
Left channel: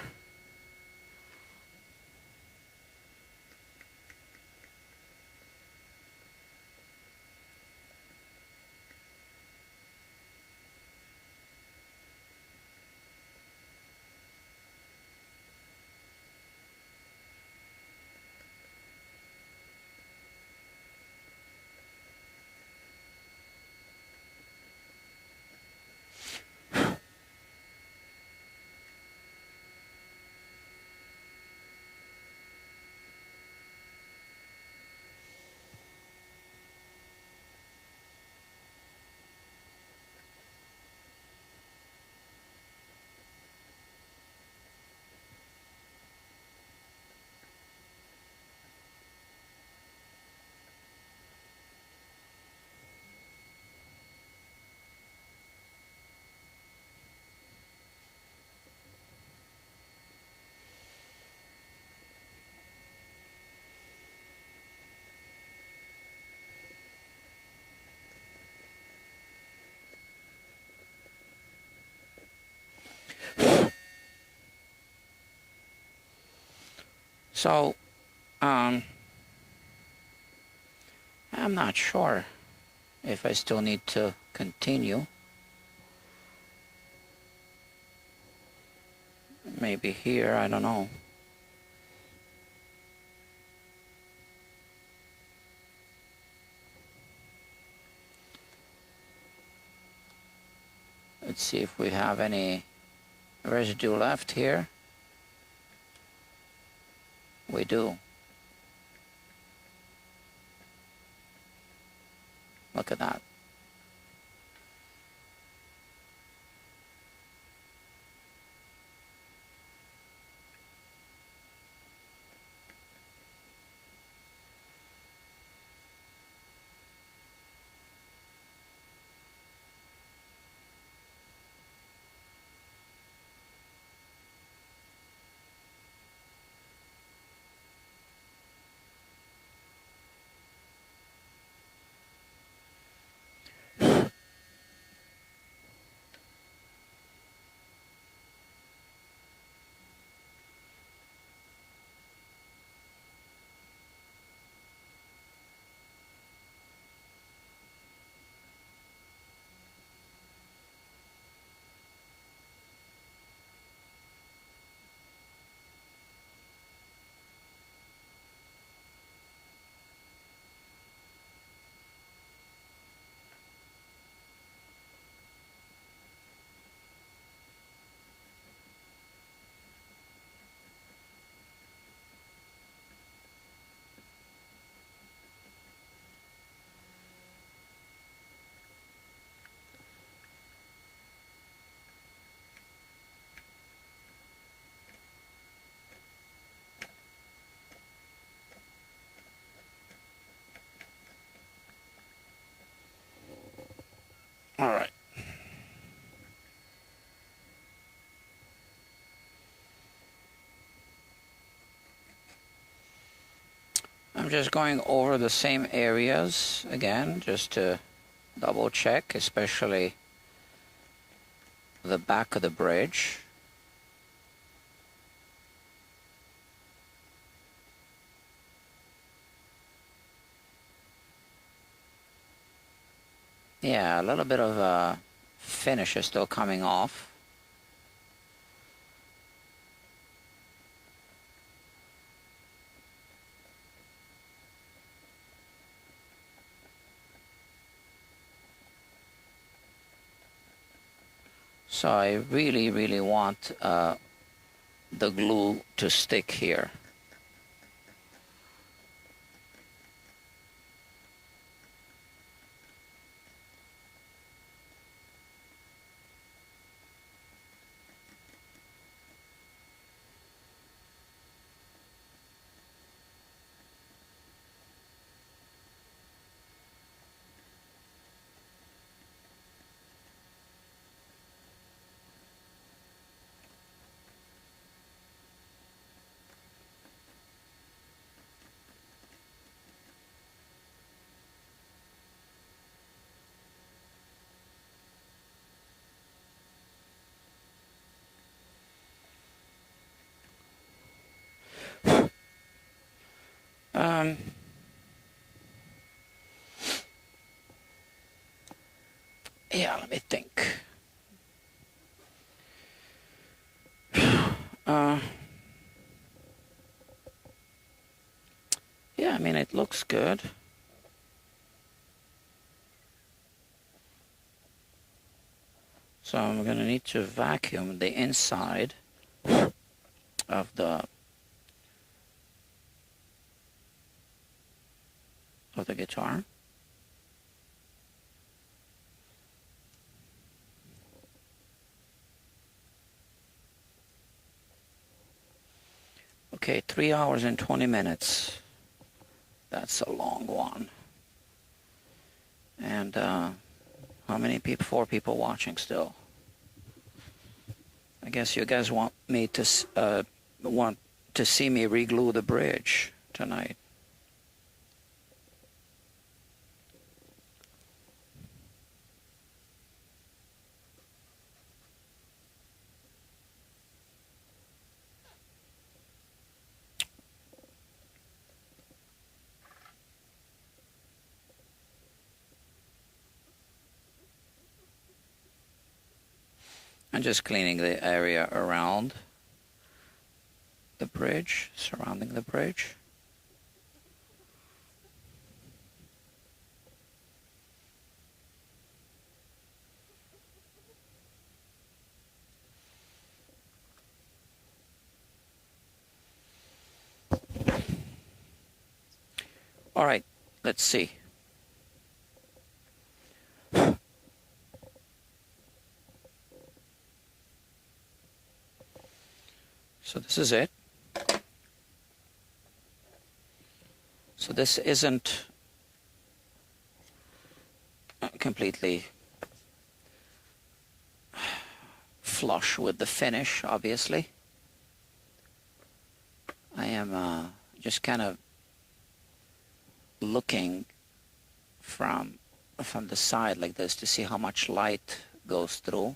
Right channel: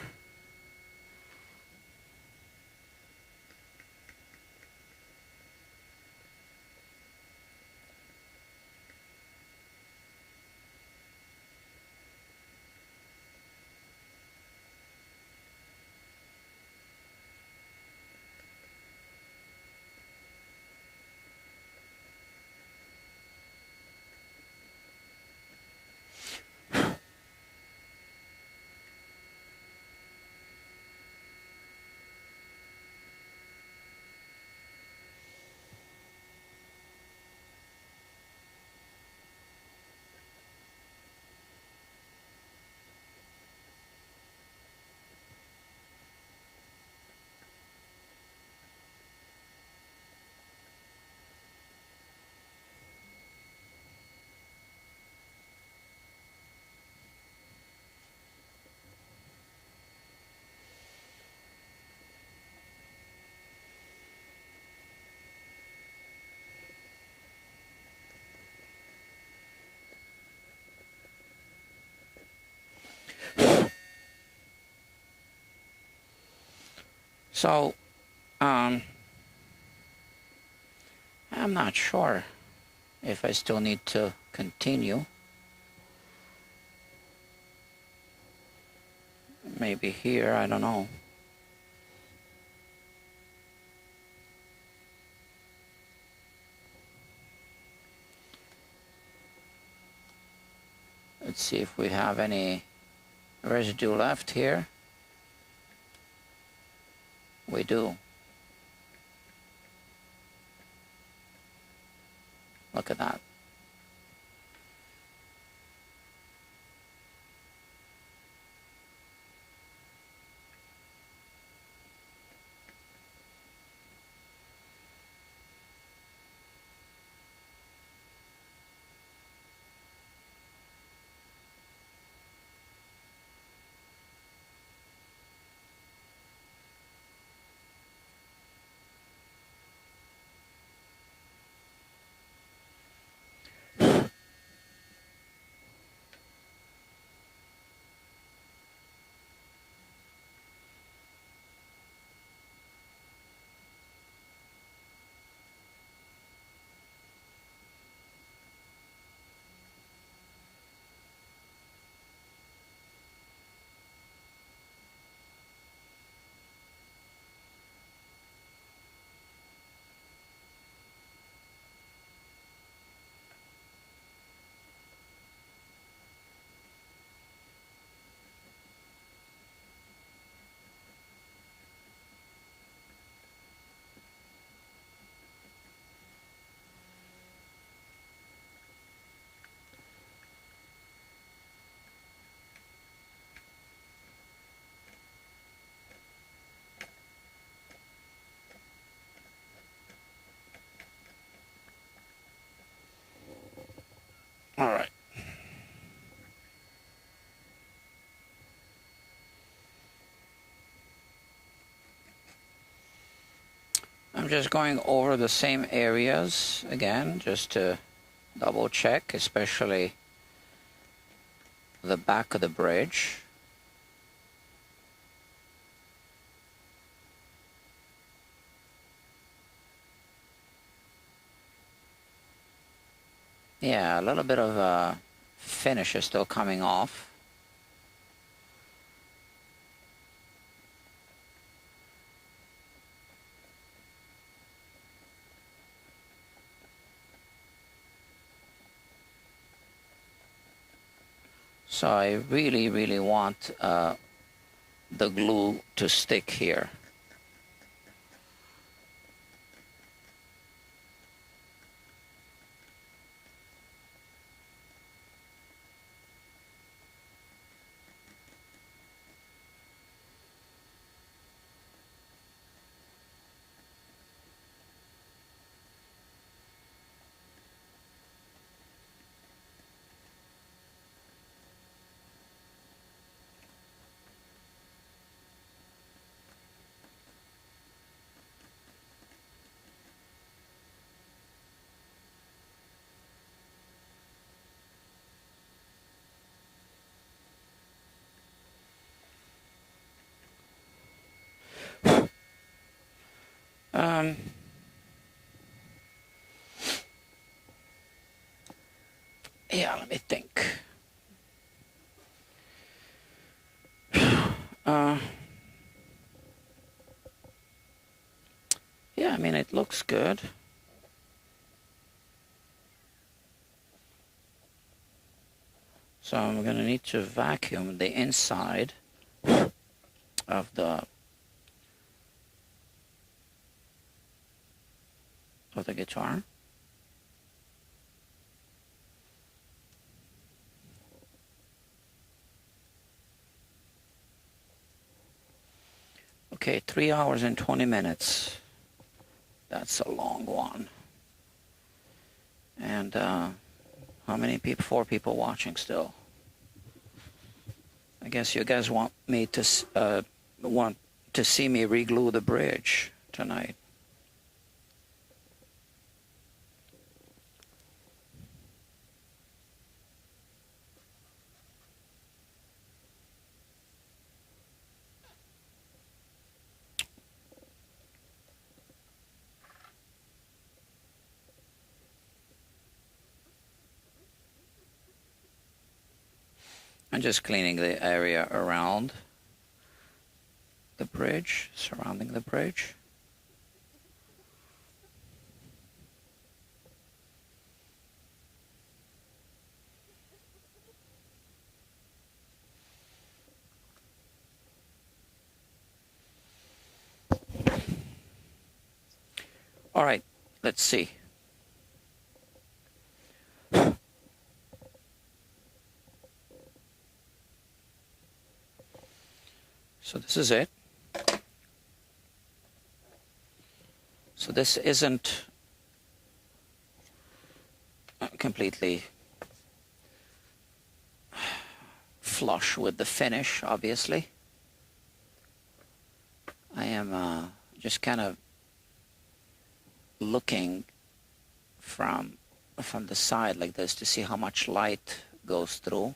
So, I'm not sure if I still need to continue. Maybe here, I don't know. Let's see if we have any residue left here. We do. Look at that. All right. I'm just going over the same areas again, just to double check, especially the back of the bridge. Yeah, a little bit of finish is still coming off. So I really, really want the glue to stick here. Yeah, let me think. Yeah, I mean, it looks good. So I'm going to need to vacuum the inside of the guitar. Okay, 3 hours and 20 minutes. That's a long one. And how many people? 4 people watching still. I guess you guys want me to see me reglue the bridge tonight. I'm just cleaning the area around the bridge, surrounding the bridge. All right, let's see. So this is it. So this isn't completely flush with the finish, obviously. I am just kind of looking from the side like this to see how much light goes through.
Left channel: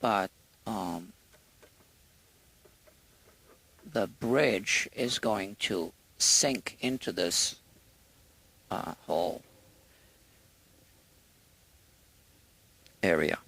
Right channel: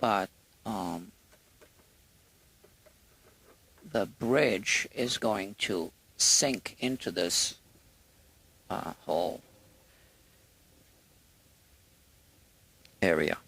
But the bridge is going to sink into this whole area.